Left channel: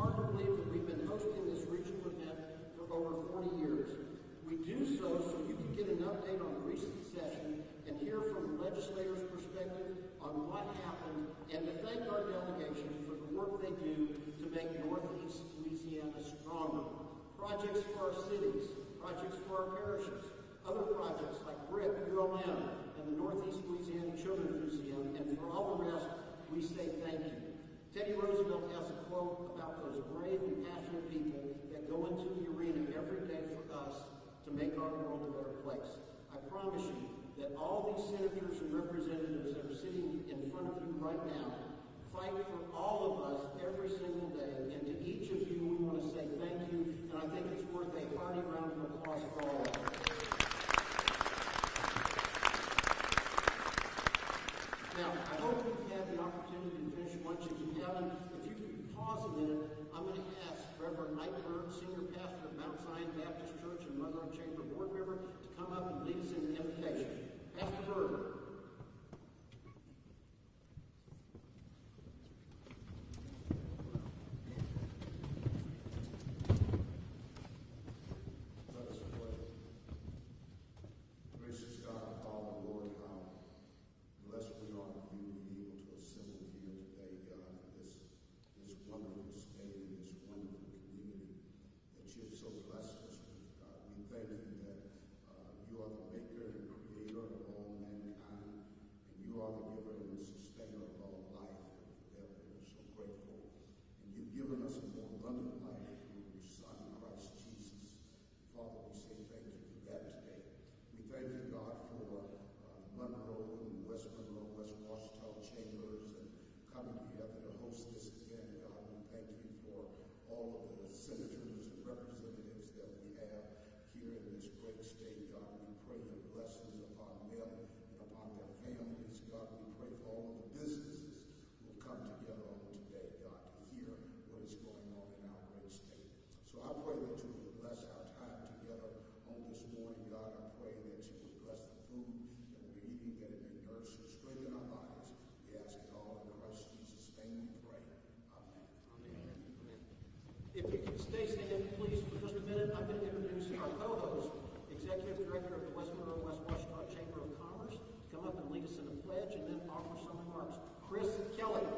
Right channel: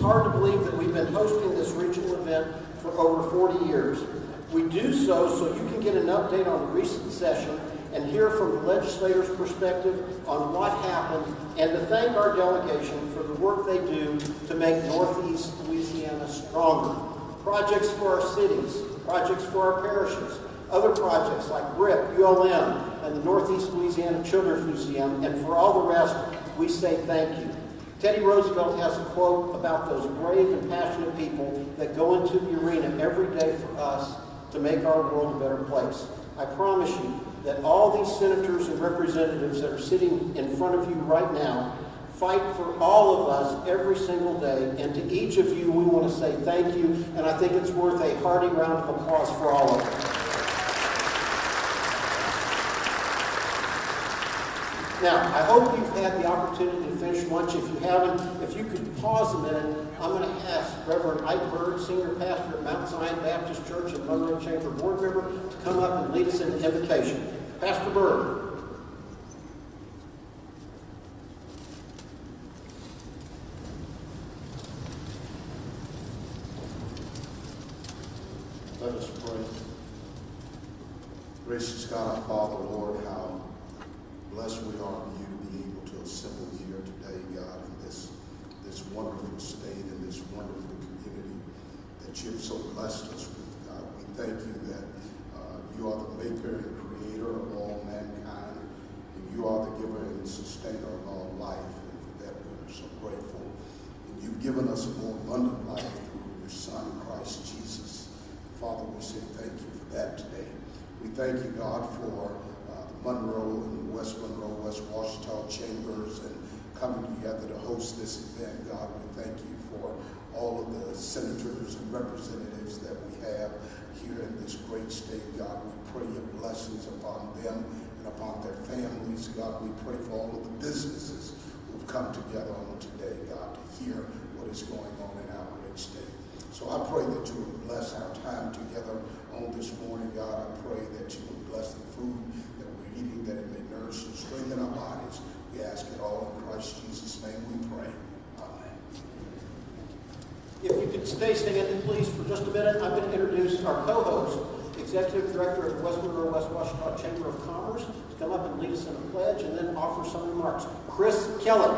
It's hard to believe that we've been hosting this regional event for over 40 years. We do so you can get an update on the recent session and hear from the legislators' perspective on what happened, and to thank our delegation for the work they do to make Northeast Louisiana stronger. Projects for our cities, projects for our parishes, other projects like RIP, ULM, and the Northeast Louisiana Children's Museum, and for all the rest, we say thank you. Teddy Roosevelt has a quote about those brave and passionate people that go into the arena every day for us to make our world a better place. I promise you that all these senators and representatives that are sitting in front of you right now fight for all of us every single day, and to each of you we want to say thank you, and I think it's worth a hearty round of applause for all of you. Now, I hope you've had the opportunity to finish lunch. If you haven't, if you could pause a minute, I'm going to ask Reverend Ike Bird, Senior Pastor at Mount Zion Baptist Church and Monroe Chamber Board Member, to come up and lead us in the invocation. Pastor Bird. Let us pray. Gracious God, our Father, Lord, how blessed we are of you to be able to assemble here today, God, in this wonderful state and this wonderful community that you've so blessed us with, God. We thank you that you are the maker and creator of all mankind, and you are the giver and sustainer of all life, and for that we are so grateful. And you've given us a more abundant life through your Son, Christ Jesus. Father, we say thank you for that today. We thank you, God, for Monroe and West Washita chambers and coming together to host this event. God, we thank you for all of the senators and representatives that we have here in this great state. God, we pray your blessings upon them and upon their families. God, we pray for all of the businesses who've come together on today, God, to hear what is going on in our great state. So I pray that you would bless our time together on this morning, God. I pray that you would bless the food that we're eating, that it may nourish and strengthen our bodies. We ask it all in Christ Jesus' name we pray. Amen. If you could stay standing, please, for just a minute, I'm going to introduce our co-host, Executive Director of West Monroe West Washita Chamber of Commerce, to come up and lead us in a pledge and then offer some remarks. Chris Keller.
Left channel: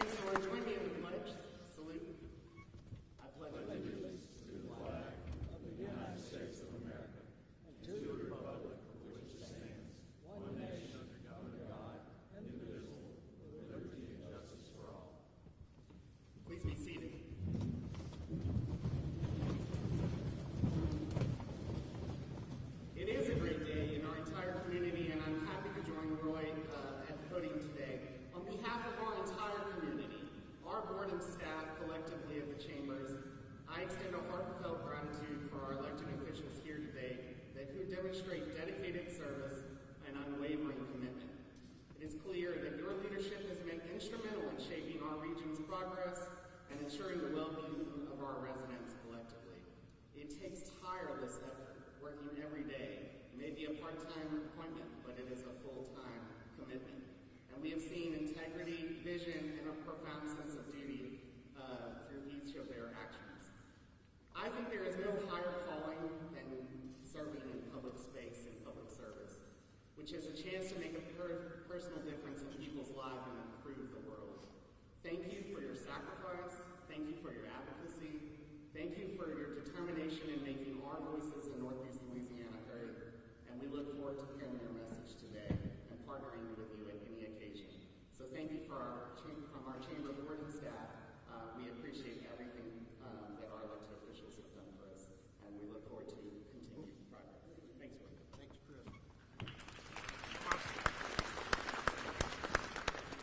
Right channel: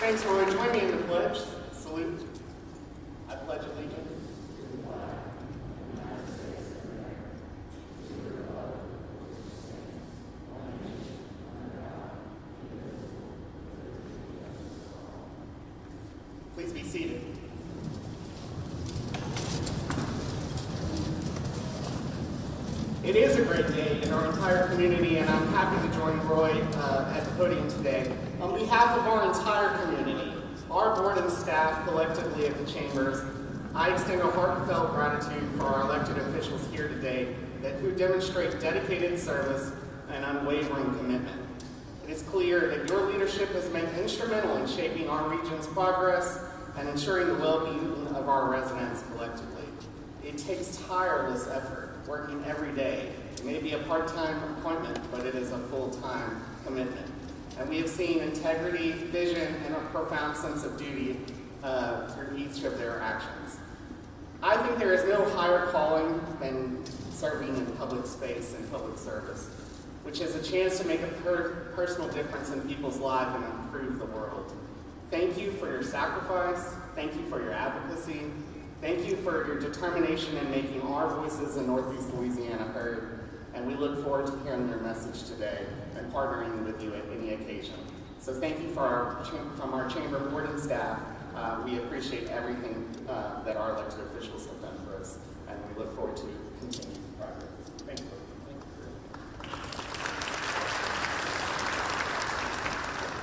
Thanks, Roy. Join me in the pledge. Salute. I pledge allegiance. Please be seated. It is a great day in our entire community, and I'm happy to join Roy at the podium today. On behalf of our entire community, our board and staff collectively at the chambers, I extend a heartfelt gratitude for our elected officials here today who demonstrate dedicated service and unwavering commitment. It is clear that your leadership has been instrumental in shaping our region's progress and ensuring the well-being of our residents collectively. It takes tireless effort, working every day. It may be a part-time appointment, but it is a full-time commitment. And we have seen integrity, vision, and a profound sense of duty through each of their actions. I think there is no higher calling than serving in public space and public service, which is a chance to make a personal difference in people's lives and improve the world. Thank you for your sacrifice. Thank you for your advocacy. Thank you for your determination in making our voices in Northeast Louisiana heard. And we look forward to hearing your message today and partnering with you at any occasion. So thank you from our chamber board and staff. We appreciate everything that our elected officials have done for us, and we look forward to continued progress. Thank you.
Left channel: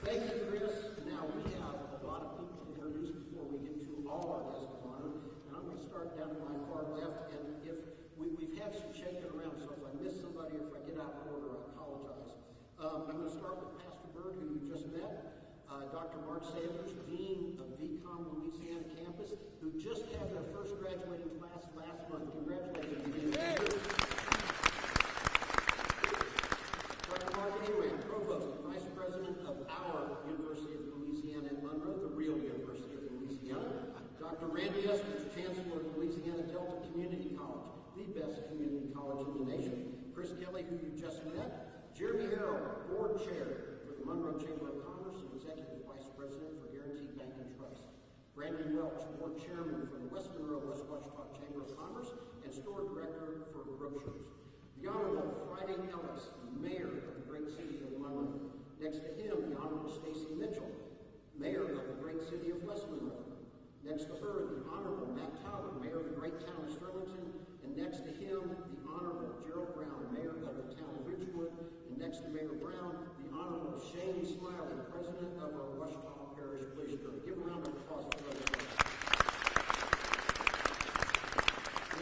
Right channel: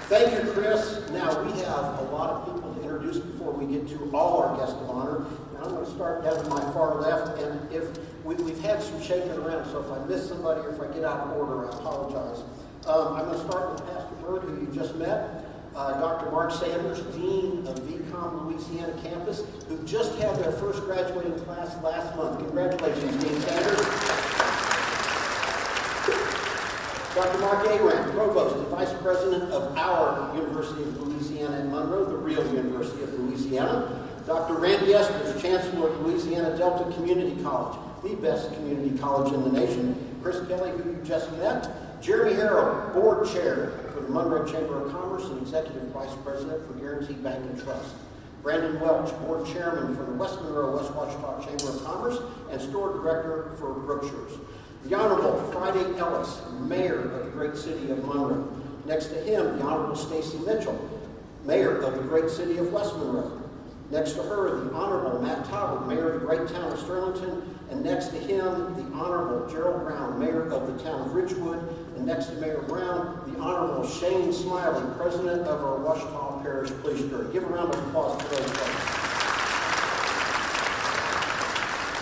Thank you, Chris. Now, we have a lot of people to introduce before we get to all our guests of honor. And I'm going to start down to my far left, and if we've had some shaking around, so if I miss somebody or if I get out of order, I apologize. I'm going to start with Pastor Bird, who you just met. Dr. Mark Sanders, Dean of VCOM Louisiana campus, who just had their first graduating class last month. Congratulations, Dean Sanders. Dr. Mark Aram, Provost and Vice President of our University of Louisiana in Monroe, the real University of Louisiana. Dr. Randy Espers, Chancellor of Louisiana Delta Community College, the best community college in the nation. Chris Kelly, who you just met. Jeremy Harrell, Board Chair for the Monroe Chamber of Commerce and Executive Vice President for Guaranteed Bank and Trust. Brandon Welch, Board Chairman for the West Monroe West Ouachita Chamber of Commerce and Store Director for Brookshires. The Honorable Friday Ellis, Mayor of the great city of Monroe. Next to him, the Honorable Stacy Mitchell, Mayor of the great city of West Monroe. Next to her, the Honorable Matt Talbot, Mayor of the great town of Sterlington. And next to him, the Honorable Gerald Brown, Mayor of the town of Ridgewood. And next to Mayor Brown, the Honorable Shane Smiley, President of our Ouachita Parish Police Jury. Give a round of applause for those folks.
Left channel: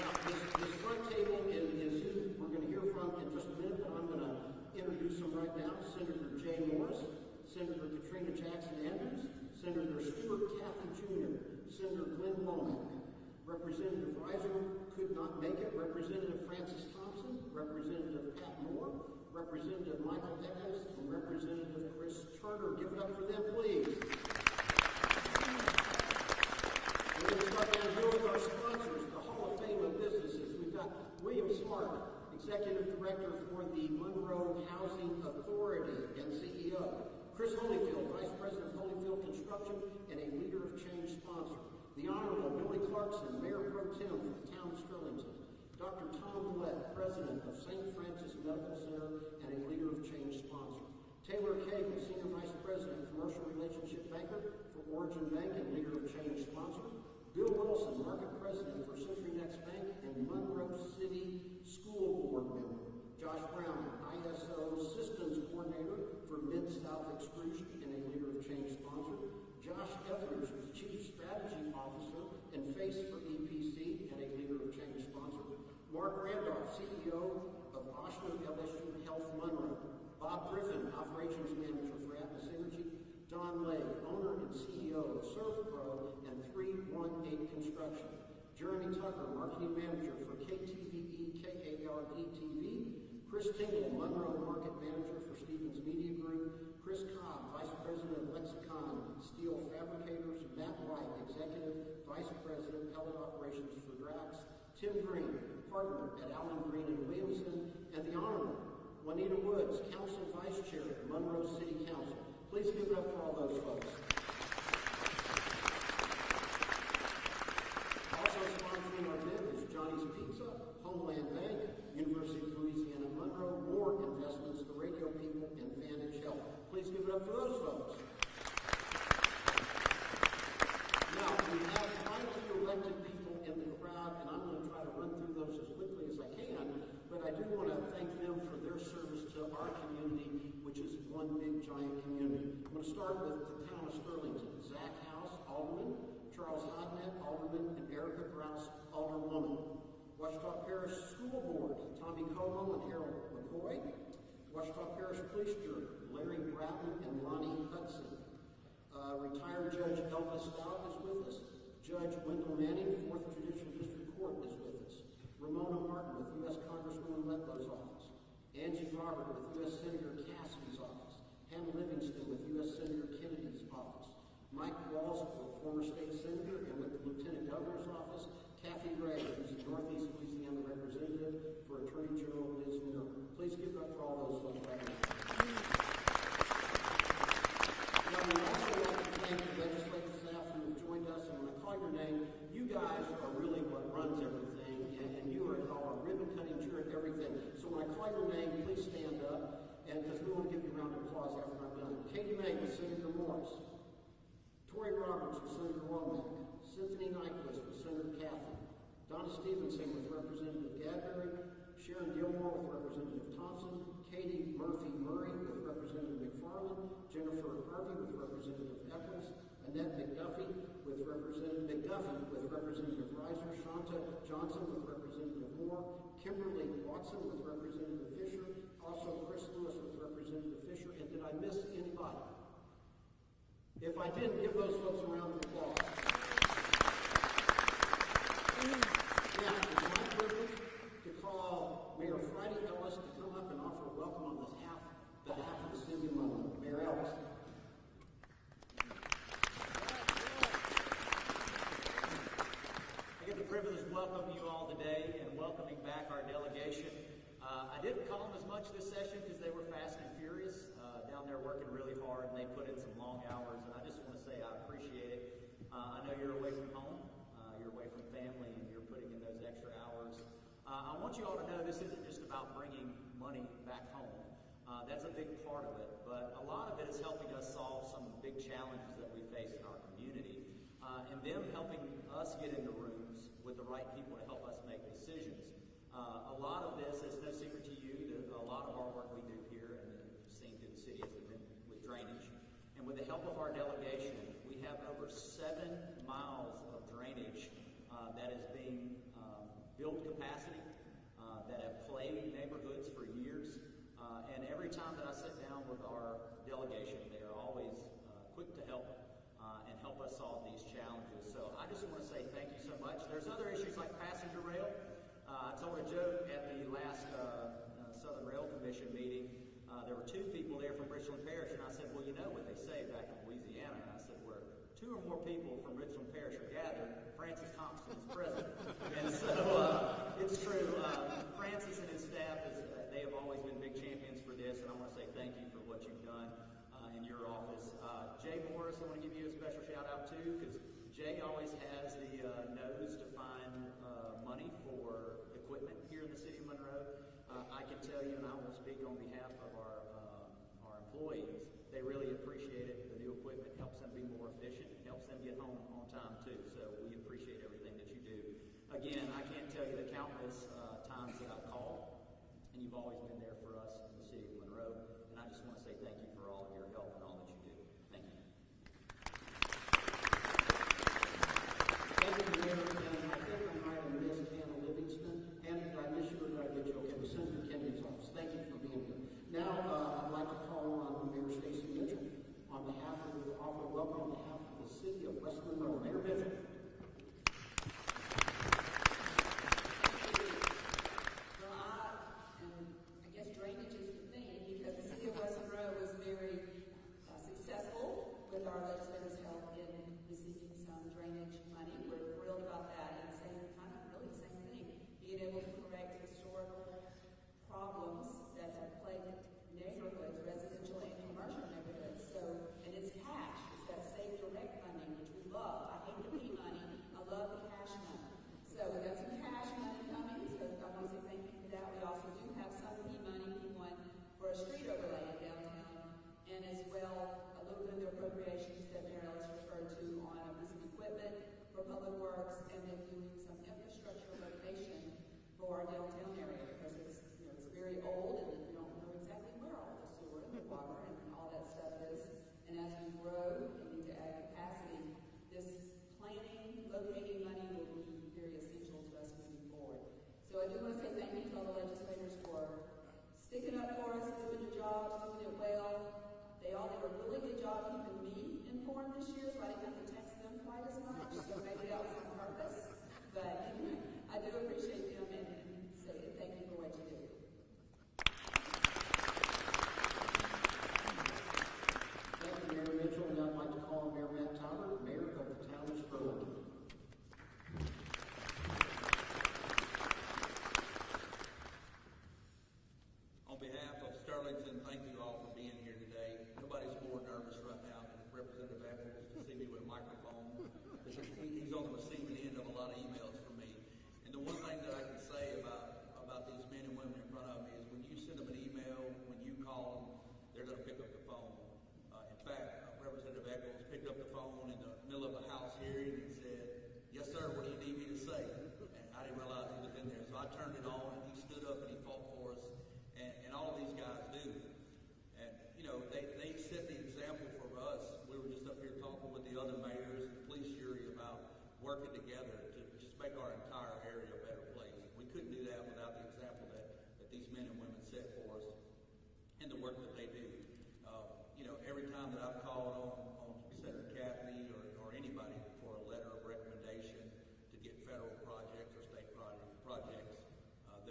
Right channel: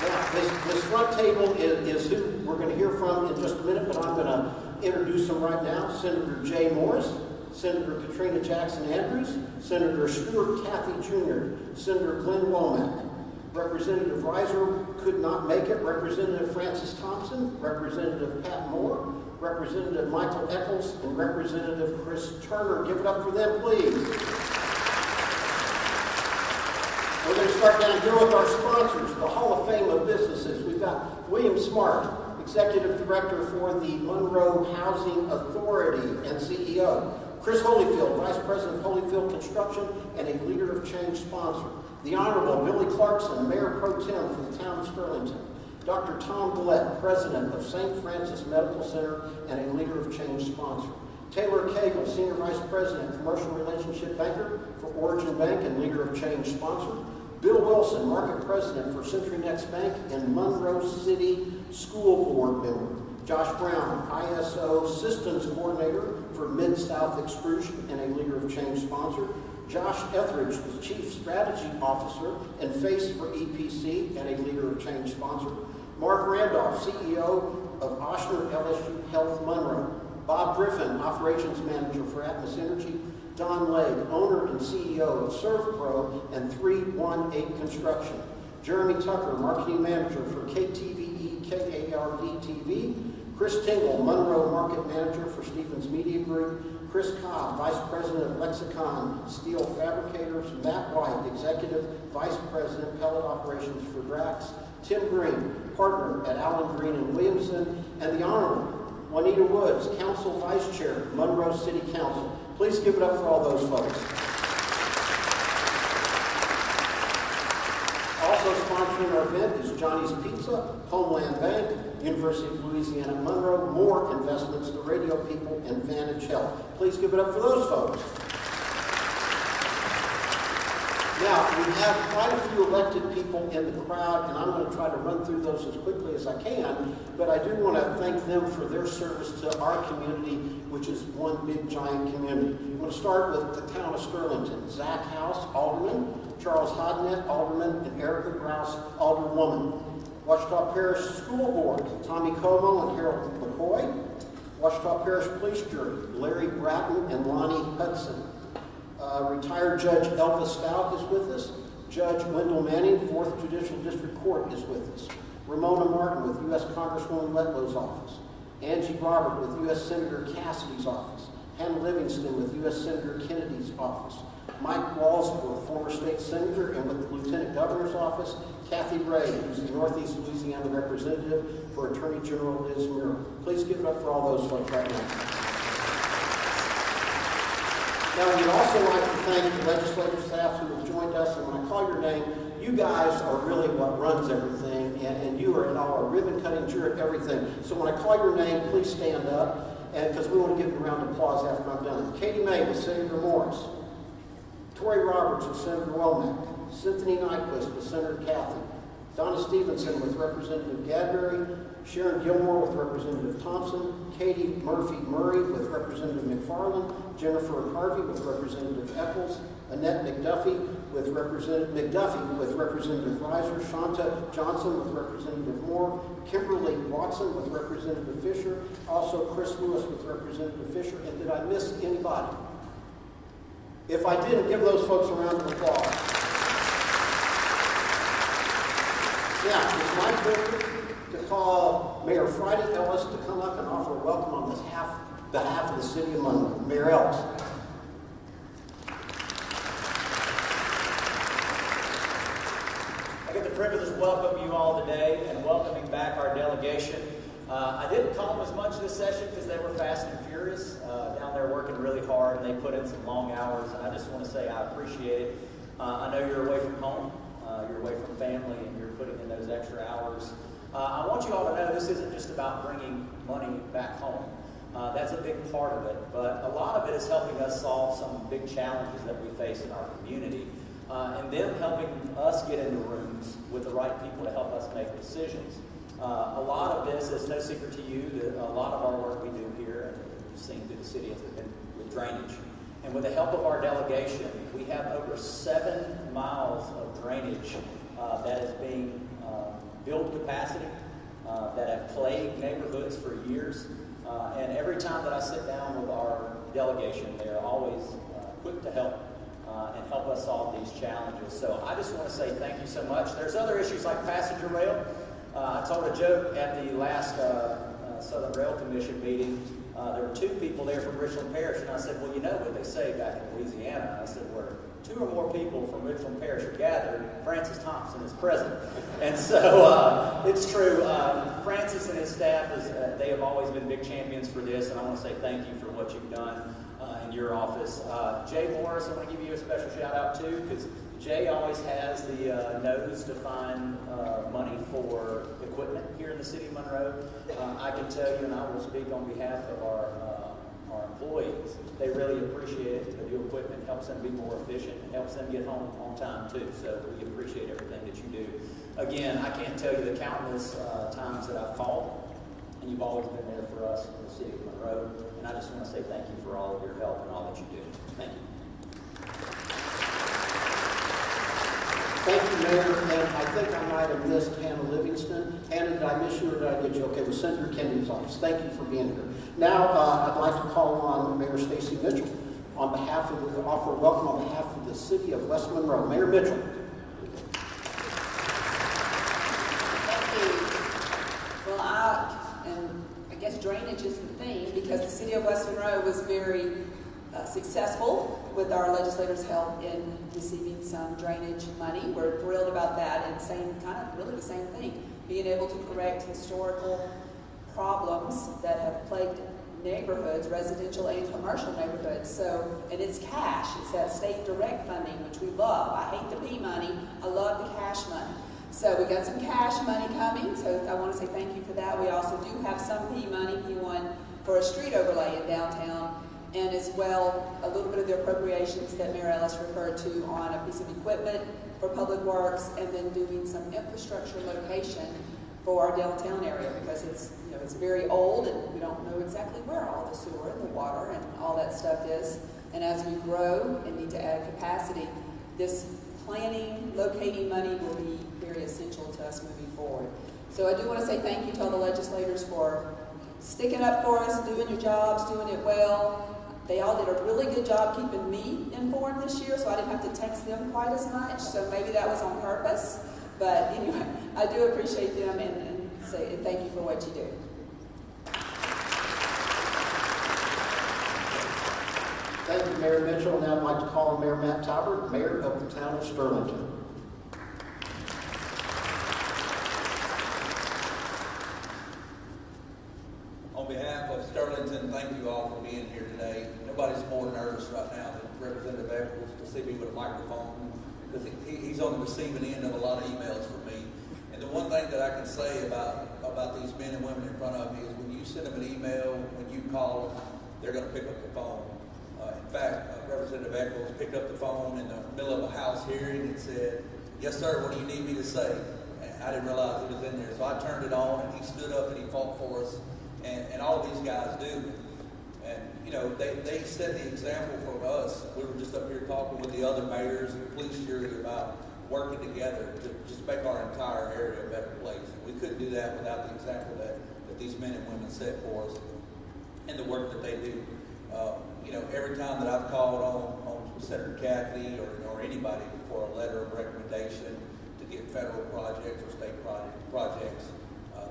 Now, this front table is who we're going to hear from in just a minute, but I'm going to introduce them right now. Senator Jay Morris, Senator Katrina Jackson Andrews, Senator Stuart Cathy Jr., Senator Glenn Womack. Representative Reiser could not make it. Representative Francis Thompson, Representative Pat Moore, Representative Michael Eccles, and Representative Chris Turner. Give it up for them, please. We're going to start down here with our sponsors, the Hall of Fame of Businesses. We've got William Smart, Executive Director for the Monroe Housing Authority and CEO. Chris Holyfield, Vice President of Holyfield Construction and a Leader of Change sponsor. The Honorable Billy Clarkson, Mayor Pro Tem for the town of Sterlington. Dr. Tom Gillette, President of St. Francis Medical Center and a Leader of Change sponsor. Taylor Cagle, Senior Vice President, Commercial Relationship Banker for Origin Bank and Leader of Change sponsor. Bill Wilson, Market President for Century Next Bank and Monroe City School Board member. Josh Brown, ISO Systems Coordinator for Mid-South Extrusion and a Leader of Change sponsor. Josh Etheridge, the Chief Strategy Officer and Face for EPC and a Leader of Change sponsor. Mark Randolph, CEO of Oshner LSU Health Monroe. Bob Griffin, Operations Manager for Atmos Energy. Don Legg, owner and CEO of ServPro and 318 Construction. Jeremy Tucker, Marketing Manager for KTVE, KARD TV. Chris Tingle, Monroe Market Manager for Stevens Media Group. Chris Cobb, Vice President of Lexicon Steel Fabricators. Matt White, Executive Vice President, Pellet Operations for Drax. Tim Green, Partner at Allen Green and Williamson. And the Honorable Juanita Woods, Council Vice Chair, Monroe City Council. Please give it up for all those folks. Also sponsoring our event is Johnny's Pizza, Homeland Bank, University of Louisiana Monroe, More Investments, the Radio People, and Vantage Health. Please give it up for those folks. Now, we have quite a few elected people in the crowd, and I'm going to try to run through those as quickly as I can, but I do want to thank them for their service to our community, which is one big, giant community. I'm going to start with the town of Sterlington. Zach House, Alderman. Charles Hodnett, Alderman, and Erica Grouse, Alderwoman. Ouachita Parish School Board, Tommy Como and Harold McCoy. Ouachita Parish Police Jury, Larry Bratton and Lonnie Hudson. Retired Judge Elvis Stout is with us. Judge Wendell Manning, 4th Judicial District Court is with us. Ramona Martin with U.S. Congresswoman Letlow's office. Angie Robert with U.S. Senator Cassidy's office. Hannah Livingston with U.S. Senator Kennedy's office. Mike Walsworth, former state senator and with the Lieutenant Governor's office. Kathy Ray, who's the Northeast Louisiana representative for Attorney General Liz Murrow. Please give it up for all those folks right now. Now, we'd also like to thank the legislative staff who have joined us, and when I call your name, you guys are really what runs everything, and you are at our ribbon cutting, you're at everything. So when I call your name, please stand up, and because we want to give you a round of applause after I'm done. Katie May with Senator Morris. Tori Roberts with Senator Womack. Cynthia Nyquist with Senator Cathy. Donna Stevenson with Representative Gadbury. Sharon Gilmore with Representative Thompson. Katie Murphy-Murray with Representative McFarland. Jennifer Harvey with Representative Eccles. Annette McDuffie with Representative Reiser. Shanta Johnson with Representative Moore. Kimberly Watson with Representative Fisher. Also Chris Lewis with Representative Fisher. And did I miss anybody? If I didn't, give those folks a round of applause. Now, it's my pleasure to call Mayor Friday Ellis to come up and offer a welcome on this behalf of the city of Monroe. Mayor Ellis. I get the privilege to welcome you all today and welcoming back our delegation. I didn't call them as much this session because they were fast and furious down there working really hard, and they put in some long hours. And I just want to say I appreciate it. I know you're away from home, you're away from family, and you're putting in those extra hours. I want you all to know this isn't just about bringing money back home. That's a big part of it, but a lot of it is helping us solve some big challenges that we face in our community, and them helping us get into rooms with the right people to help us make decisions. A lot of this is no secret to you that a lot of our work we do here, and we've seen through the city, has been with drainage. And with the help of our delegation, we have over 7 miles of drainage that is being built capacity, that have plagued neighborhoods for years. And every time that I sit down with our delegation, they're always quick to help and help us solve these challenges. So I just want to say thank you so much. There's other issues like passenger rail. I told a joke at the last Southern Rail Commission meeting. There were 2 people there from Richland Parish, and I said, well, you know what they say back in Louisiana. I said, where 2 or more people from Richland Parish are gathered, Francis Thompson is present. And so it's true. Francis and his staff, they have always been big champions for this, and I want to say thank you for what you've done in your office. Jay Morris, I want to give you a special shout out too, because Jay always has the nose to find money for equipment here in the city of Monroe. I can tell you, and I will speak on behalf of our employees, they really appreciate it. The new equipment helps them be more efficient and helps them get home on time too. So we appreciate everything that you do. Again, I can't tell you the countless times that I've called, and you've always been there for us in the city of Monroe. And I just want to say thank you for all of your help and all that you do. Thank you. Thank you, Mayor. And I think I might have missed Hannah Livingston. Hannah, did I miss you or did I get you? Okay, with Senator Kennedy's office. Thank you for being here. Now, I'd like to call on Mayor Stacy Mitchell on behalf of the offer of welcome on behalf of the city of West Monroe. Mayor Mitchell. Thank you. Well, I guess drainage is the theme because the city of West Monroe was very successful with our legislators' help in receiving some drainage money. We're thrilled about that, and really the same thing, being able to correct historical problems that have plagued neighborhoods, residential and commercial neighborhoods. So, and it's cash. It's that state direct funding, which we love. I hate the P money. I love the cash money. So we got some cash money coming. So I want to say thank you for that. We also do have some P money, P1, for a street overlay in downtown, and as well a little bit of the appropriations that Mayor Ellis referred to on a piece of equipment for public works, and then doing some infrastructure location for our downtown area because it's very old and we don't know exactly where all the sewer and the water and all that stuff is. And as we grow and need to add capacity, this planning, locating money will be very essential to us moving forward. So I do want to say thank you to all the legislators for sticking up for us, doing your jobs, doing it well. They all did a really good job keeping me informed this year, so I didn't have to text them quite as much. So maybe that was on purpose. But anyway, I do appreciate them and say thank you for what you do. Thank you, Mayor Mitchell. Now I'd like to call on Mayor Matt Talbert, Mayor of the town of Sterlington. On behalf of Sterlington, thank you all for being here today. Nobody's more nervous right now than Representative Eccles to see me with a microphone. Because he's on the receiving end of a lot of emails from me. And the one thing that I can say about these men and women in front of me is when you send them an email, when you call them, they're going to pick up the phone. In fact, Representative Eccles picked up the phone in the middle of a House hearing and said, "Yes, sir, what do you need me to say?" And I didn't realize it was in there. So I turned it on and he stood up and he fought for us. And all of these guys do. And, they set the example for us. We were just up here talking with the other mayors and police jury about working together to just make our entire area a better place. And we couldn't do that without the example that these men and women set for us and the work that they do. Every time that I've called on Senator Catley or anybody for a letter of recommendation to get federal projects or state projects,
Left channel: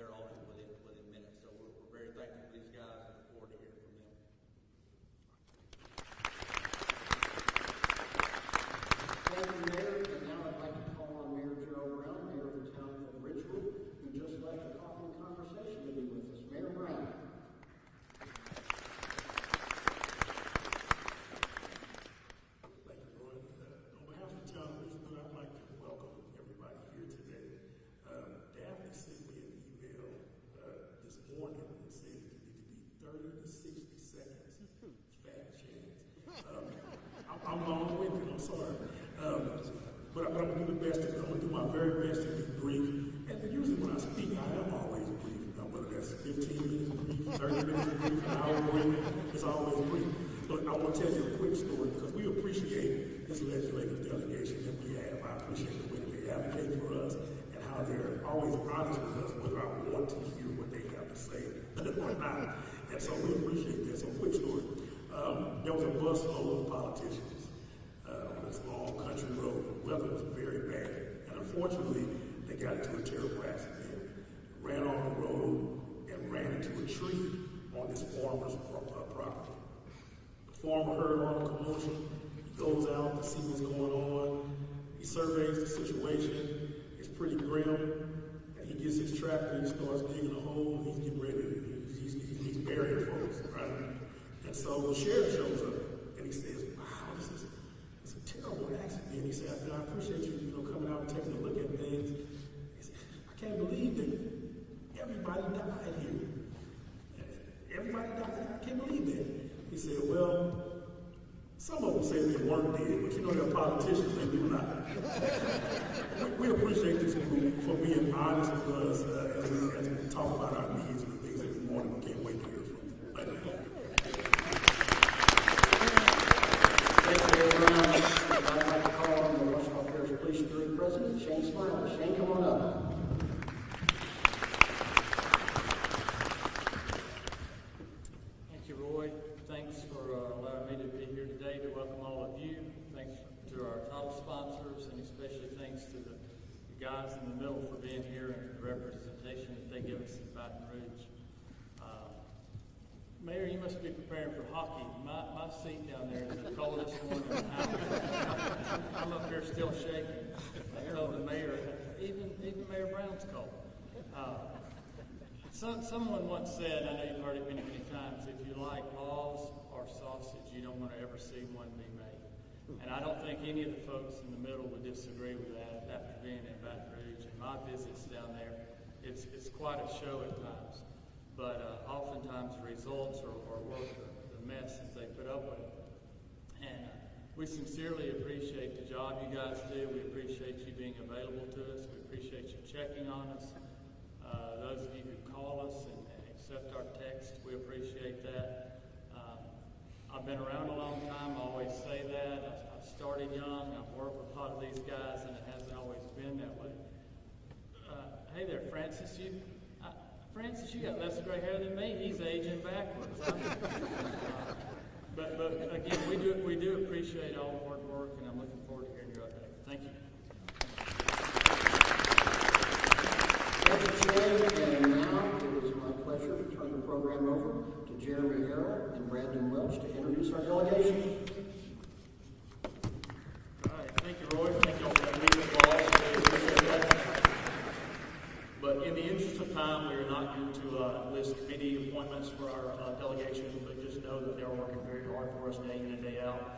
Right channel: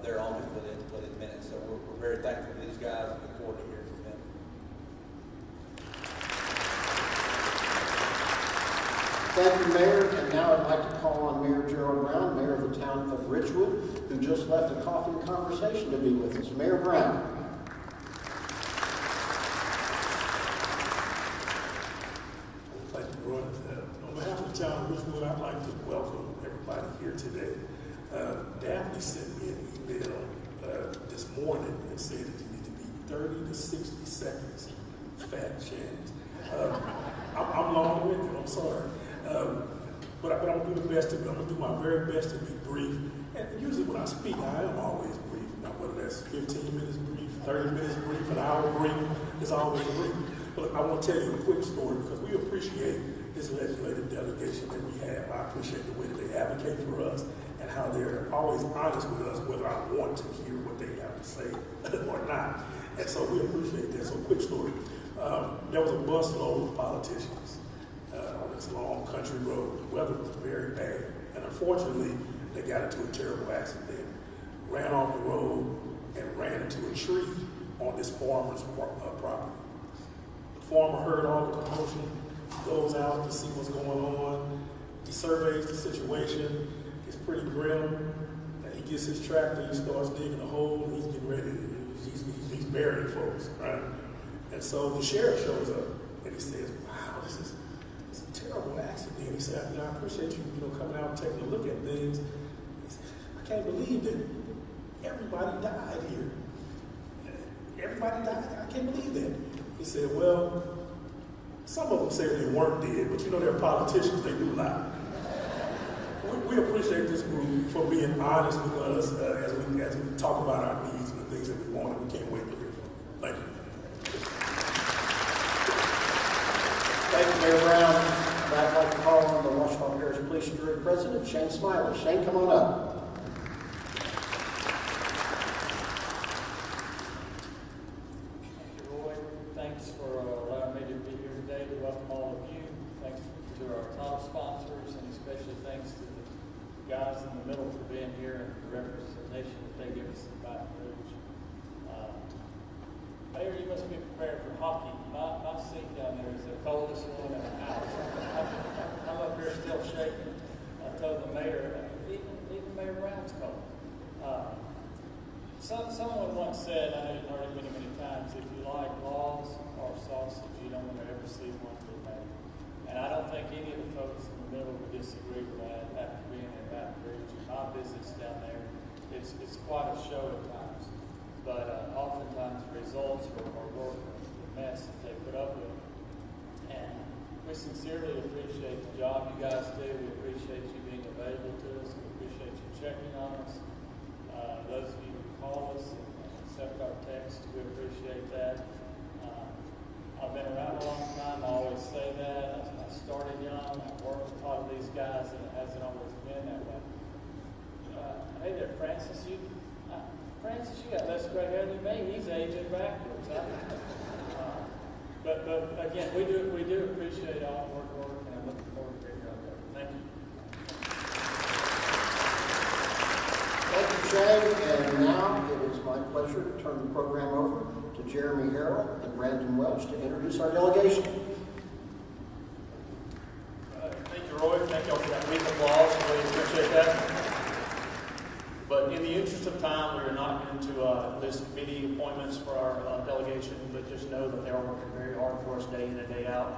they're on it within minutes. So we're very thankful to these guys and look forward to hearing from them. Thank you, Mayor. And now I'd like to call on Mayor Gerald Brown, Mayor of the town of Richwood, who just left a coffee conversation to be with us. Mayor Brown. Thank you, Roy. On behalf of the town of Richwood, I'd like to welcome everybody here today. Daphne sent me an email this morning and said that you need to be 30 to 60 seconds fat chance. I'm long-winded, I'm sorry. But I'm going to do my best to, I'm going to do my very best to be brief. And usually when I speak, I am always brief. Whether that's 15 minutes brief, 30 minutes brief, an hour brief, it's always brief. But I want to tell you a quick story because we appreciate this legislative delegation that we have. I appreciate the way that they advocate for us and how they're always honest with us whether I want to hear what they have to say or not. And so we appreciate that. So quick story. There was a bus load of politicians on this long country road. The weather was very bad. And unfortunately, they got into a terrible accident, ran off the road, and ran into a tree on this farmer's property. The farmer heard all the commotion, goes out to see what's going on. He surveys the situation. It's pretty grim. And he gets his tractor, he starts digging a hole, and he's getting ready. He's burying folks, right? And so the sheriff shows up, and he says, wow, this is a terrible accident. He said, I appreciate you coming out and taking a look at things. I can't believe that everybody died here. Everybody died. I can't believe that. He said, well, some of them say they weren't dead, but you know they're politicians, they do lie. We appreciate this group for being honest with us as we talk about our needs and the things that we want and we can't wait to hear. Thank you. Thank you, Mayor Brown. I'd like to call on the Washington Parish Police Bureau President, Shane Smiley. Shane, come on up. And now it is my pleasure to turn the program over to Jeremy Harrell and Brandon Welch to introduce our delegation. Thank you, Roy. Thank you all for being involved. I really appreciate that. But in the interest of time, we're not new to list committee appointments for our delegation, but just know that they are working very hard for us day in and day out.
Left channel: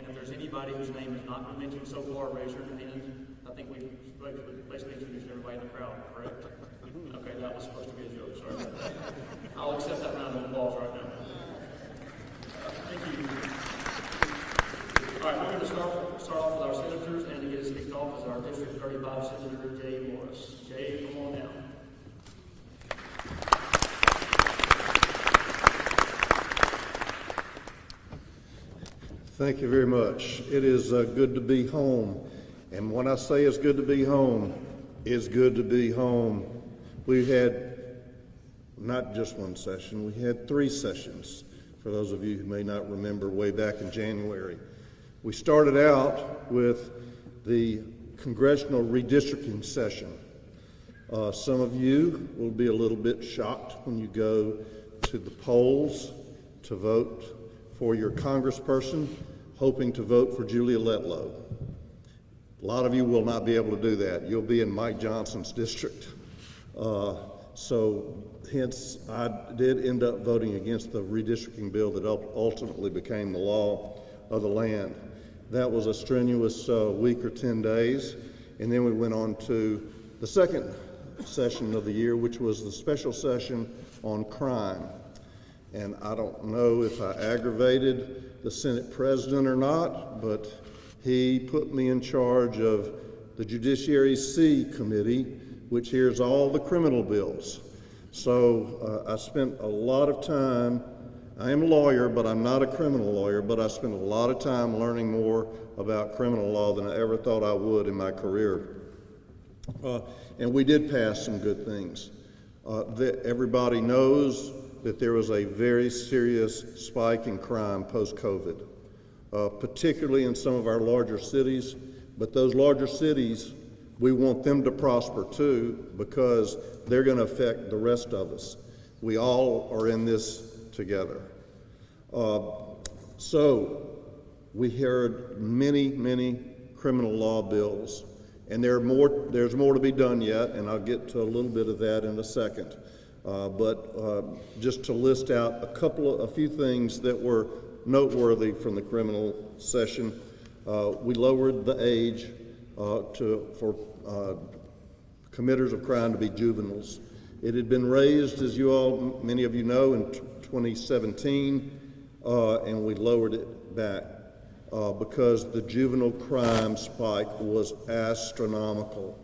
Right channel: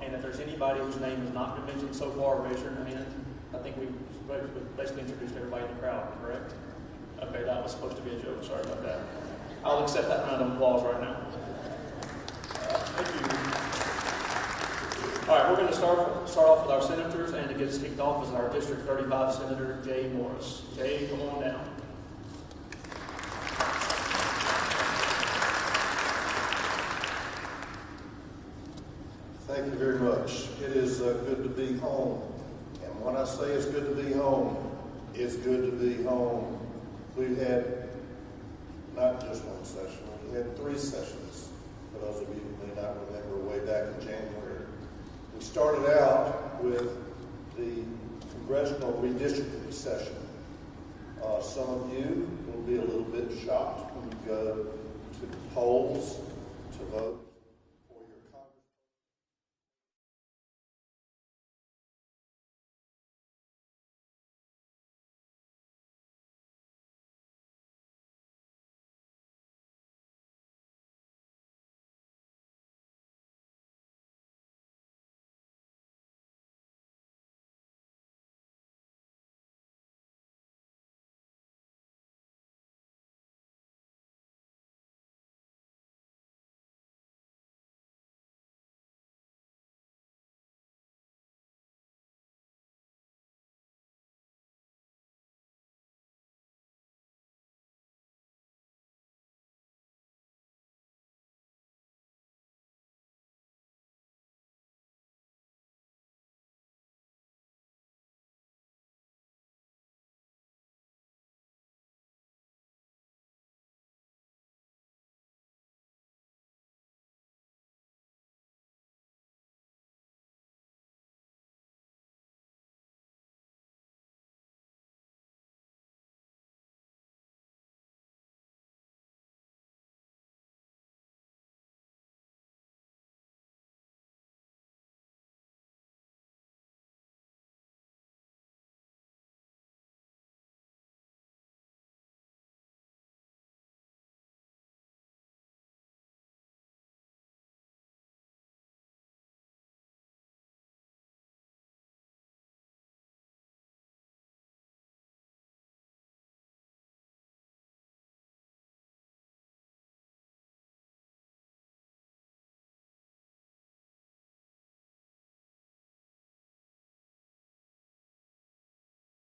And if there's anybody whose name is not mentioned so far, raise your hand. I think we basically introduced everybody in the crowd, correct? Okay, that was supposed to be a joke. Sorry about that. I'll accept that round of applause right now. Thank you. All right, we're going to start off with our senators, and to get us kicked off is our District 35 Senator Jay Morris. Jay, come on down. Thank you very much. It is good to be home. And when I say it's good to be home, it's good to be home. We've had not just one session, we had 3 sessions, for those of you who may not remember way back in January. We started out with the congressional redistricting session. Some of you will be a little bit shocked when you go to the polls to vote for your congressperson, hoping to vote for Julia Letlow. A lot of you will not be able to do that. You'll be in Mike Johnson's district. So hence, I did end up voting against the redistricting bill that ultimately became the law of the land. That was a strenuous week or 10 days. And then we went on to the second session of the year, which was the special session on crime. And I don't know if I aggravated the Senate president or not, but he put me in charge of the Judiciary C Committee, which hears all the criminal bills. So I spent a lot of time. I am a lawyer, but I'm not a criminal lawyer, but I spent a lot of time learning more about criminal law than I ever thought I would in my career. And we did pass some good things. Everybody knows that there was a very serious spike in crime post-COVID, particularly in some of our larger cities. But those larger cities, we want them to prosper too, because they're going to affect the rest of us. We all are in this together. So we heard many criminal law bills, and there's more to be done yet, and I'll get to a little bit of that in a second. But just to list out a few things that were noteworthy from the criminal session, we lowered the age for committers of crime to be juveniles. It had been raised, as many of you know, in 2017, and we lowered it back because the juvenile crime spike was astronomical.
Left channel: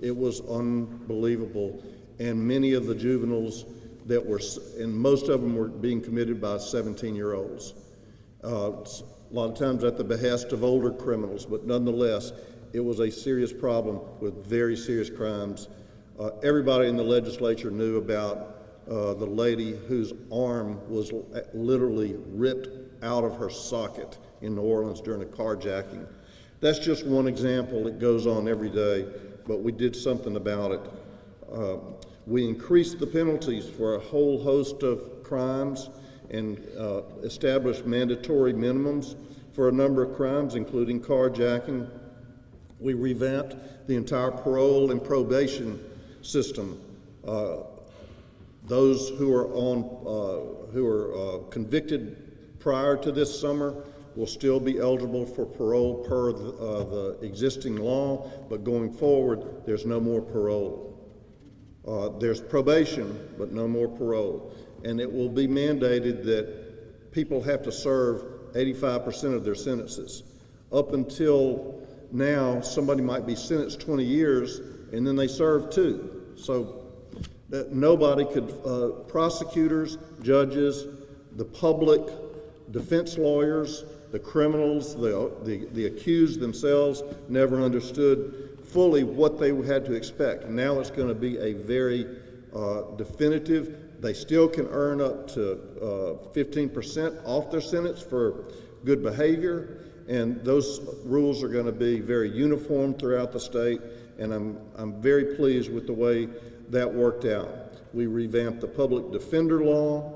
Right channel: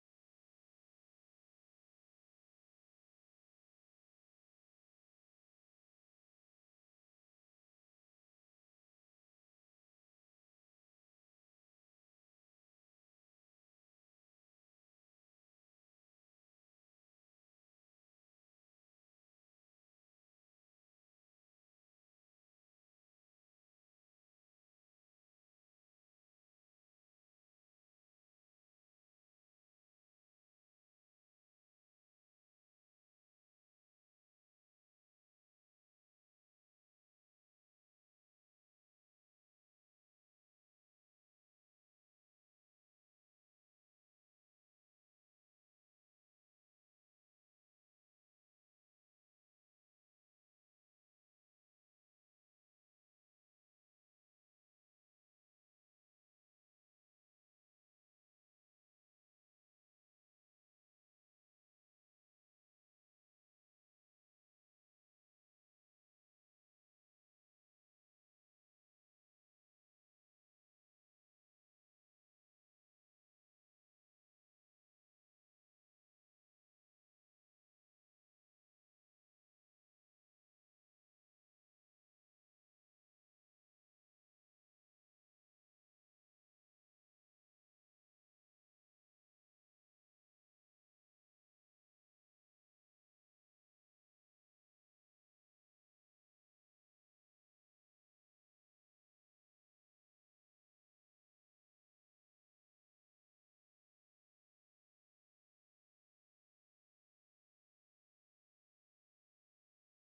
It was unbelievable. And many of the juveniles and most of them were being committed by 17-year-olds. A lot of times at the behest of older criminals, but nonetheless, it was a serious problem with very serious crimes. Everybody in the legislature knew about the lady whose arm was literally ripped out of her socket in New Orleans during a carjacking. That's just one example. It goes on every day, but we did something about it. We increased the penalties for a whole host of crimes and established mandatory minimums for a number of crimes, including carjacking. We revamped the entire parole and probation system. Those who are convicted prior to this summer will still be eligible for parole per the existing law, but going forward, there's no more parole. There's probation, but no more parole. And it will be mandated that people have to serve 85% of their sentences. Up until now, somebody might be sentenced 20 years, and then they serve 2. So that nobody could, prosecutors, judges, the public, defense lawyers, the criminals, the accused themselves never understood fully what they had to expect. Now it's going to be a very definitive. They still can earn up to 15% off their sentence for good behavior, and those rules are going to be very uniform throughout the state, and I'm very pleased with the way that worked out. We revamped the public defender law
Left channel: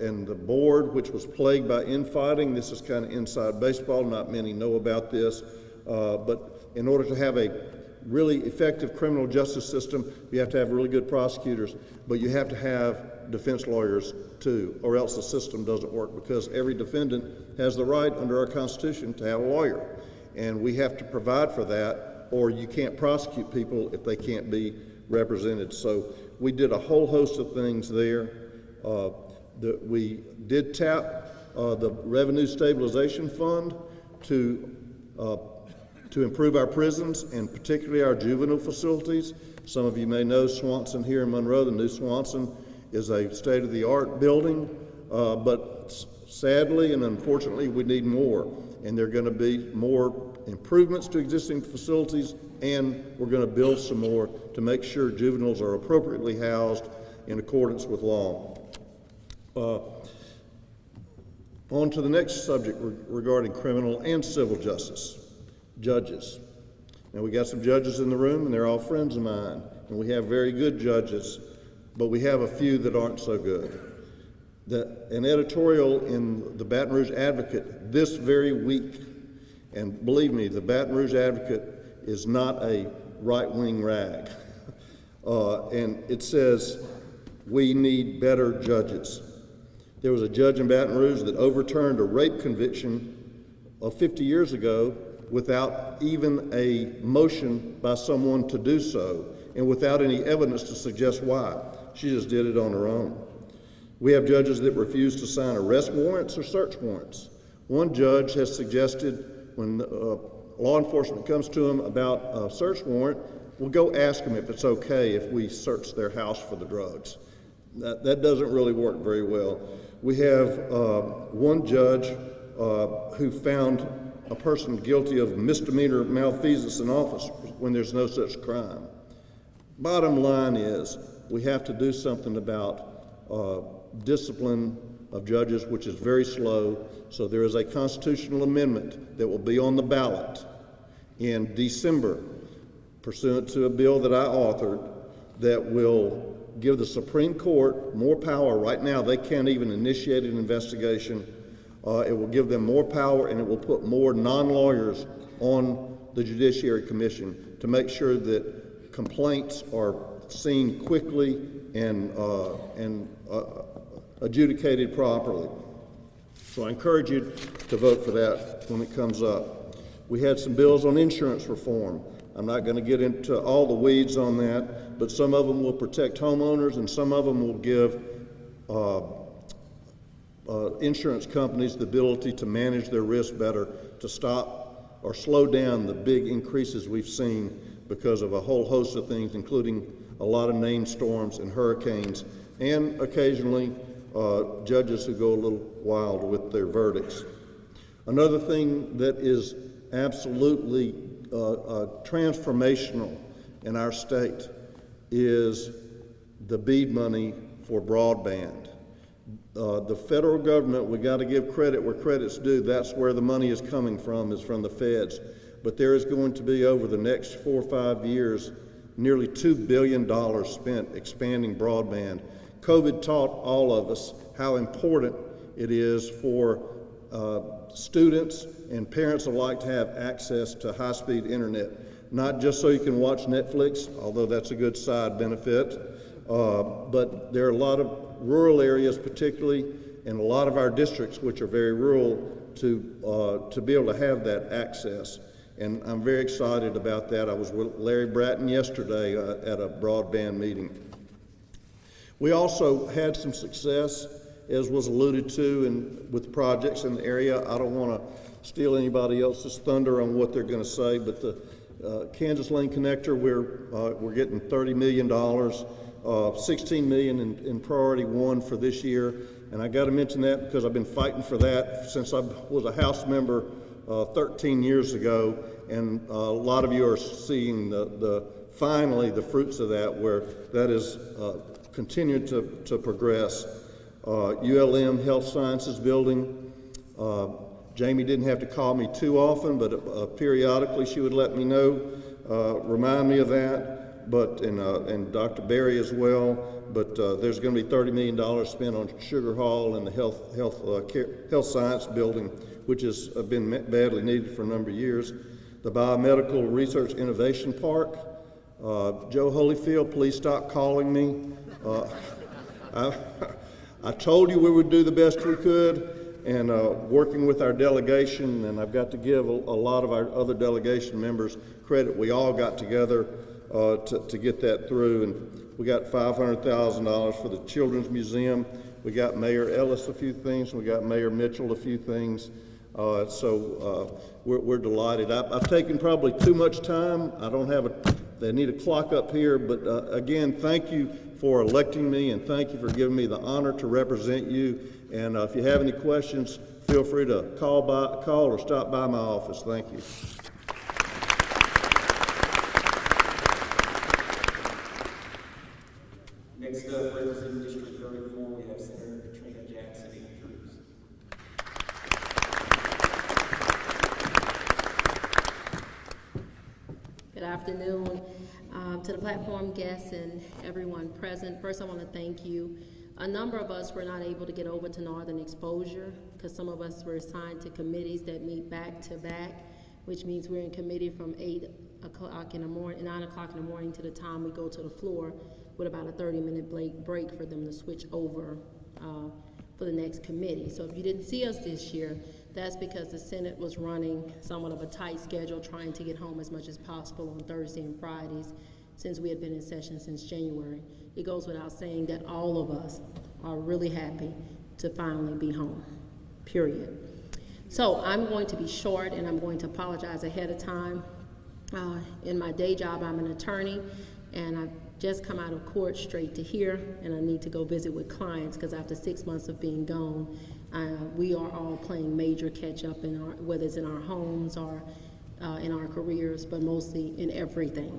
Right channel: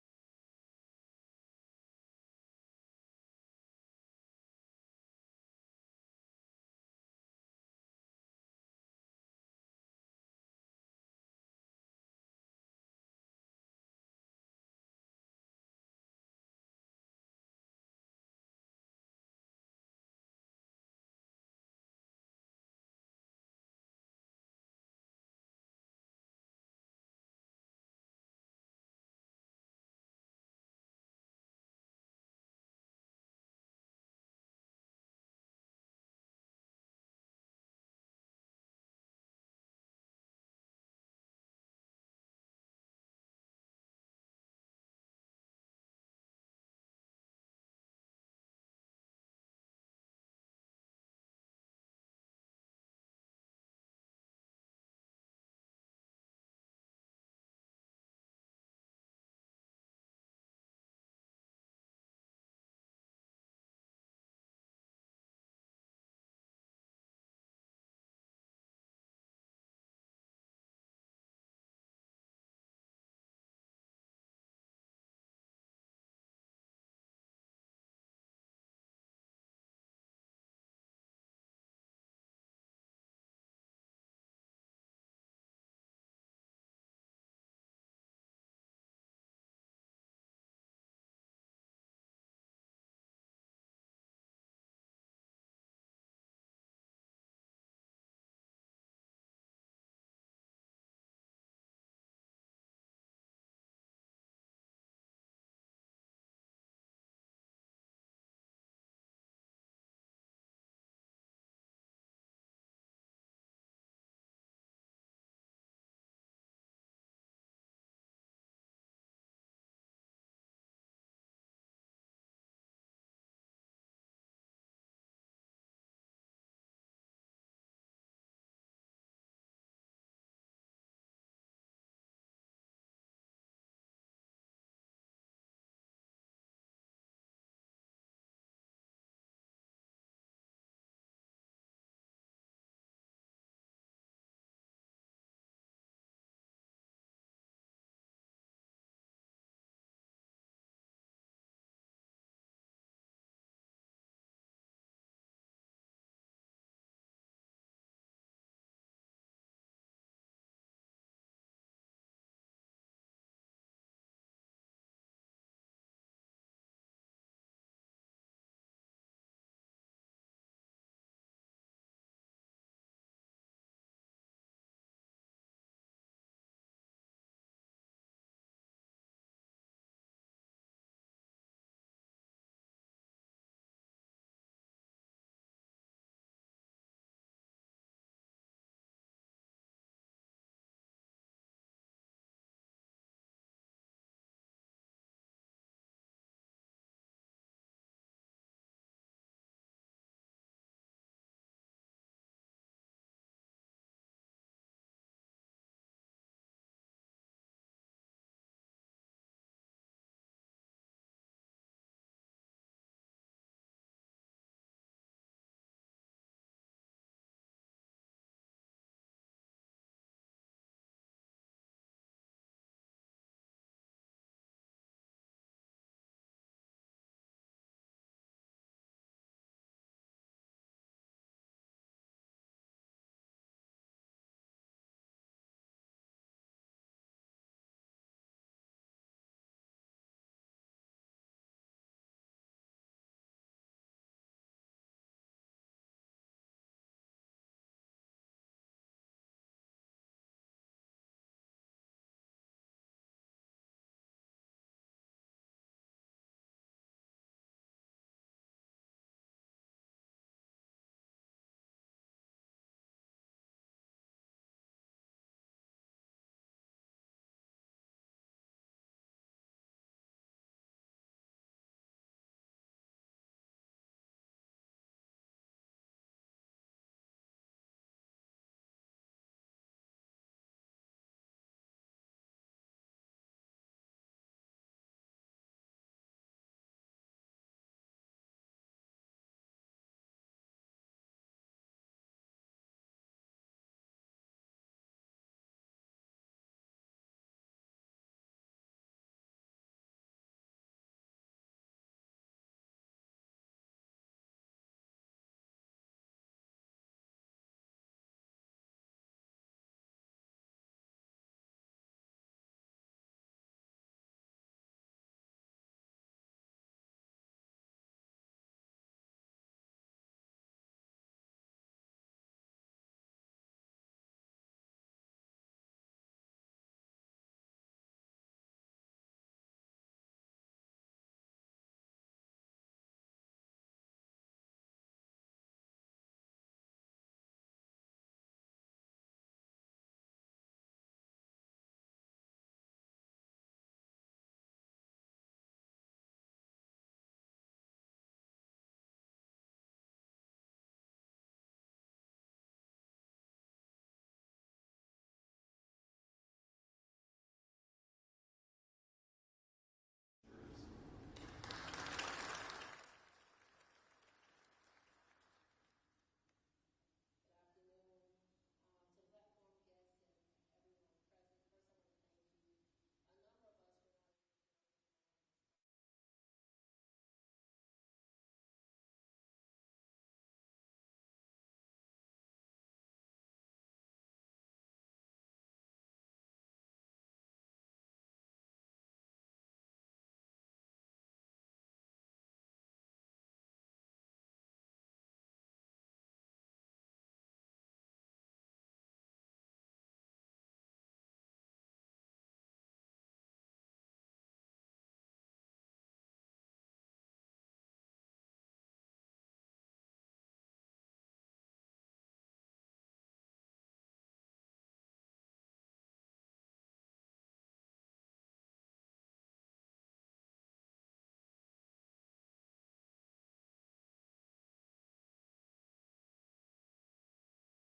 and the board, which was plagued by infighting. This is kind of inside baseball. Not many know about this, but in order to have a really effective criminal justice system, you have to have really good prosecutors, but you have to have defense lawyers too, or else the system doesn't work, because every defendant has the right under our Constitution to have a lawyer, and we have to provide for that, or you can't prosecute people if they can't be represented. So we did a whole host of things there. We did tap the Revenue Stabilization Fund to improve our prisons, and particularly our juvenile facilities. Some of you may know Swanson here in Monroe. The new Swanson is a state-of-the-art building, but sadly and unfortunately we need more, and there are going to be more improvements to existing facilities, and we're going to build some more to make sure juveniles are appropriately housed in accordance with law. On to the next subject regarding criminal and civil justice. Judges. Now, we got some judges in the room, and they're all friends of mine, and we have very good judges, but we have a few that aren't so good. An editorial in the Baton Rouge Advocate this very week And believe me, the Baton Rouge Advocate is not a right-wing rag. And it says we need better judges. There was a judge in Baton Rouge that overturned a rape conviction of 50 years ago without even a motion by someone to do so and without any evidence to suggest why. She just did it on her own. We have judges that refuse to sign arrest warrants or search warrants. One judge has suggested when law enforcement comes to him about a search warrant, we'll go ask them if it's okay if we search their house for the drugs. That doesn't really work very well. We have one judge who found a person guilty of misdemeanor malfeasance in office when there's no such crime. Bottom line is we have to do something about discipline of judges, which is very slow. So there is a constitutional amendment that will be on the ballot in December, pursuant to a bill that I authored, that will give the Supreme Court more power. Right now, they can't even initiate an investigation. It will give them more power, and it will put more non-lawyers on the Judiciary Commission to make sure that complaints are seen quickly and adjudicated properly. So I encourage you to vote for that when it comes up. We had some bills on insurance reform. I'm not going to get into all the weeds on that, but some of them will protect homeowners and some of them will give insurance companies the ability to manage their risk better, to stop or slow down the big increases we've seen because of a whole host of things, including a lot of named storms and hurricanes, and occasionally judges who go a little wild with their verdicts. Another thing that is absolutely transformational in our state is the BEAD money for broadband. The federal government, we got to give credit where credit's due. That's where the money is coming from, is from the feds. But there is going to be, over the next 4 or 5 years, nearly $2 billion spent expanding broadband. COVID taught all of us how important it is for students and parents alike to have access to high-speed internet, not just so you can watch Netflix, although that's a good side benefit, but there are a lot of rural areas particularly, and a lot of our districts which are very rural, to be able to have that access. And I'm very excited about that. I was with Larry Bratton yesterday at a broadband meeting. We also had some success, as was alluded to, with projects in the area. I don't want to steal anybody else's thunder on what they're going to say, but the Kansas Lane Connector, we're getting $30 million, $16 million in Priority 1 for this year. And I got to mention that because I've been fighting for that since I was a House member 13 years ago, and a lot of you are seeing finally the fruits of that, where that is continued to progress. ULM Health Sciences Building, Jamie didn't have to call me too often, but periodically she would let me know, remind me of that, and Dr. Berry as well. But there's going to be $30 million spent on Sugar Hall and the Health Science Building, which has been badly needed for a number of years. The Biomedical Research Innovation Park. Joe Holyfield, please stop calling me. I told you we would do the best we could, and working with our delegation, and I've got to give a lot of our other delegation members credit. We all got together to get that through, and we got $500,000 for the Children's Museum. We got Mayor Ellis a few things, and we got Mayor Mitchell a few things. So we're delighted. I've taken probably too much time. I don't have they need a clock up here, but again, thank you for electing me, and thank you for giving me the honor to represent you. And if you have any questions, feel free to call or stop by my office. Thank you. Next up, representing District 34, we have Senator Katrina Jackson. Good afternoon to the platform guests and everyone present. First, I want to thank you. A number of us were not able to get over to Northern Exposure because some of us were assigned to committees that meet back to back. which means we're in committee from 8 o'clock in the morning, 9 o'clock in the morning to the time we go to the floor, with about a 30-minute break for them to switch over for the next committee. So if you didn't see us this year, that's because the Senate was running somewhat of a tight schedule, trying to get home as much as possible on Thursday and Fridays, since we had been in session since January. It goes without saying that all of us are really happy to finally be home, period. So I'm going to be short, and I'm going to apologize ahead of time. In my day job, I'm an attorney, and I've just come out of court straight to here, and I need to go visit with clients, because after 6 months of being gone, we are all playing major catch up, whether it's in our homes or in our careers, but mostly in everything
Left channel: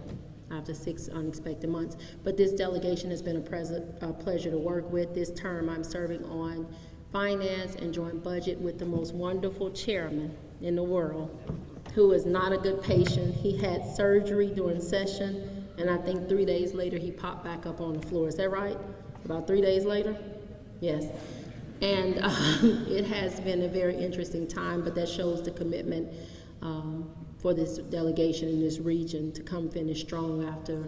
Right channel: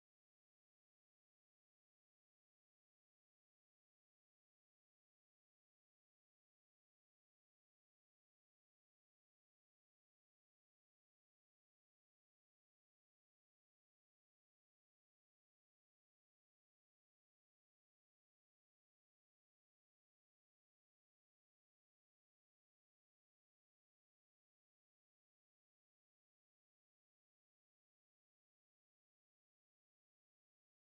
after 6 unexpected months. But this delegation has been a pleasure to work with. This term I'm serving on finance and joint budget with the most wonderful chairman in the world, who is not a good patient. He had surgery during session, and I think 3 days later he popped back up on the floor. Is that right? About 3 days later? Yes. And it has been a very interesting time, but that shows the commitment for this delegation in this region to come finish strong after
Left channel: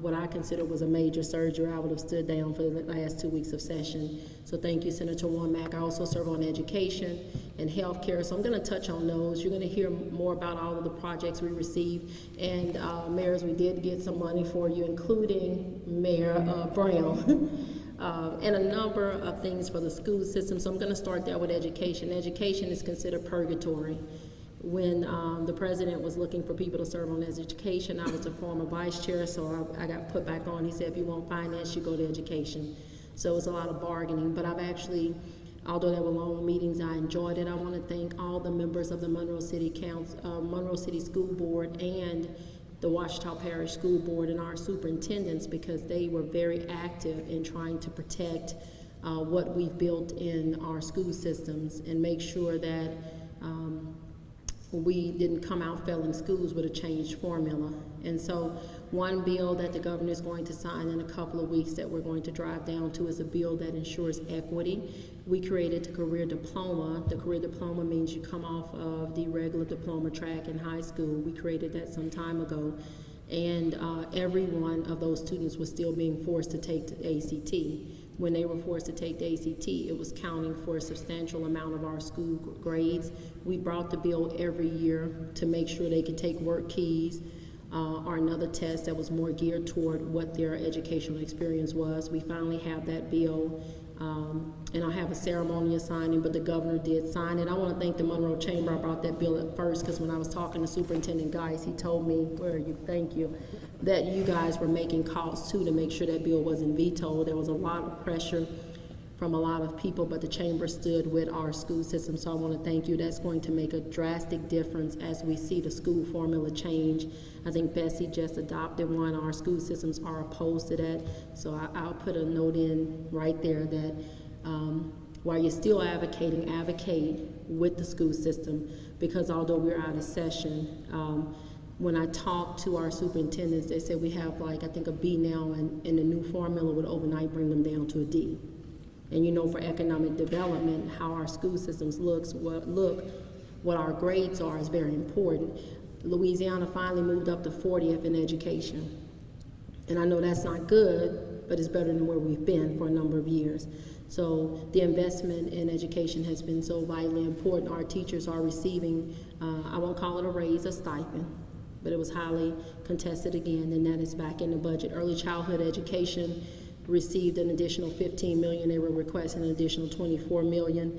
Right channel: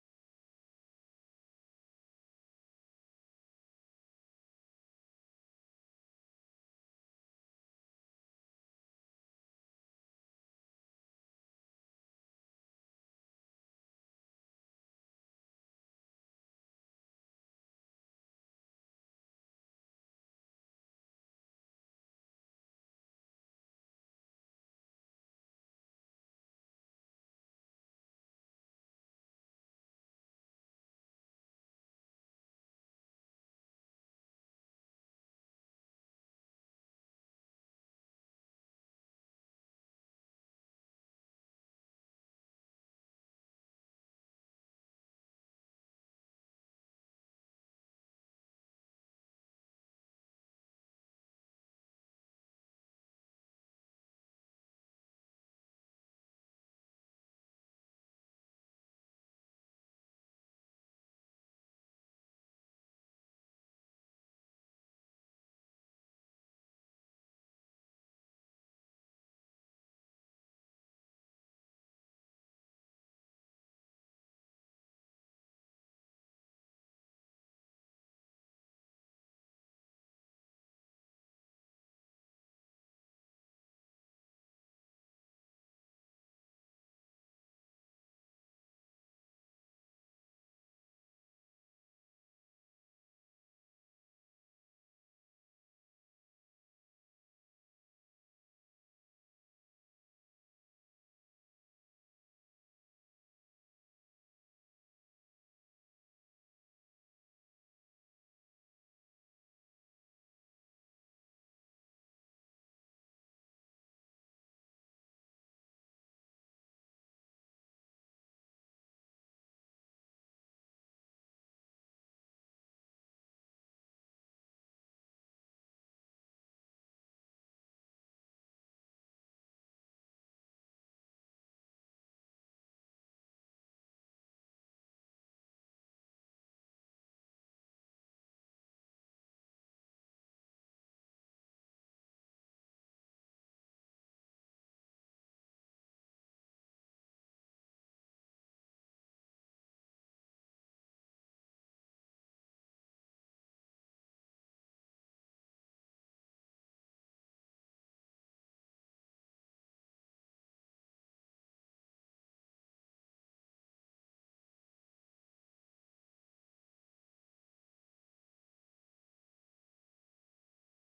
what I consider was a major surgery. I would have stood down for the last 2 weeks of session. So thank you, Senator Womack. I also serve on education and healthcare, so I'm going to touch on those. You're going to hear more about all of the projects we received. And mayors, we did get some money for you, including Mayor Brown. And a number of things for the school system. So I'm going to start there with education. Education is considered purgatory. When the president was looking for people to serve on education, I was a former vice chair, so I got put back on. He said, if you want finance, you go to education. So it's a lot of bargaining, but I've actually, although there were long meetings, I enjoyed it. I want to thank all the members of the Monroe City Council, Monroe City School Board, and the Ouachita Parish School Board, and our superintendents, because they were very active in trying to protect what we've built in our school systems and make sure that we didn't come out failing schools with a changed formula. And so one bill that the governor is going to sign in a couple of weeks that we're going to drive down to is a bill that ensures equity. We created the career diploma. The career diploma means you come off of the regular diploma track in high school. We created that some time ago. And every one of those students was still being forced to take the ACT. When they were forced to take the ACT, it was counting for a substantial amount of our school grades. We brought the bill every year to make sure they could take work keys or another test that was more geared toward what their educational experience was. We finally have that bill, and I'll have a ceremonial signing, but the governor did sign it. I want to thank the Monroe Chamber. I brought that bill at first because when I was talking to Superintendent Geis, he told me, where are you? Thank you, that you guys were making calls too to make sure that bill wasn't vetoed. There was a lot of pressure from a lot of people, but the chamber stood with our school system, so I want to thank you. That's going to make a drastic difference as we see the school formula change. I think Bessie just adopted one. Our school systems are opposed to that, so I'll put a note in right there that while you're still advocating, advocate with the school system, because although we're out of session, when I talked to our superintendents, they said we have like, I think a B now, and the new formula would overnight bring them down to a D. And you know, for economic development, how our school systems look, what our grades are is very important. Louisiana finally moved up to 40th in education. And I know that's not good, but it's better than where we've been for a number of years. So the investment in education has been so vitally important. Our teachers are receiving, I won't call it a raise, a stipend, but it was highly contested again, and that is back in the budget. Early childhood education received an additional $15 million. They were requesting an additional $24 million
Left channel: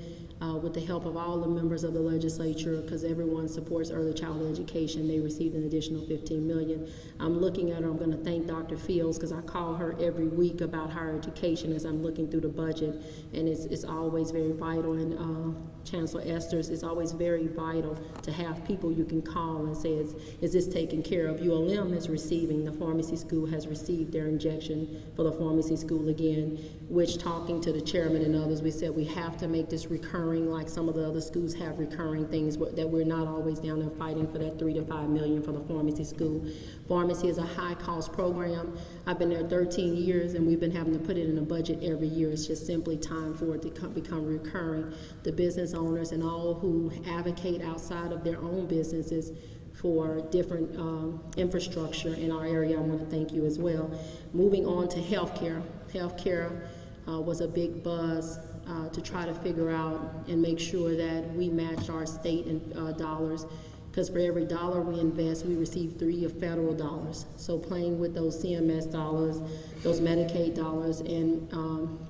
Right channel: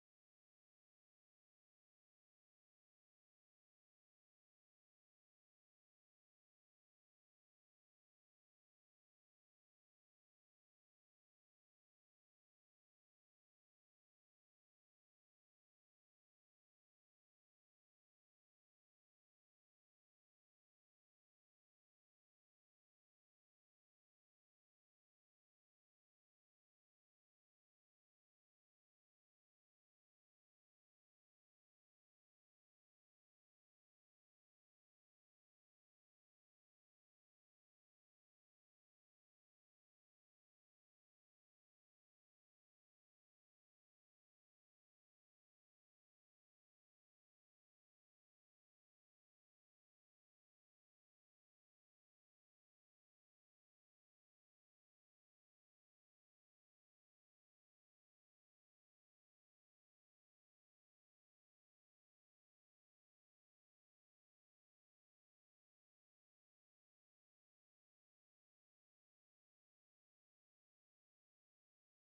with the help of all the members of the legislature, because everyone supports early childhood education. They received an additional $15 million. I'm looking at her. I'm going to thank Dr. Fields, because I call her every week about higher education as I'm looking through the budget, and it's always very vital. And Chancellor Esters, it's always very vital to have people you can call and say, is this taken care of? ULM is receiving, the pharmacy school has received their injection for the pharmacy school again, which, talking to the chairman and others, we said we have to make this recurring, like some of the other schools have recurring things, that we're not always down there fighting for that $3 to $5 million for the pharmacy school. Pharmacy is a high-cost program. I've been there 13 years, and we've been having to put it in a budget every year. It's just simply time for it to become recurring. The business owners and all who advocate outside of their own businesses for different infrastructure in our area, I want to thank you as well. Moving on to healthcare. Healthcare was a big buzz to try to figure out and make sure that we matched our state and dollars, because for every dollar we invest, we receive 3 of federal dollars. So playing with those CMS dollars, those Medicaid dollars, and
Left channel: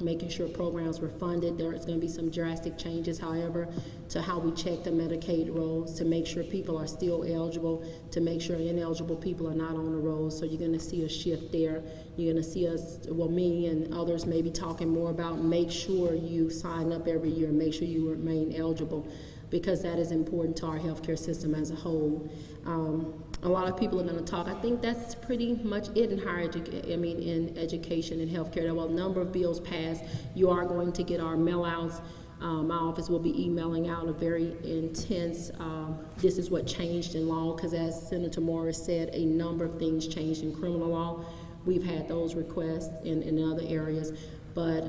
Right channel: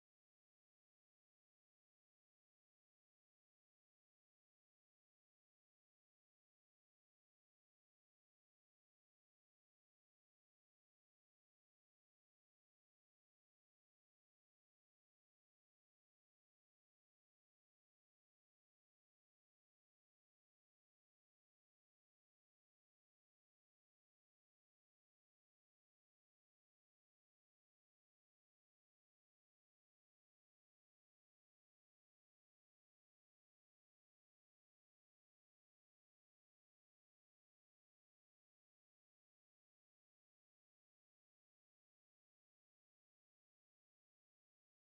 making sure programs were funded. There's going to be some drastic changes, however, to how we check the Medicaid rolls to make sure people are still eligible, to make sure ineligible people are not on the rolls. So you're going to see a shift there. You're going to see us, well, me and others may be talking more about make sure you sign up every year, make sure you remain eligible, because that is important to our healthcare system as a whole. A lot of people are going to talk. I think that's pretty much it in in education and healthcare. There were a number of bills passed. You are going to get our mail-outs. My office will be emailing out a very intense, this is what changed in law, because as Senator Morris said, a number of things changed in criminal law. We've had those requests in other areas. But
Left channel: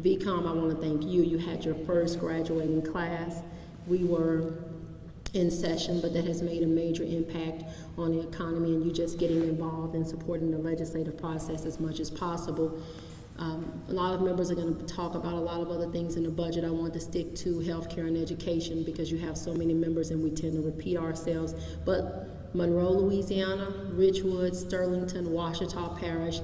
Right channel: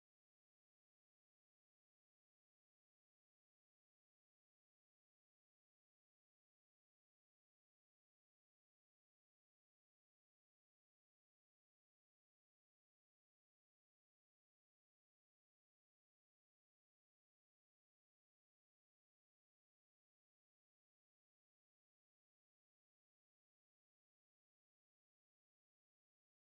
VCOM, I want to thank you. You had your first graduating class. We were in session, but that has made a major impact on the economy, and you just getting involved and supporting the legislative process as much as possible. A lot of members are going to talk about a lot of other things in the budget. I want to stick to healthcare and education because you have so many members and we tend to repeat ourselves. But Monroe, Louisiana, Richwood, Sterlington, Ouachita Parish,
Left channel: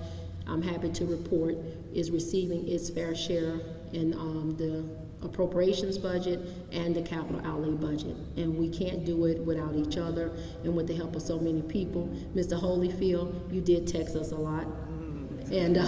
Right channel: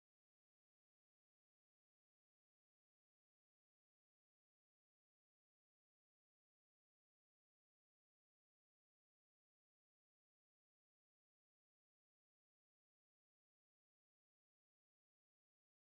I'm happy to report, is receiving its fair share in the appropriations budget and the capital outlay budget. And we can't do it without each other and with the help of so many people. Mr. Holyfield, you did text us a lot. And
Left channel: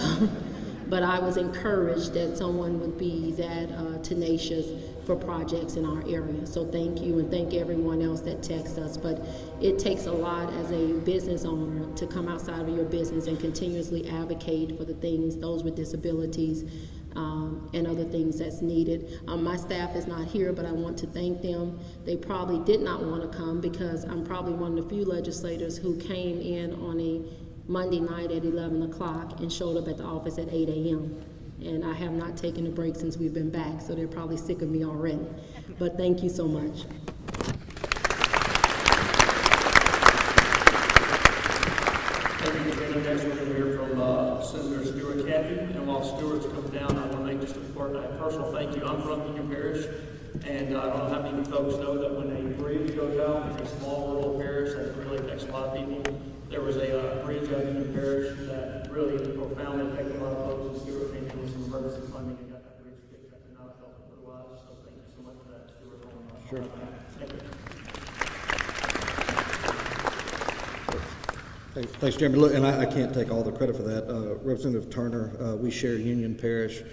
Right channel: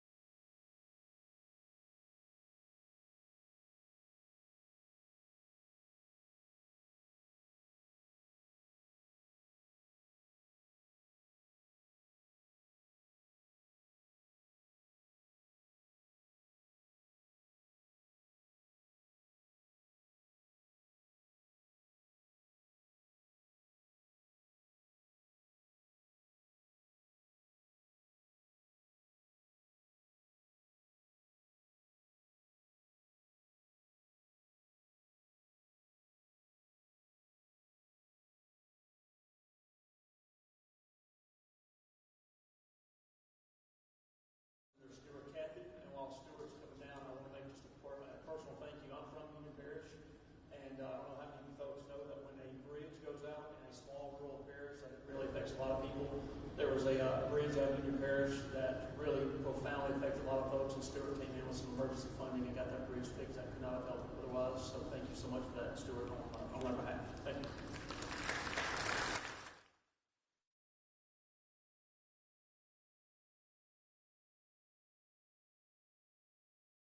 but I was encouraged that someone would be that tenacious for projects in our area. So thank you, and thank everyone else that texts us. But it takes a lot as a business owner to come outside of your business and continuously advocate for the things, those with disabilities, and other things that's needed. My staff is not here, but I want to thank them. They probably did not want to come because I'm probably one of the few legislators who came in on a Monday night at 11 o'clock and showed up at the office at 8 a.m. And I have not taken a break since we've been back, so they're probably sick of me already. But thank you so much. Thank you. Next, we're going to hear from Senator Stewart Cathy. And while Stewart's coming down, I want to make just a personal thank you. I'm from Union Parish, and I don't know how many folks know that when a bridge goes out in a small rural parish, that really affects a lot of people. There was a bridge up in Union Parish that really profoundly affected a lot of folks, and Stewart came in with some emergency funding and that we just fixed that crowd help with us. So thank you so much for that, Stewart. Sure. Thanks, Jeremy. Look, and I can't take all the credit for that. Representative Turner, we share Union Parish.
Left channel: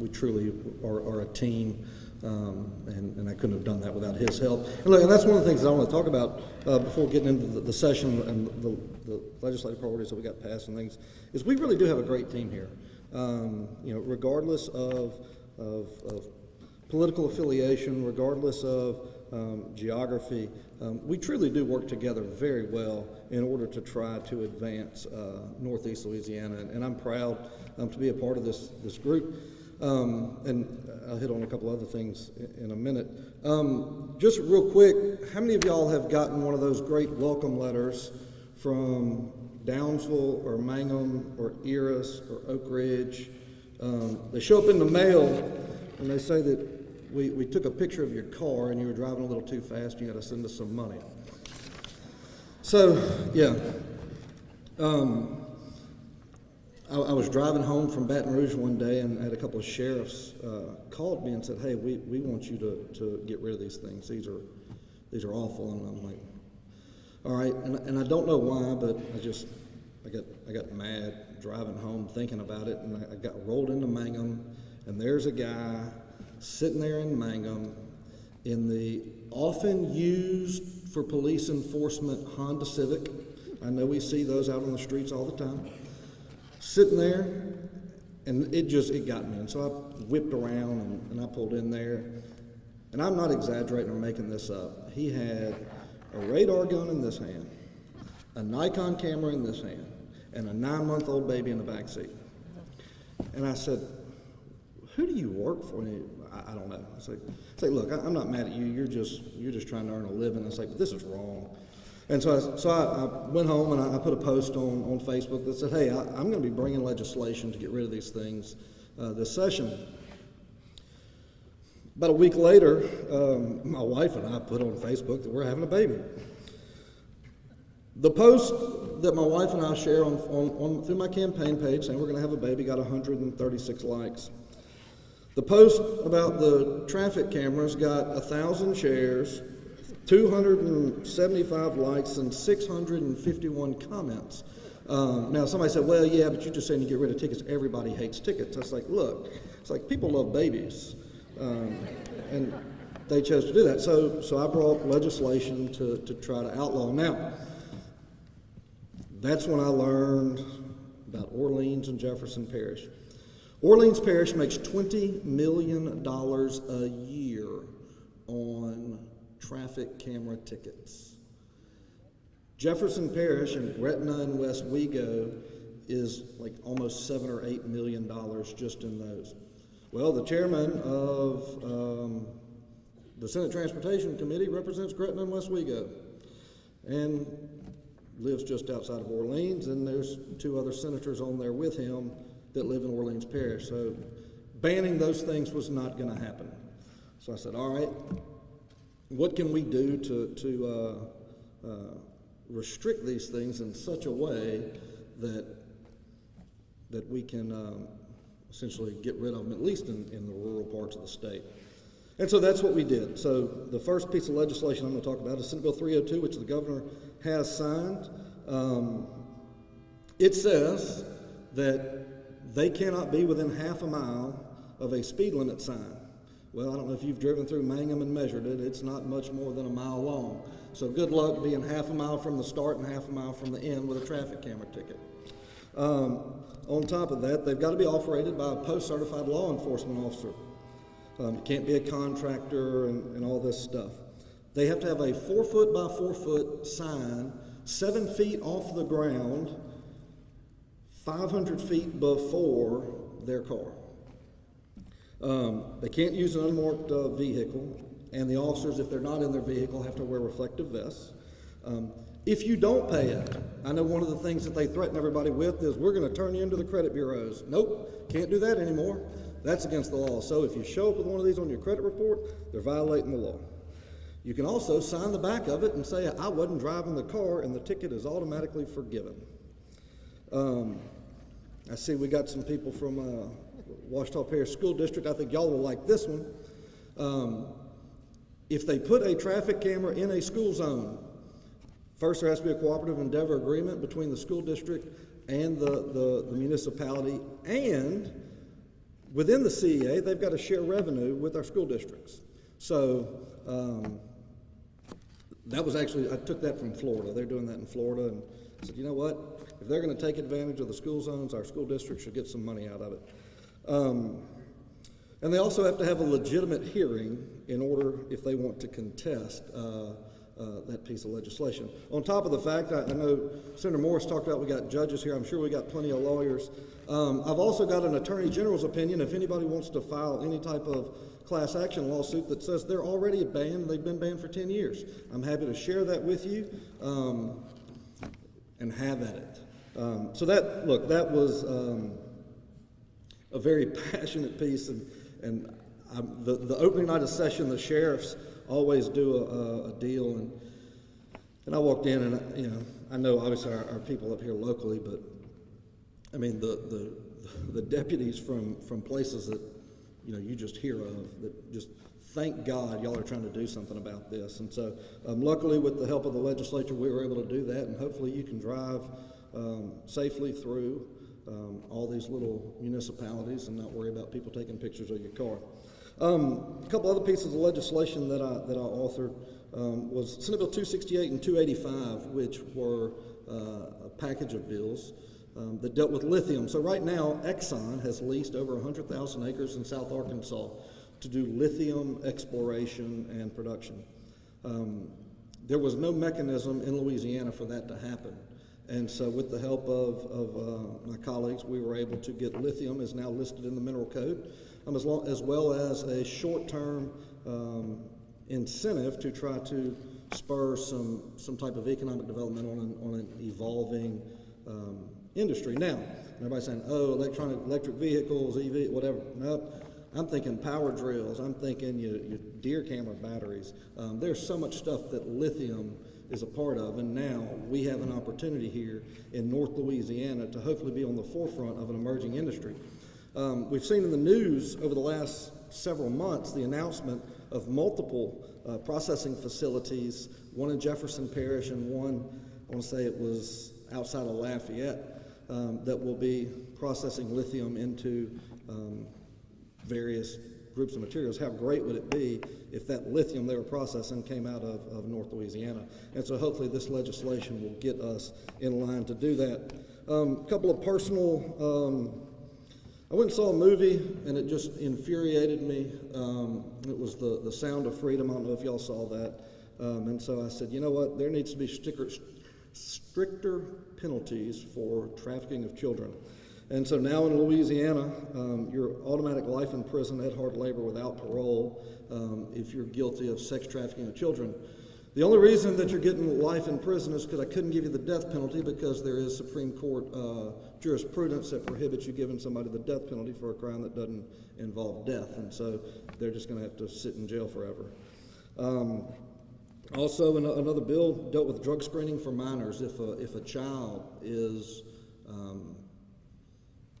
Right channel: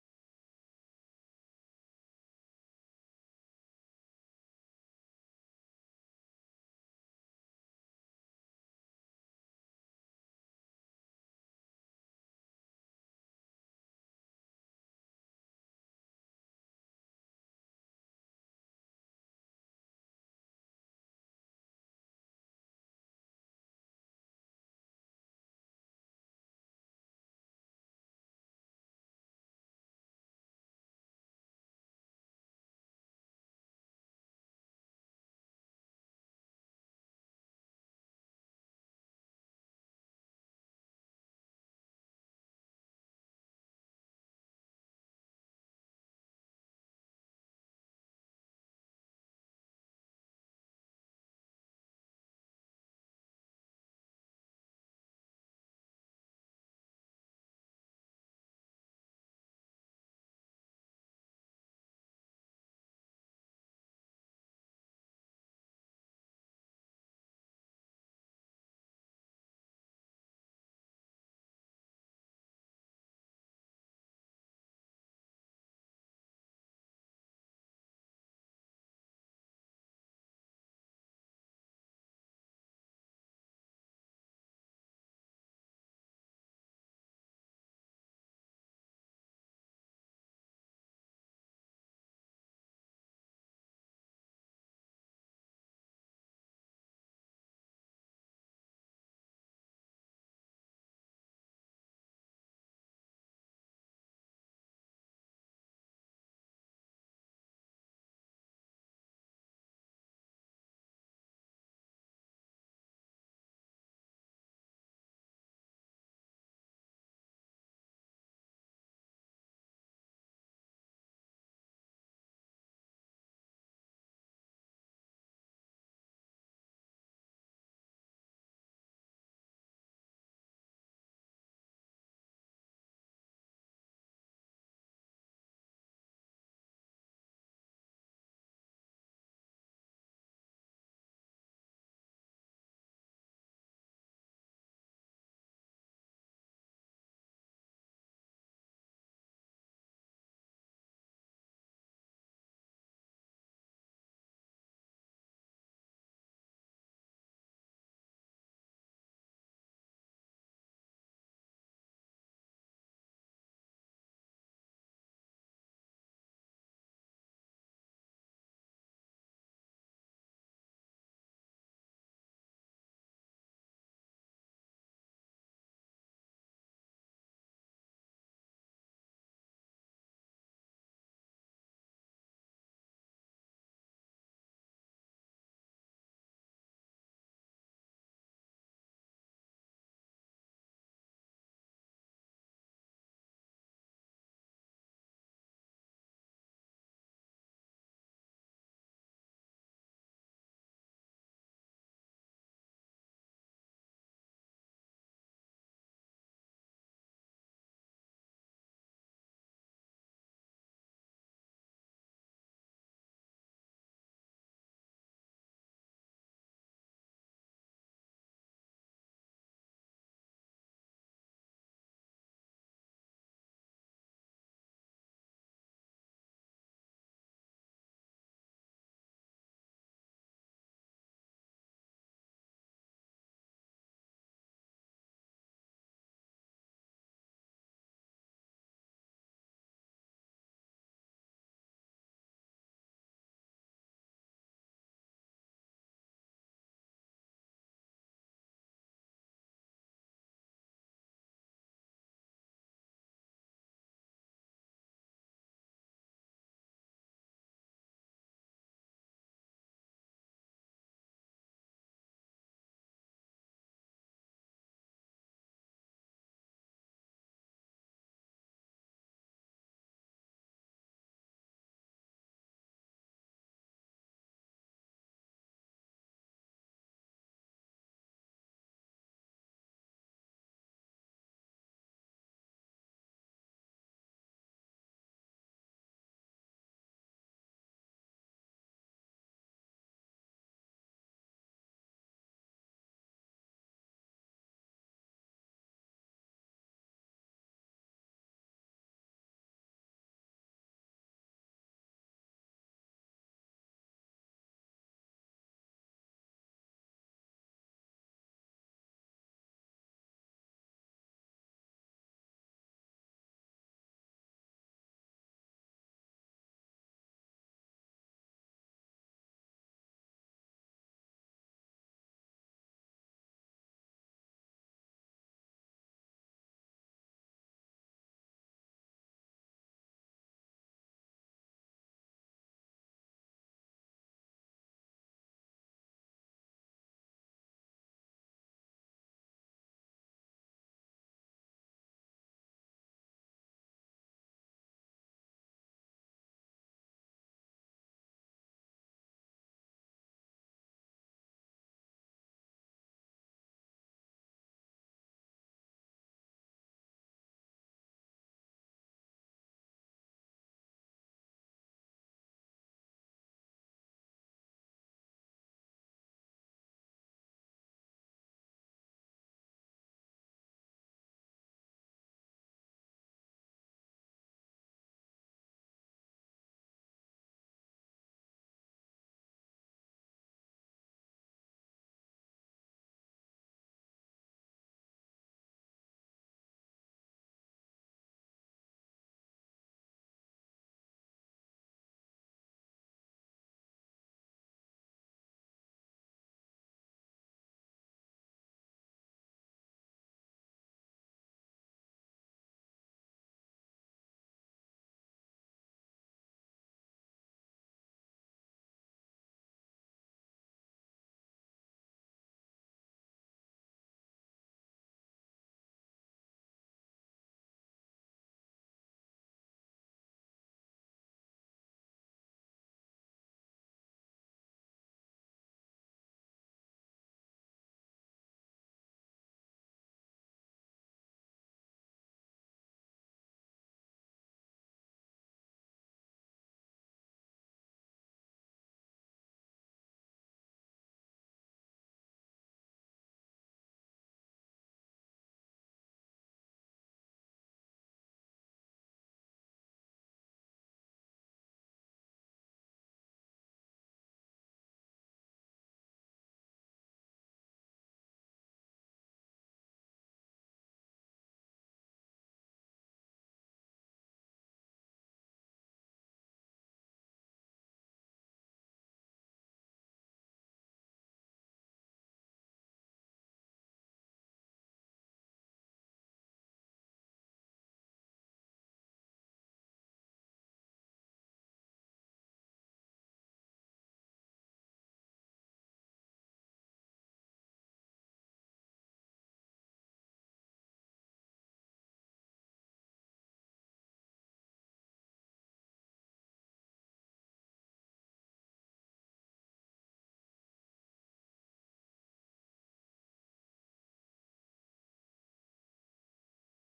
We truly are a team, and I couldn't have done that without his help. And look, and that's one of the things I want to talk about before getting into the session and the legislative priorities that we got passed and things, is we really do have a great team here. Regardless of political affiliation, regardless of geography, we truly do work together very well in order to try to advance Northeast Louisiana, and I'm proud to be a part of this group. And I'll hit on a couple other things in a minute. Just real quick, how many of y'all have gotten one of those great welcome letters from Downsville or Mangum or Eris or Oak Ridge? They show up in the mail and they say that we took a picture of your car and you were driving a little too fast and you got to send us some money. So, yeah. I was driving home from Baton Rouge one day and I had a couple of sheriffs called me and said, hey, we want you to get rid of these things. These are awful. And I'm like, all right. And I don't know why, but I got mad driving home thinking about it, and I got rolled into Mangum, and there's a guy sitting there in Mangum in the often used for police enforcement Honda Civic. I know we see those out on the streets all the time. Sitting there, and it got me. And so I whipped around and I pulled in there. And I'm not exaggerating or making this up. He had a radar gun in this hand, a Nikon camera in this hand, and a 9-month-old baby in the back seat. And I said, who do you work for? And I don't know. I say, look, I'm not mad at you. You're just trying to earn a living. I say, but this is wrong. And so I went home and I put a post on Facebook that said, hey, I'm going to be bringing legislation to get rid of these things this session. About a week later, my wife and I put on Facebook that we're having a baby. The post that my wife and I share on through my campaign page saying we're going to have a baby got 136 likes. The post about the traffic cameras got 1,000 shares, 275 likes, and 651 comments. Now somebody said, well, yeah, but you're just saying you get rid of tickets. Everybody hates tickets. I was like, look, it's like people love babies. And they chose to do that. So I brought legislation to try to outlaw. Now, that's when I learned about Orleans and Jefferson Parish. Orleans Parish makes $20 million a year on traffic camera tickets. Jefferson Parish in Gretna and West Wego is like almost $7 or $8 million just in those. Well, the chairman of the Senate Transportation Committee represents Gretna and West Wego and lives just outside of Orleans, and there's 2 other senators on there with him that live in Orleans Parish. So banning those things was not going to happen. So I said, all right, what can we do to restrict these things in such a way that we can essentially get rid of them, at least in the rural parts of the state. And so that's what we did. So the first piece of legislation I'm going to talk about is Senate Bill 302, which the governor has signed. It says that they cannot be within half a mile of a speed limit sign. Well, I don't know if you've driven through Mangum and measured it. It's not much more than a mile long. So good luck being half a mile from the start and half a mile from the end with a traffic camera ticket. On top of that, they've got to be operated by a post-certified law enforcement officer. It can't be a contractor and all this stuff. They have to have a 4-foot by 4-foot sign, 7 feet off the ground, 500 feet before their car. They can't use an unmarked vehicle, and the officers, if they're not in their vehicle, have to wear reflective vests. If you don't pay it, I know one of the things that they threaten everybody with is we're going to turn you into the credit bureaus. Nope, can't do that anymore. That's against the law. So if you show up with one of these on your credit report, they're violating the law. You can also sign the back of it and say, I wasn't driving the car, and the ticket is automatically forgiven. I see we got some people from Ouachita Parish School District. I think y'all will like this one. If they put a traffic camera in a school zone, first there has to be a cooperative endeavor agreement between the school district and the municipality, and within the CEA, they've got to share revenue with our school districts. So that was actually, I took that from Florida. They're doing that in Florida, and I said, you know what? If they're going to take advantage of the school zones, our school district should get some money out of it. And they also have to have a legitimate hearing in order, if they want to contest that piece of legislation. On top of the fact, I know Senator Morris talked about we got judges here. I'm sure we got plenty of lawyers. I've also got an Attorney General's opinion. If anybody wants to file any type of class action lawsuit that says they're already banned, they've been banned for 10 years, I'm happy to share that with you and have at it. So that was a very passionate piece, and the opening night of session, the sheriffs always do a deal, and I walked in, and I know obviously our people up here locally, but I mean the deputies from places that you just hear of that just thank God y'all are trying to do something about this, and so luckily with the help of the legislature we were able to do that, and hopefully you can drive safely through all these little municipalities and not worry about people taking pictures of your car. A couple other pieces of legislation that I authored was Senate Bill 268 and 285, which were a package of bills that dealt with lithium. So right now, Exxon has leased over 100,000 acres in South Arkansas to do lithium exploration and production. there was no mechanism in Louisiana for that to happen. And so with the help of my colleagues, we were able to get lithium is now listed in the mineral code, as well as a short-term incentive to try to spur some type of economic development on an evolving industry. Now, everybody's saying, oh, electric vehicles, EV, whatever. Nope. I'm thinking power drills. I'm thinking your deer camera batteries. There's so much stuff that lithium is a part of, and now we have an opportunity here in North Louisiana to hopefully be on the forefront of an emerging industry. We've seen in the news over the last several months the announcement of multiple processing facilities, one in Jefferson Parish and one, I want to say it was outside of Lafayette, that will be processing lithium into various groups of materials. How great would it be if that lithium they were processing came out of North Louisiana? And so hopefully this legislation will get us in line to do that. A couple of personal, I went and saw a movie and it just infuriated me. It was the Sound of Freedom. I don't know if y'all saw that. And so I said, you know what, there needs to be stricter penalties for trafficking of children. And so now in Louisiana, you're automatic life in prison at hard labor without parole if you're guilty of sex trafficking of children. The only reason that you're getting life in prison is because I couldn't give you the death penalty, because there is Supreme Court jurisprudence that prohibits you giving somebody the death penalty for a crime that doesn't involve death. And so they're just going to have to sit in jail forever. Also, another bill dealt with drug screening for minors. If a child is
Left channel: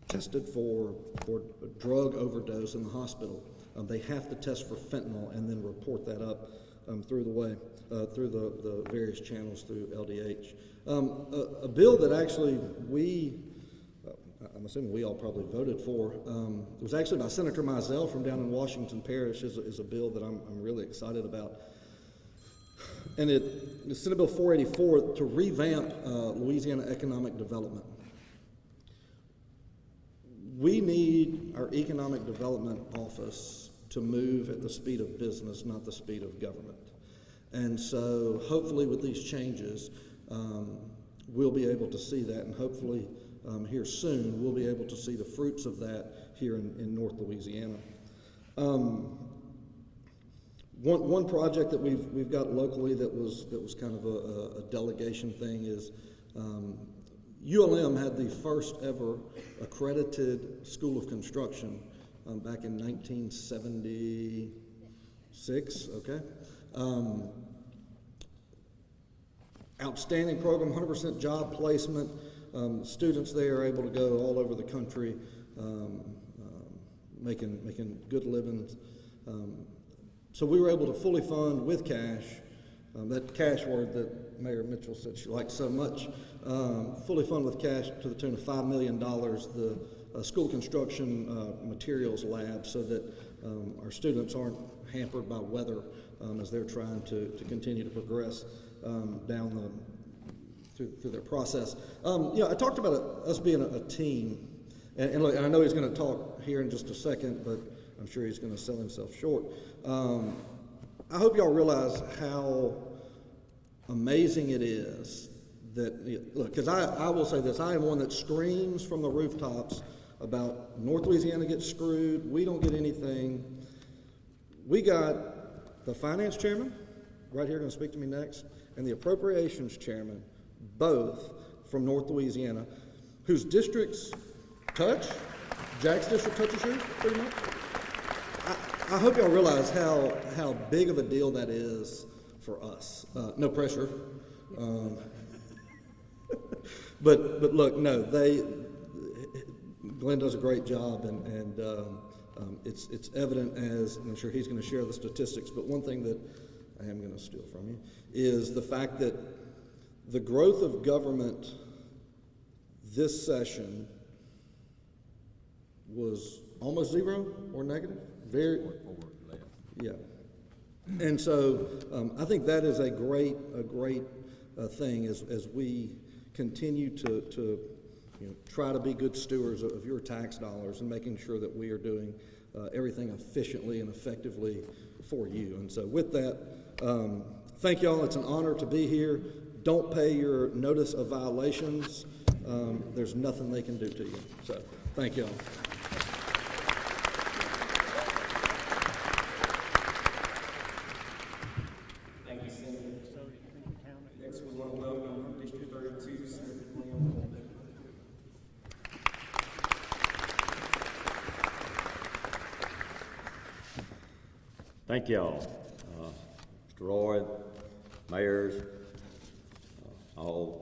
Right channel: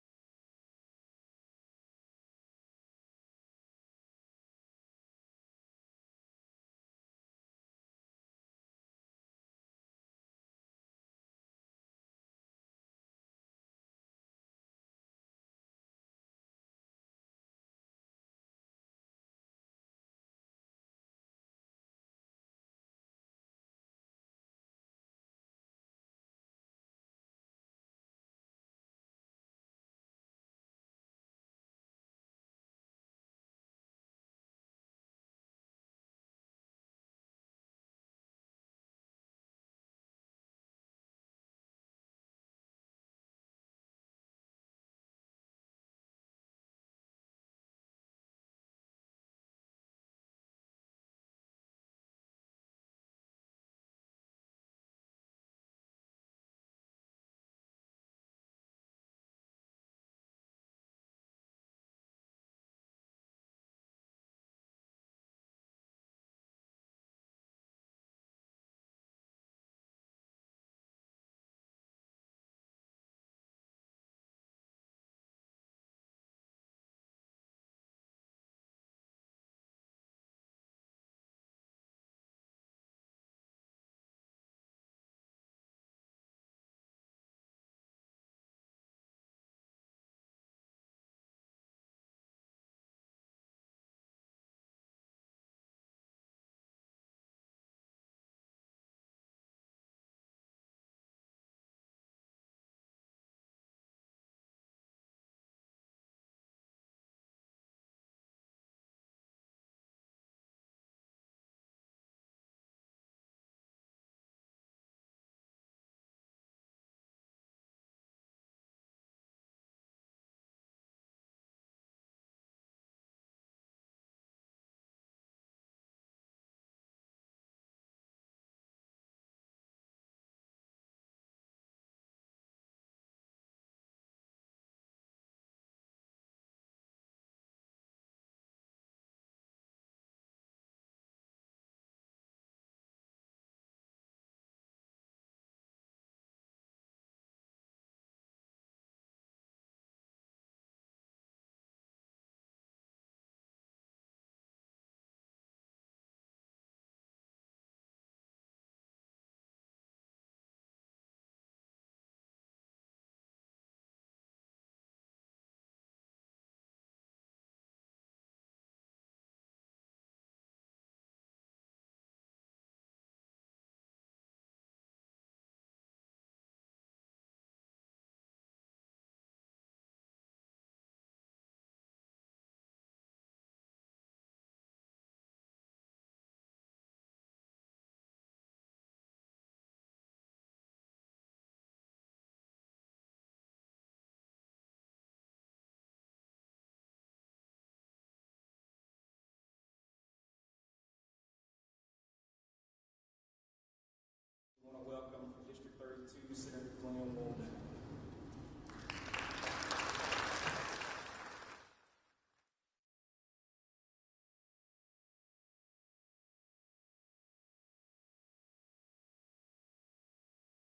tested for a drug overdose in the hospital, they have to test for fentanyl and then report that up through the various channels through LDH. A bill that actually I'm assuming we all probably voted for, it was actually by Senator Mizell from down in Washington Parish, is a bill that I'm really excited about. And it's Senate Bill 484 to revamp Louisiana economic development. We need our economic development office to move at the speed of business, not the speed of government. And so hopefully with these changes, we'll be able to see that, and hopefully here soon we'll be able to see the fruits of that here in North Louisiana. One project that we've got locally that was kind of a delegation thing is ULM had the first ever accredited school of construction back in 1976, okay? Outstanding program, 100% job placement. Students there are able to go all over the country making good livings. So we were able to fully fund with cash, that cash word that Mayor Mitchell said she liked so much, fully fund with cash to the tune of $5 million, the school construction materials lab, so that our students aren't hampered by weather as they're trying to continue to progress down through their process. I talked about us being a team, and look, I know he's going to talk here in just a second, but I'm sure he's going to sell himself short. I hope y'all realize how amazing it is that, look, because I will say this, I am one that screams from the rooftops about North Louisiana gets screwed, we don't get anything. We got the finance chairman, right here, going to speak to me next, and the appropriations chairman, both from North Louisiana, whose districts touch. Jack's district touches yours, pretty much. I hope y'all realize how big of a deal that is for us. No pressure. But look, no, Glenn does a great job, and it's evident, as I'm sure he's going to share the statistics, but one thing that I am going to steal from you is the fact that the growth of government this session was almost zero or negative. Very, yeah. And so I think that is a great thing as we continue to try to be good stewards of your tax dollars and making sure that we are doing everything efficiently and effectively for you. And so with that, thank y'all. It's an honor to be here. Don't pay your notice of violations. There's nothing they can do to you. So, thank y'all. Thank you, Senator. Next, we want to welcome from District 32, Senator Monroe. Thank y'all. Mr. Roy, mayors, all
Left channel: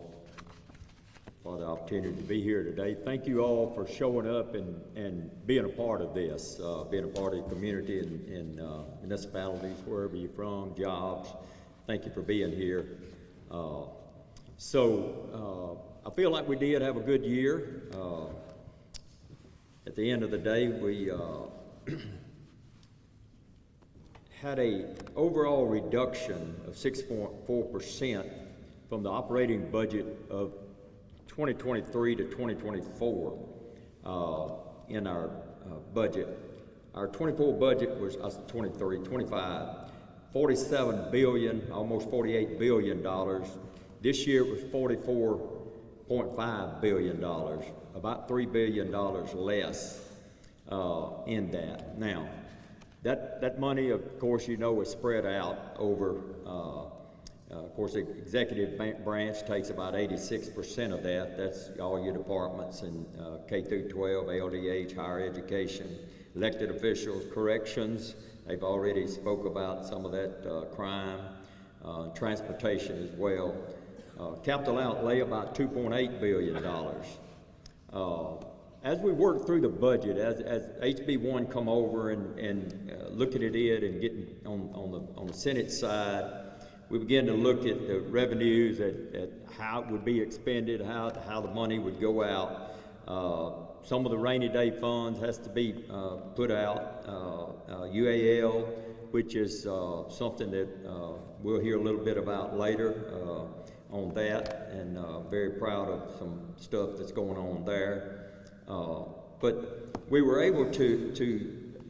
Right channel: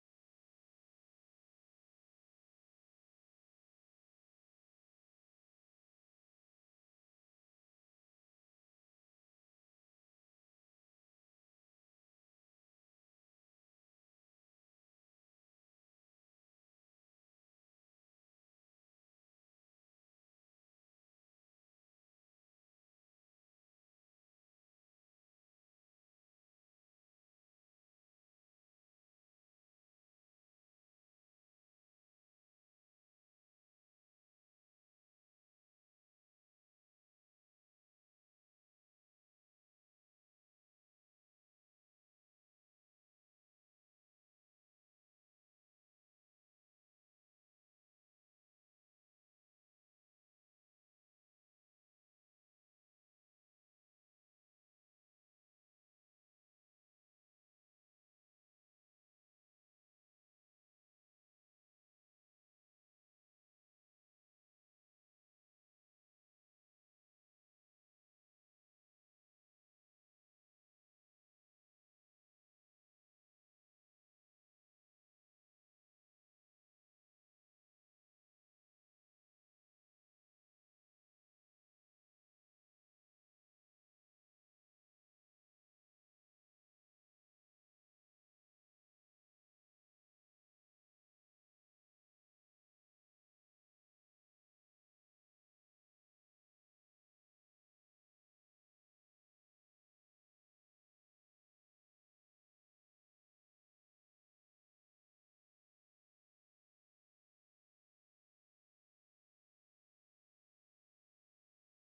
for the opportunity to be here today. Thank you all for showing up and being a part of this, being a part of the community and municipalities, wherever you're from, jobs. Thank you for being here. I feel like we did have a good year. At the end of the day, we had a overall reduction of 6.4% from the operating budget of 2023 to 2024 in our budget. Our 24 budget was 25, $47 billion, almost $48 billion. This year it was $44.5 billion, about $3 billion less in that. Now, that money, of course, you know, is spread out over, of course, the executive branch takes about 86% of that. That's all your departments and K through 12, LDH, higher education, elected officials, corrections. They've already spoke about some of that crime, transportation as well. Capital outlay about $2.8 billion. As we work through the budget, as HB1 come over and looking at it and getting on the Senate side, we begin to look at the revenues, at how it would be expended, how the money would go out. Some of the rainy day funds has to be put out. UAL, which is something that we'll hear a little bit about later on that, and very proud of some stuff that's going on there. But we were able to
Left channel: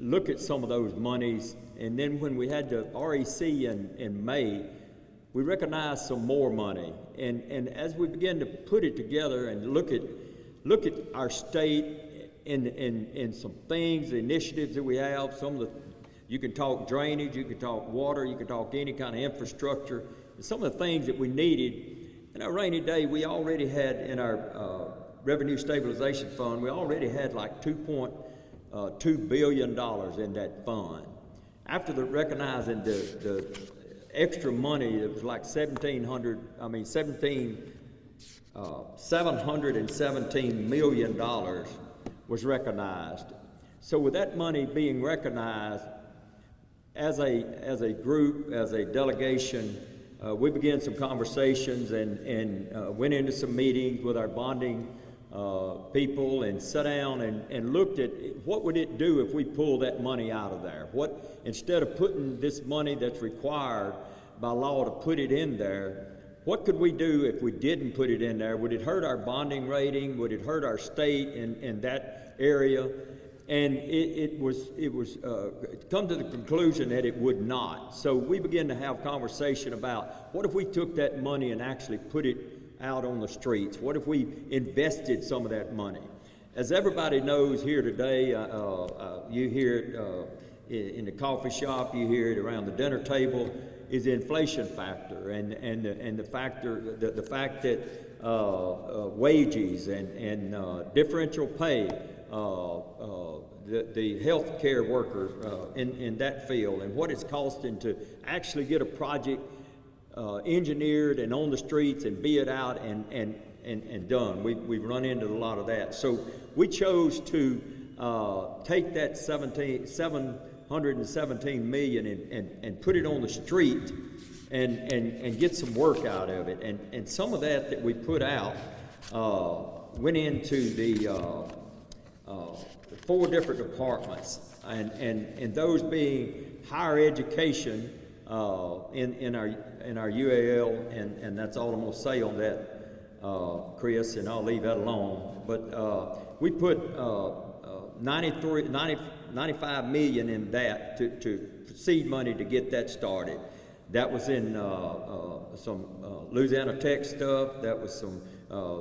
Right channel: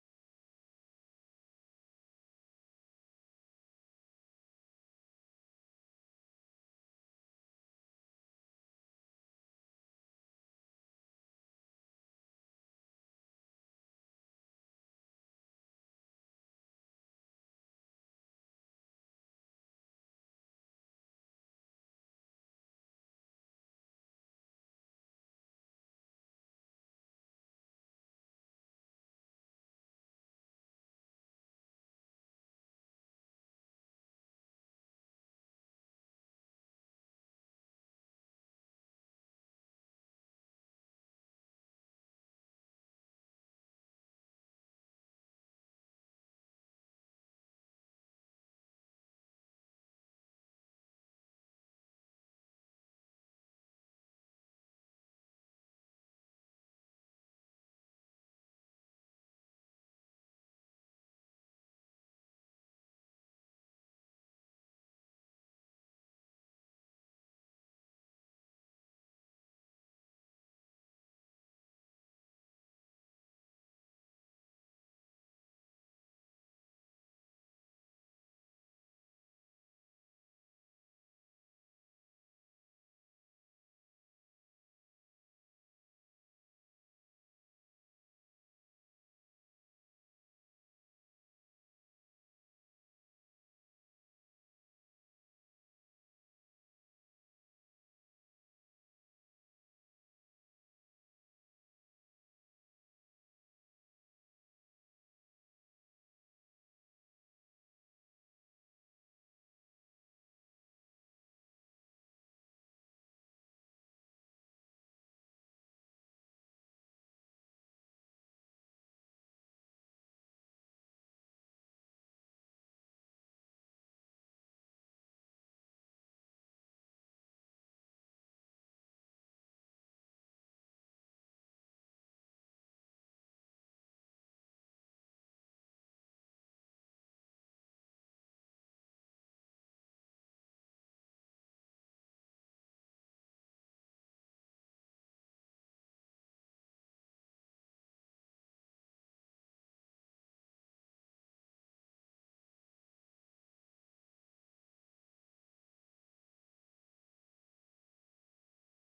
look at some of those monies, and then when we had the REC in May, we recognized some more money. And as we began to put it together and look at our state and some things, the initiatives that we have, you can talk drainage, you can talk water, you can talk any kind of infrastructure, and some of the things that we needed. In our rainy day, we already had in our Revenue Stabilization Fund, we already had like $2.2 billion in that fund. After recognizing the extra money, it was like $717 million was recognized. So with that money being recognized, as a group, as a delegation, we began some conversations and went into some meetings with our bonding people and sat down and looked at what would it do if we pull that money out of there. What, instead of putting this money that's required by law to put it in there, what could we do if we didn't put it in there? Would it hurt our bonding rating? Would it hurt our state in that area? And it was come to the conclusion that it would not. So we began to have conversation about what if we took that money and actually put it out on the streets? What if we invested some of that money? As everybody knows here today, you hear it in the coffee shop, you hear it around the dinner table, is the inflation factor and the fact that wages and differential pay, the health care worker in that field, and what it's costing to actually get a project engineered and on the streets and be it out and done. We've run into a lot of that. So we chose to take that $717 million and put it on the street and get some work out of it. And some of that we put out went into the 4 different departments, and those being higher education in our UAL, and that's all I'm going to say on that, Chris, and I'll leave that alone. But we put $95 million in that to seed money to get that started. That was in some Louisiana Tech stuff. That was some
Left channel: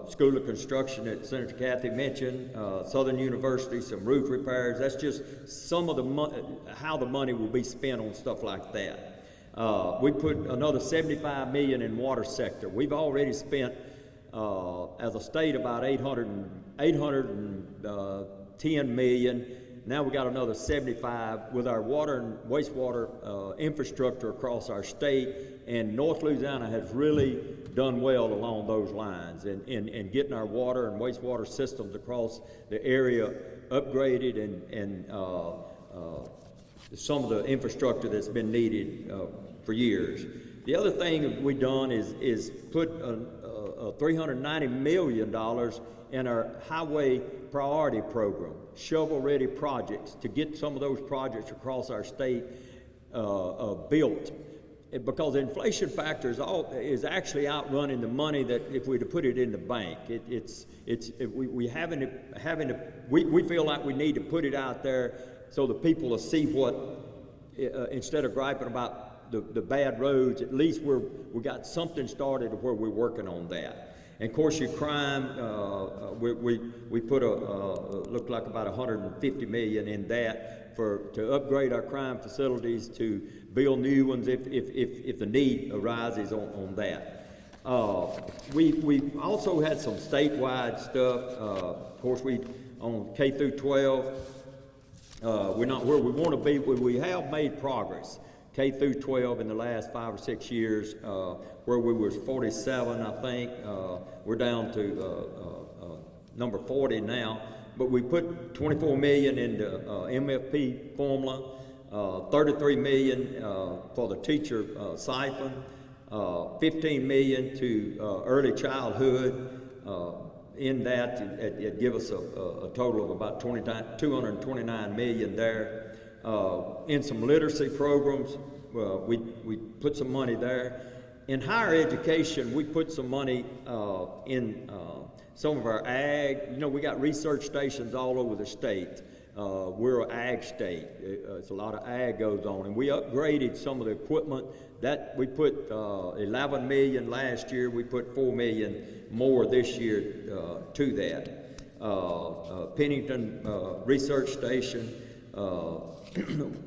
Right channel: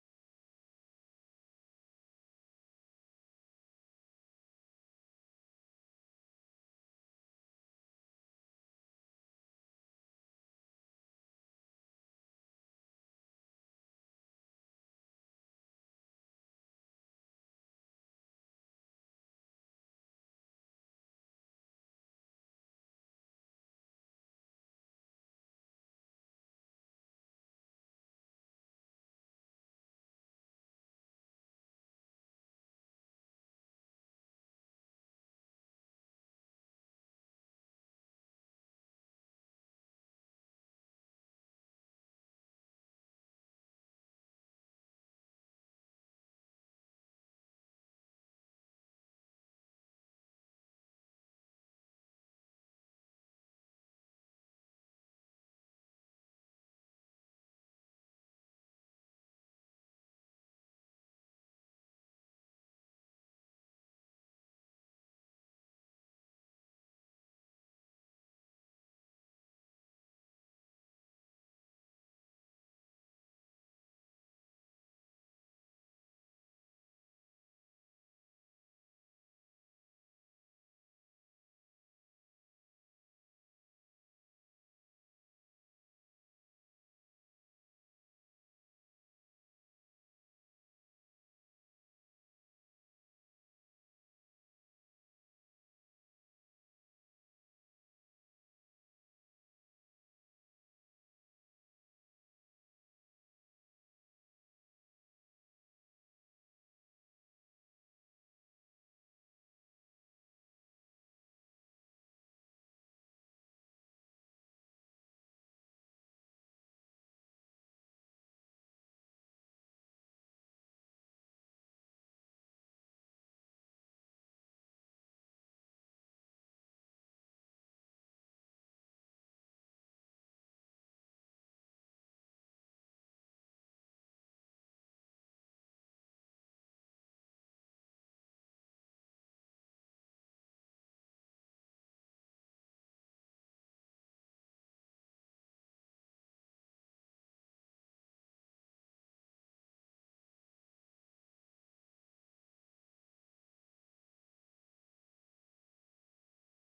School of Construction that Senator Kathy mentioned, Southern University, some roof repairs. That's just some of the how the money will be spent on stuff like that. We put another $75 million in water sector. We've already spent, as a state, about $810 million. Now we got another 75 with our water and wastewater infrastructure across our state, and North Louisiana has really done well along those lines in getting our water and wastewater systems across the area upgraded and some of the infrastructure that's been needed for years. The other thing we've done is put $390 million in our highway priority program, shovel-ready projects, to get some of those projects across our state built. Because the inflation factor is actually outrunning the money that if we'd have put it in the bank. We feel like we need to put it out there so the people will see what, instead of griping about the bad roads, at least we got something started where we're working on that. And of course, your crime, we put looked like about $150 million in that to upgrade our crime facilities, to build new ones if the need arises on that. We also had some statewide stuff. Of course, on K through 12, we're not where we want to be, but we have made progress. K through 12 in the last 5 or 6 years, where we was 47, I think, we're down to number 40 now. But we put $24 million into MFP formula, $33 million for the teacher siphon, $15 million to early childhood. In that, it give us a total of about $229 million there. In some literacy programs, we put some money there. In higher education, we put some money in some of our ag. You know, we got research stations all over the state. We're an ag state. It's a lot of ag goes on, and we upgraded some of the equipment. That we put $11 million last year. We put $4 million more this year to that. Pennington Research Station.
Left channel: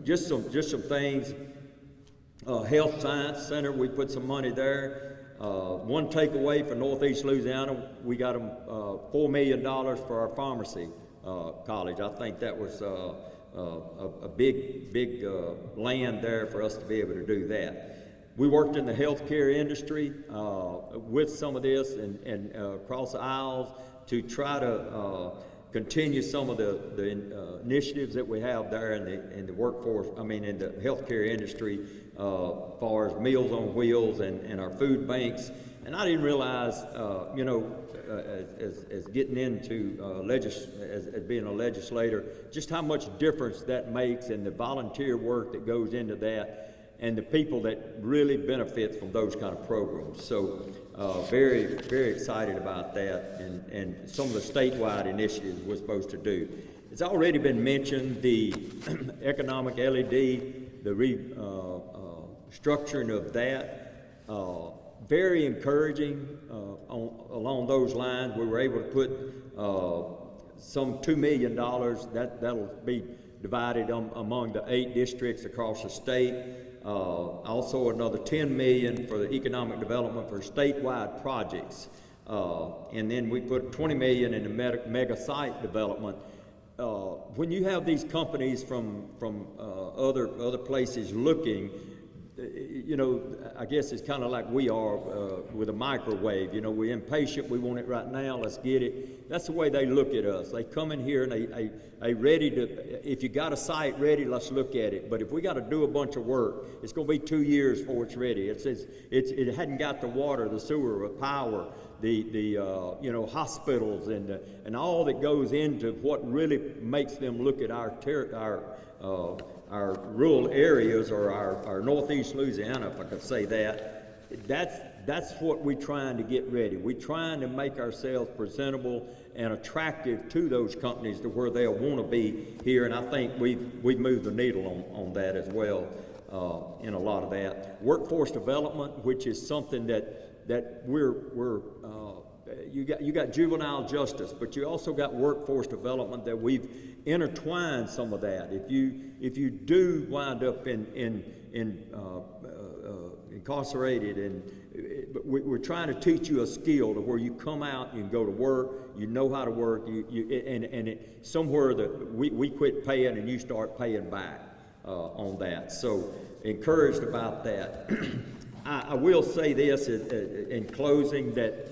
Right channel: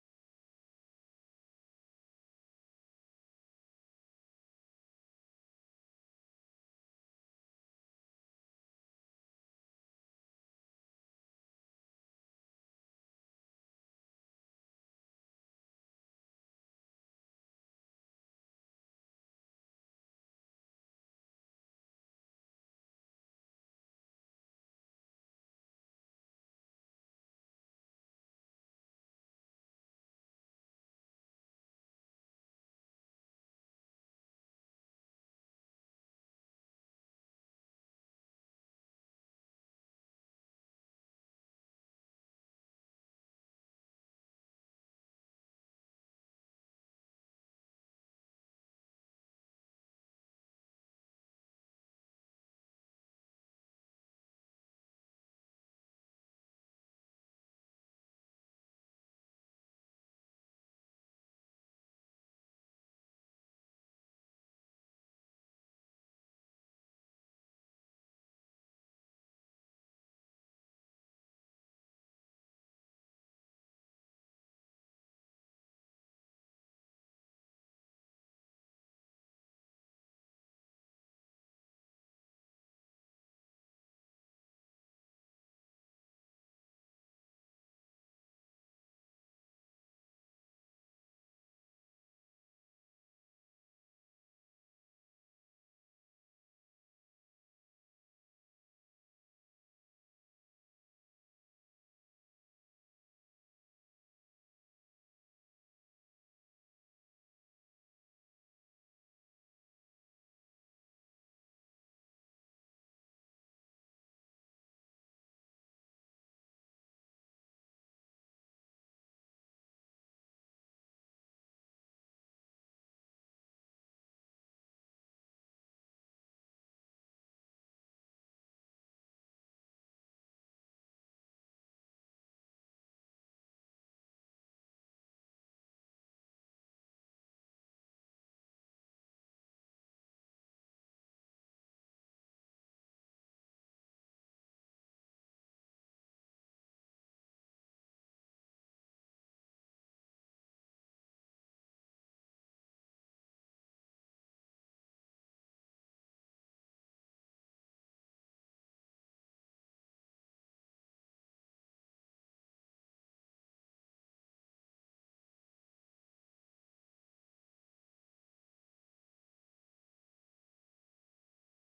Just some things. Health Science Center, we put some money there. One takeaway for Northeast Louisiana, we got them $4 million for our pharmacy college. I think that was a big land there for us to be able to do that. We worked in the healthcare industry with some of this and across the aisles to try to continue some of the initiatives that we have there in the workforce, in the healthcare industry, as far as Meals on Wheels and our food banks. And I didn't realize, as getting into as being a legislator, just how much difference that makes, and the volunteer work that goes into that, and the people that really benefit from those kind of programs. So very, very excited about that, and some of the statewide initiatives we're supposed to do. It's already been mentioned, the economic LED, the restructuring of that. Very encouraging along those lines. We were able to put some $2 million, that'll be divided among the 8 districts across the state. Also another $10 million for the economic development for statewide projects. And then we put $20 million in the mega site development. When you have these companies from other places looking, I guess it's kind of like we are with a microwave. We're impatient, we want it right now, let's get it. That's the way they look at us. They come in here and they ready to, if you got a site ready, let's look at it. But if we got to do a bunch of work, it's going to be 2 years before it's ready. It hadn't got the water, the sewer, the power, the hospitals and all that goes into what really makes them look at our rural areas, or our Northeast Louisiana, if I could say that. That's what we're trying to get ready. We're trying to make ourselves presentable and attractive to those companies to where they'll want to be here, and I think we've moved the needle on that as well. in a lot of that. Workforce development, which is something that you got juvenile justice, but you also got workforce development that we've intertwined some of that. If you do wind up incarcerated, and we're trying to teach you a skill to where you come out, you can go to work, you know how to work, somewhere that we quit paying and you start paying back on that. So encouraged about that. I will say this in closing, that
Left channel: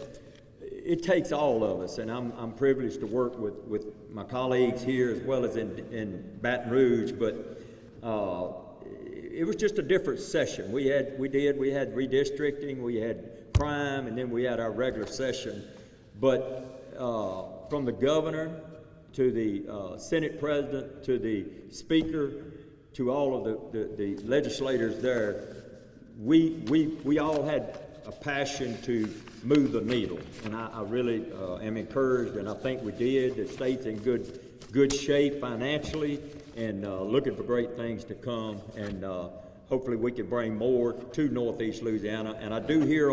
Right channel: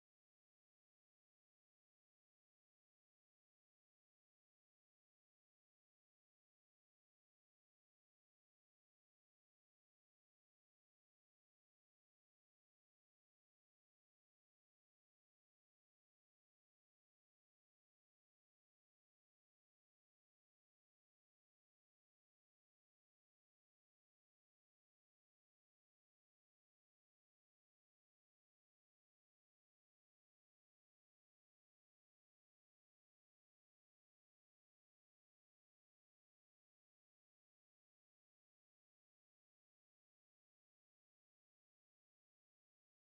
it takes all of us, and I'm privileged to work with my colleagues here as well as in Baton Rouge, but it was just a different session. We had redistricting, we had crime, and then we had our regular session. But from the governor to the Senate president to the speaker to all of the legislators there, we all had a passion to move the needle, and I really am encouraged, and I think we did. The state's in good shape financially, and looking for great things to come, and hopefully we can bring more to Northeast Louisiana. And I do hear,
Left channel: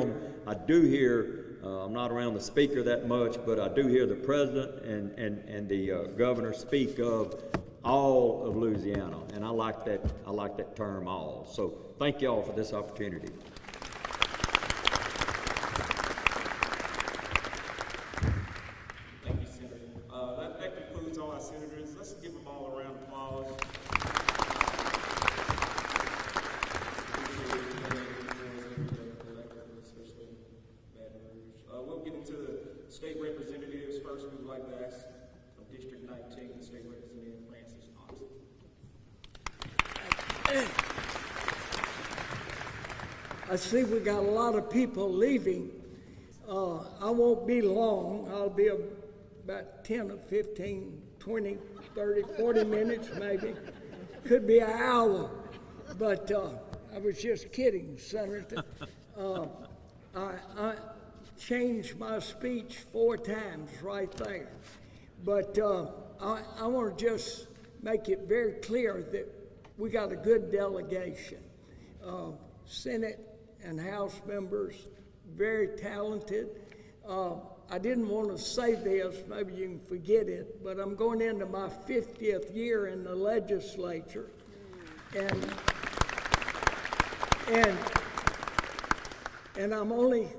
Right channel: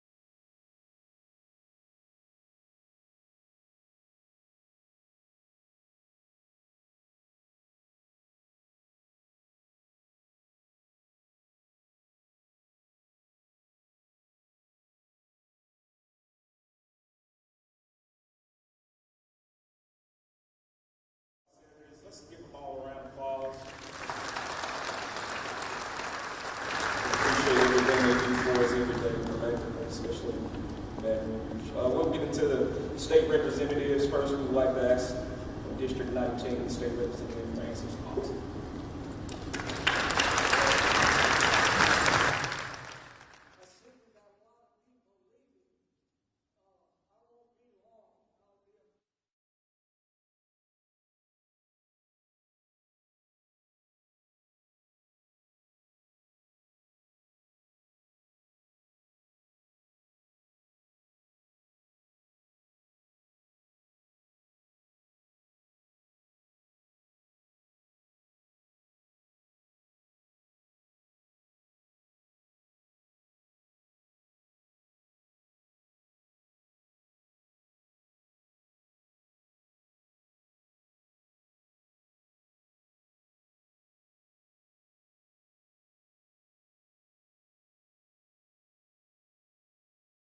I'm not around the speaker that much, but I do hear the president and the governor speak of all of Louisiana, and I like that term, all. So thank y'all for this opportunity. Thank you, Senator. That concludes all our senators. Let's give them all a round of applause. Appreciate everything they do for us every day, collectively, especially Baton Rouge. When we get into the state representatives, first we would like to ask District 19, the state representative, Francis Thompson. I see we got a lot of people leaving. I won't be long. I'll be about 10 or 15, 20, 30, 40 minutes maybe. Could be an hour. But I was just kidding, Senator. I changed my speech 4 times right there. But I want to just make it very clear that we got a good delegation. Senate and House members, very talented. I didn't want to say this, maybe you can forget it, but I'm going into my 50th year in the legislature. And I'm only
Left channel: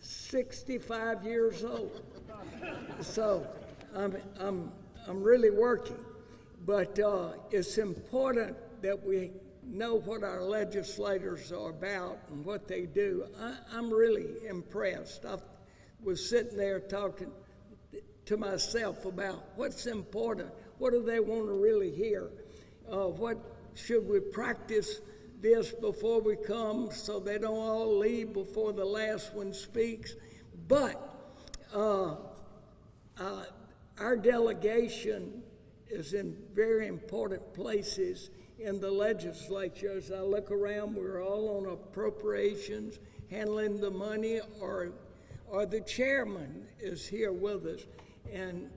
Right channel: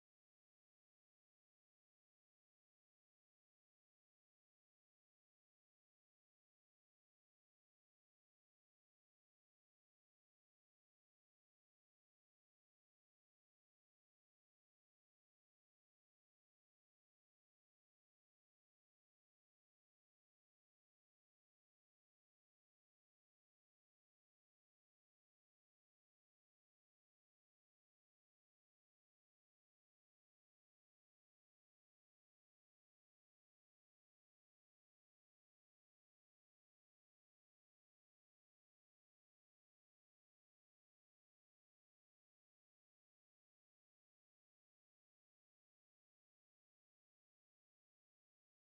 65 years old. So I'm really working, but it's important that we know what our legislators are about and what they do. I'm really impressed. I was sitting there talking to myself about what's important. What do they want to really hear? What should we practice this before we come so they don't all leave before the last one speaks? But our delegation is in very important places in the legislature. As I look around, we're all on appropriations, handling the money, or the chairman is here with us. And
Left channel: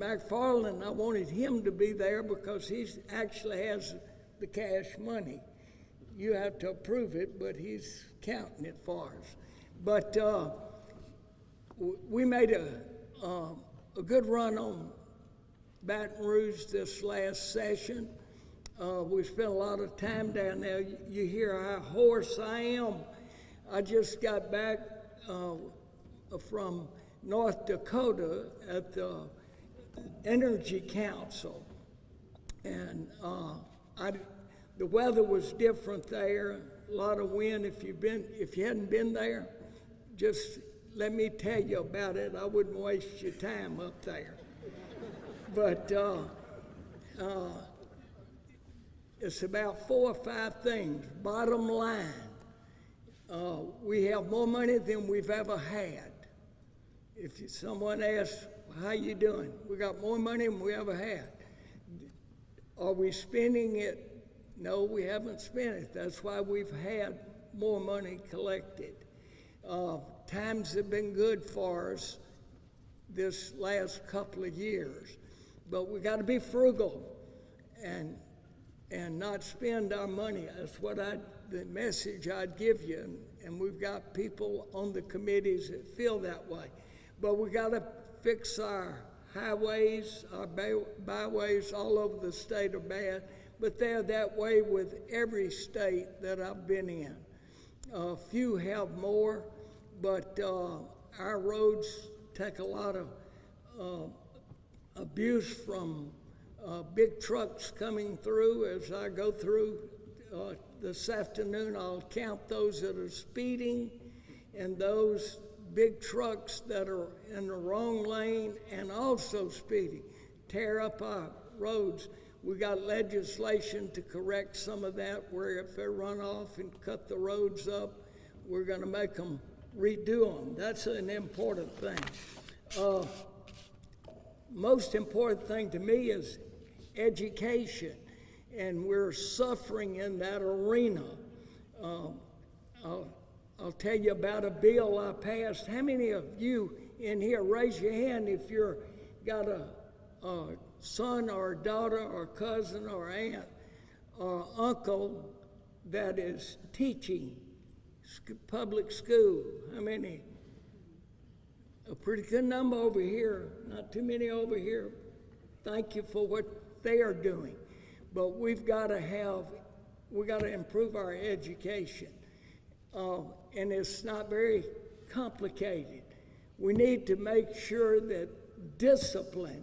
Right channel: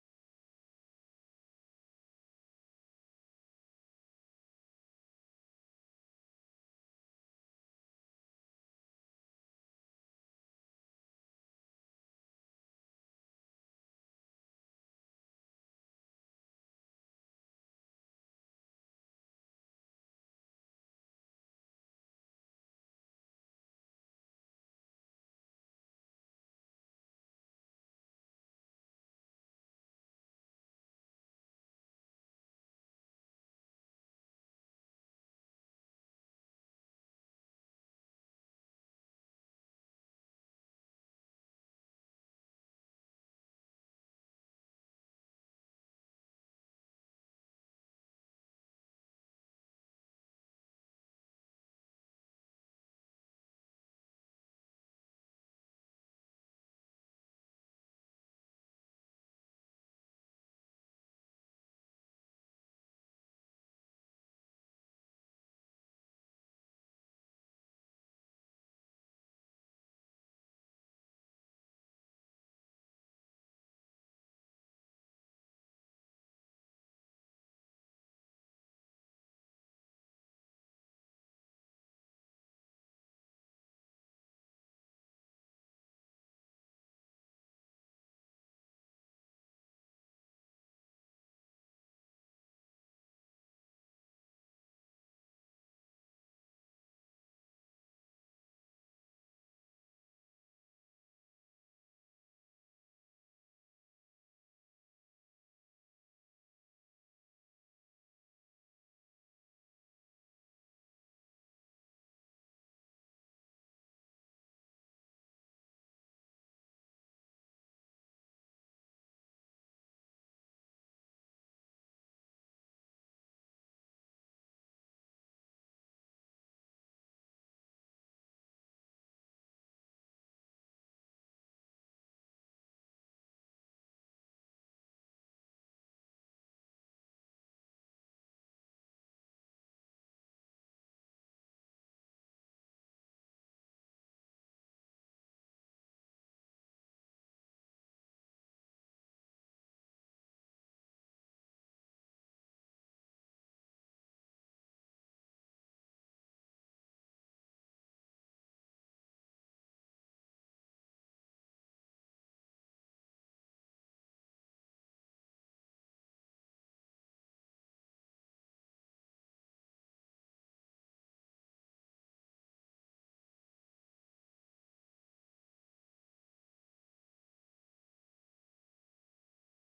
McFarland, I wanted him to be there because he actually has the cash money. You have to approve it, but he's counting it for us. But we made a good run on Baton Rouge this last session. We spent a lot of time down there. You hear how hoarse I am. I just got back from North Dakota at the Energy Council, and the weather was different there. A lot of wind. If you hadn't been there, just let me tell you about it. I wouldn't waste your time up there. But it's about 4 or 5 things. Bottom line, we have more money than we've ever had. If someone asks, how you doing? We got more money than we ever had. Are we spending it? No, we haven't spent it. That's why we've had more money collected. Times have been good for us this last couple of years, but we got to be frugal and not spend our money. That's what the message I'd give you. And we've got people on the committees that feel that way. But we got to fix our highways, our byways all over the state are bad, but they're that way with every state that I've been in. Few have more, but our roads take a lot of abuse from big trucks coming through. As I go through this afternoon, I'll count those that are speeding and those big trucks that are in the wrong lane and also speeding, tear up our roads. We got legislation to correct some of that, where if they run off and cut the roads up, we're going to make them redo them. That's an important thing. Most important thing to me is education, and we're suffering in that arena. I'll tell you about a bill I passed. How many of you in here, raise your hand if you're got a son or a daughter or cousin or aunt or uncle that is teaching public school? How many? A pretty good number over here, not too many over here. Thank you for what they are doing. But we've got to improve our education. And it's not very complicated. We need to make sure that discipline,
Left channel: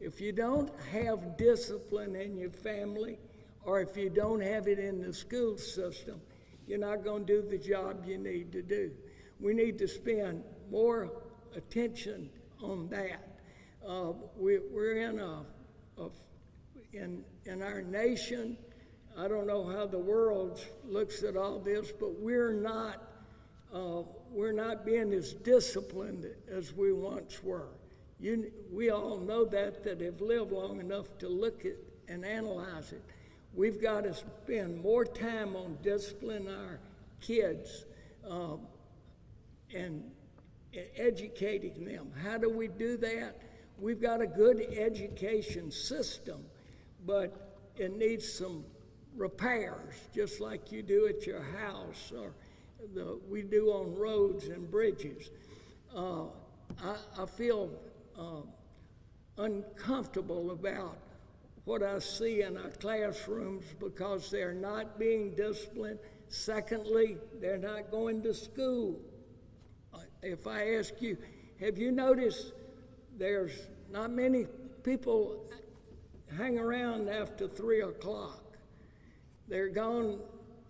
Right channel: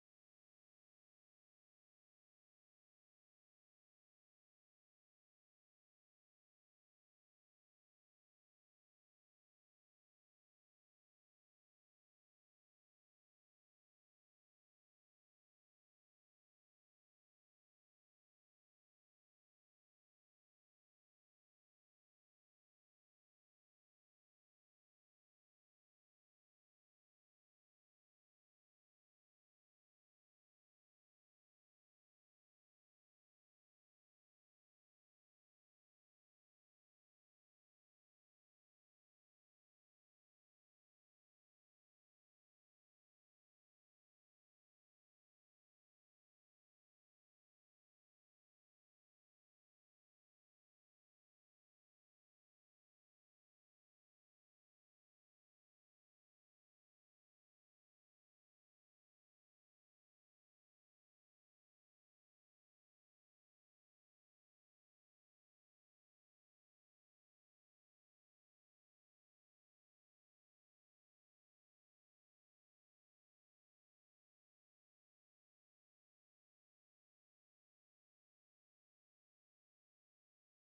if you don't have discipline in your family, or if you don't have it in the school system, you're not going to do the job you need to do. We need to spend more attention on that. We're in our nation, I don't know how the world looks at all this, but we're not being as disciplined as we once were. We all know that have lived long enough to look at and analyze it. We've got to spend more time on disciplining our kids and educating them. How do we do that? We've got a good education system, but it needs some repairs, just like you do at your house or we do on roads and bridges. I feel uncomfortable about what I see in our classrooms because they're not being disciplined. Secondly, they're not going to school. If I ask you, have you noticed there's not many people hang around after 3 o'clock? They're gone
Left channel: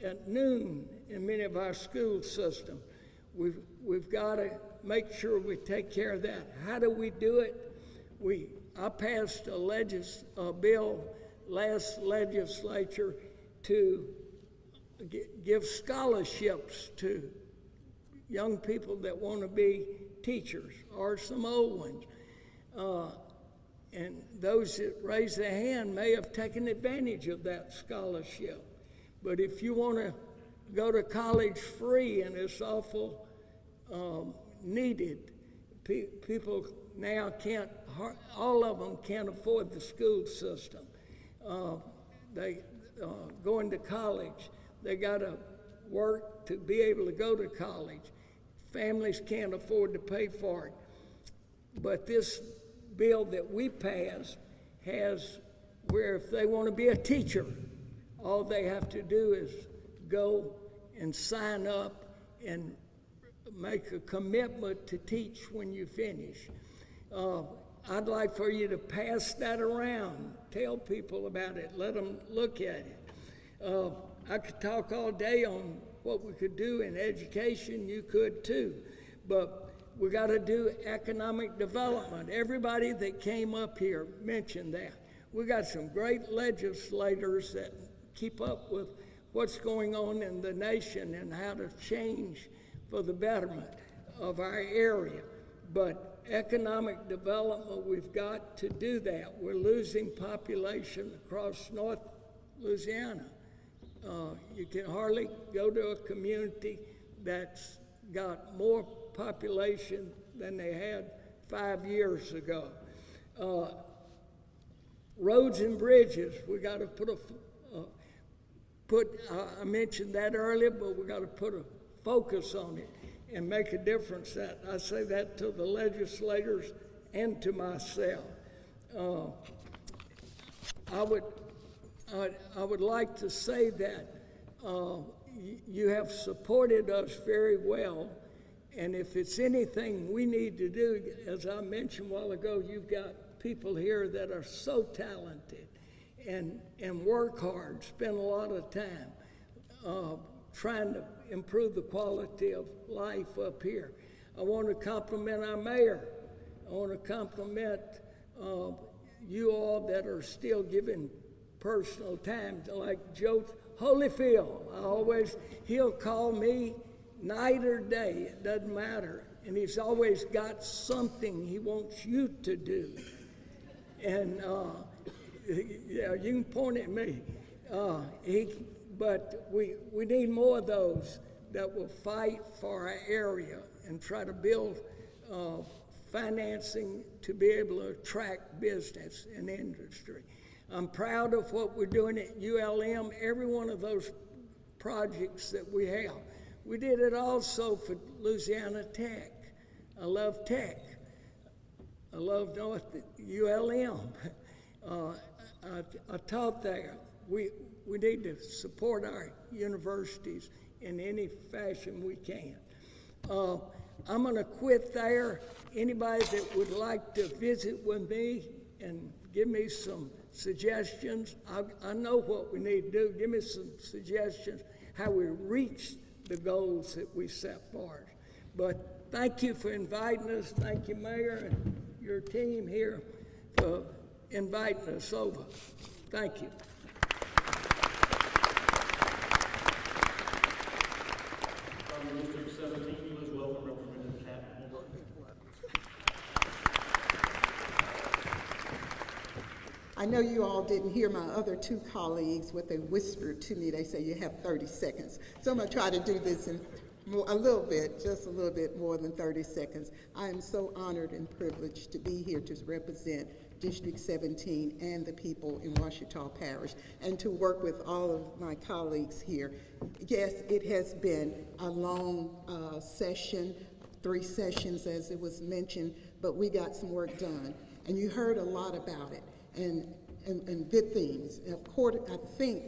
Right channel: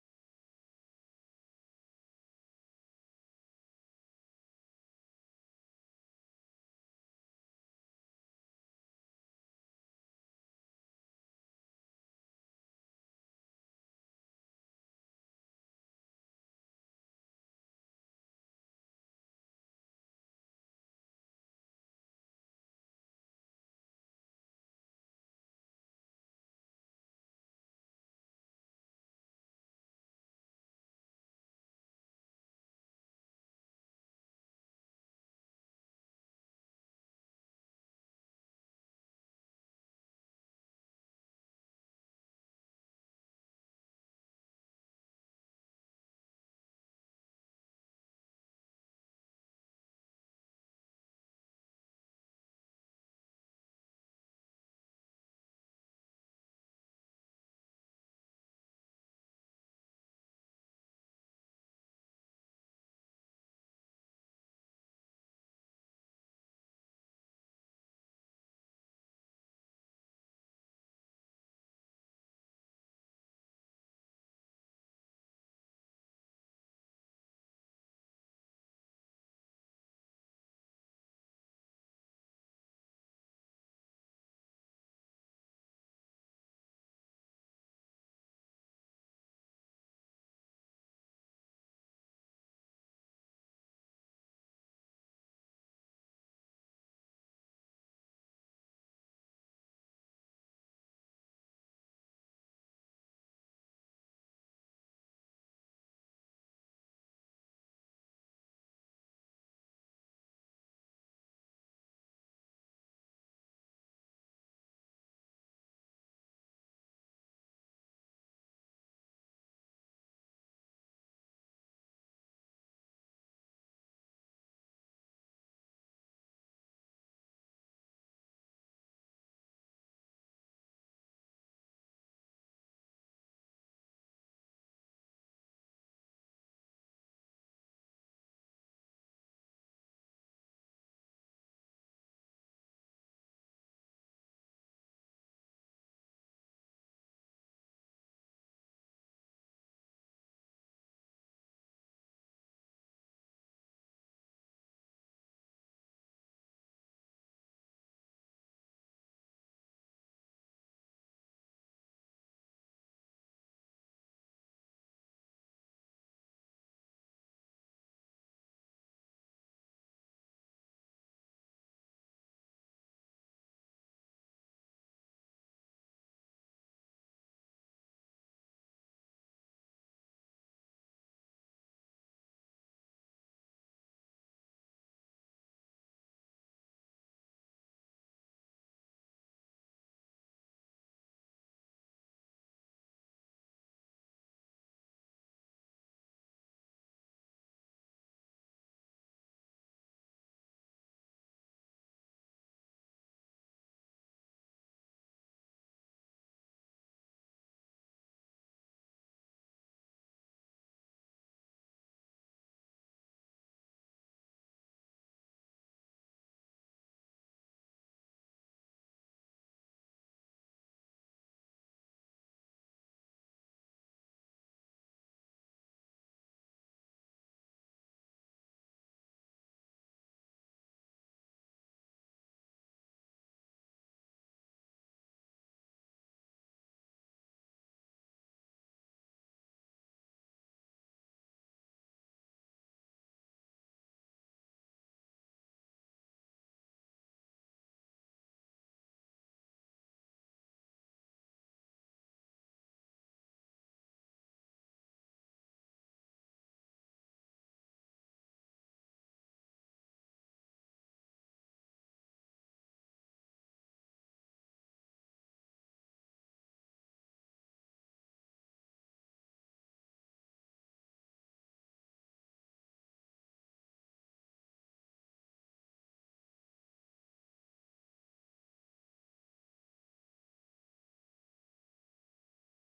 at noon in many of our school systems. We've got to make sure we take care of that. How do we do it? I passed a bill last legislature to give scholarships to young people that want to be teachers, or some old ones. And those that raise their hand may have taken advantage of that scholarship. But if you want to go to college free, and it's awful needed, people now all of them can't afford the school system. They going to college, they got to work to be able to go to college. Families can't afford to pay for it. But this bill that we passed has where if they want to be a teacher, all they have to do is go and sign up and make a commitment to teach when you finish. I'd like for you to pass that around, tell people about it, let them look at it. I could talk all day on what we could do in education, you could too, but we got to do economic development. Everybody that came up here mentioned that. We got some great legislators that keep up with what's going on in the nation and how to change for the betterment of our area. But economic development, we've got to do that. We're losing population across North Louisiana. You can hardly go to a community that's got more population than they had 5 years ago. Roads and bridges, we got to put I mentioned that earlier, but we got to put a focus on it and make a difference. That I say that to the legislators and to myself. I would like to say that you have supported us very well, and if it's anything we need to do, as I mentioned a while ago, you've got people here that are so talented and work hard, spend a lot of time trying to improve the quality of life up here. I want to compliment our mayor. I want to compliment you all that are still giving personal time, like Joe Holyfield. He'll call me night or day, it doesn't matter. And he's always got something he wants you to do. And yeah, you can point at me. But we need more of those that will fight for our area and try to build financing to be able to attract business and industry. I'm proud of what we're doing at ULM, every one of those projects that we have. We did it also for Louisiana Tech. I love Tech. I love ULM. I taught there. We need to support our universities in any fashion we can. I'm going to quit there. Anybody that would like to visit with me and give me some suggestions, I know what we need to do. Give me some suggestions how we reach the goals that we set for us. But thank you for inviting us. Thank you, Mayor, and your team here for inviting us over. Thank you. From District 17, please welcome Representative Cat. I know you all didn't hear my other two colleagues, what they whispered to me. They say you have 30 seconds. So I'm going to try to do this in just a little bit more than 30 seconds. I am so honored and privileged to be here to represent District 17 and the people in Ouachita Parish, and to work with all of my colleagues here. Yes, it has been a long session, 3 sessions as it was mentioned, but we got some work done. And you heard a lot about it, and good things. Of course, I think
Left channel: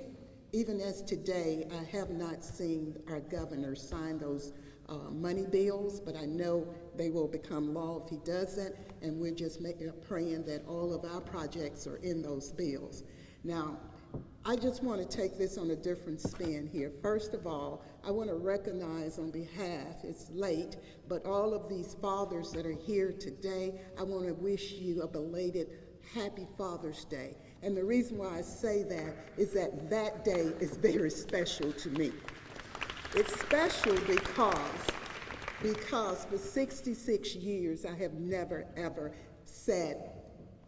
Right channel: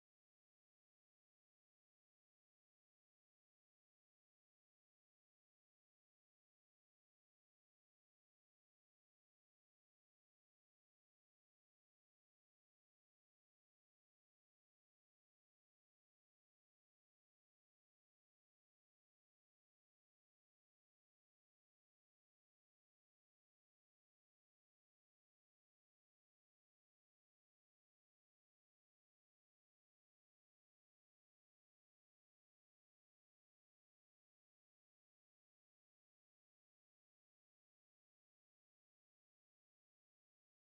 even as today, I have not seen our governor sign those money bills, but I know they will become law if he doesn't, and we're just praying that all of our projects are in those bills. Now, I just want to take this on a different spin here. First of all, I want to recognize on behalf, it's late, but all of these fathers that are here today, I want to wish you a belated Happy Father's Day. And the reason why I say that is that that day is very special to me. It's special because for 66 years I have never ever said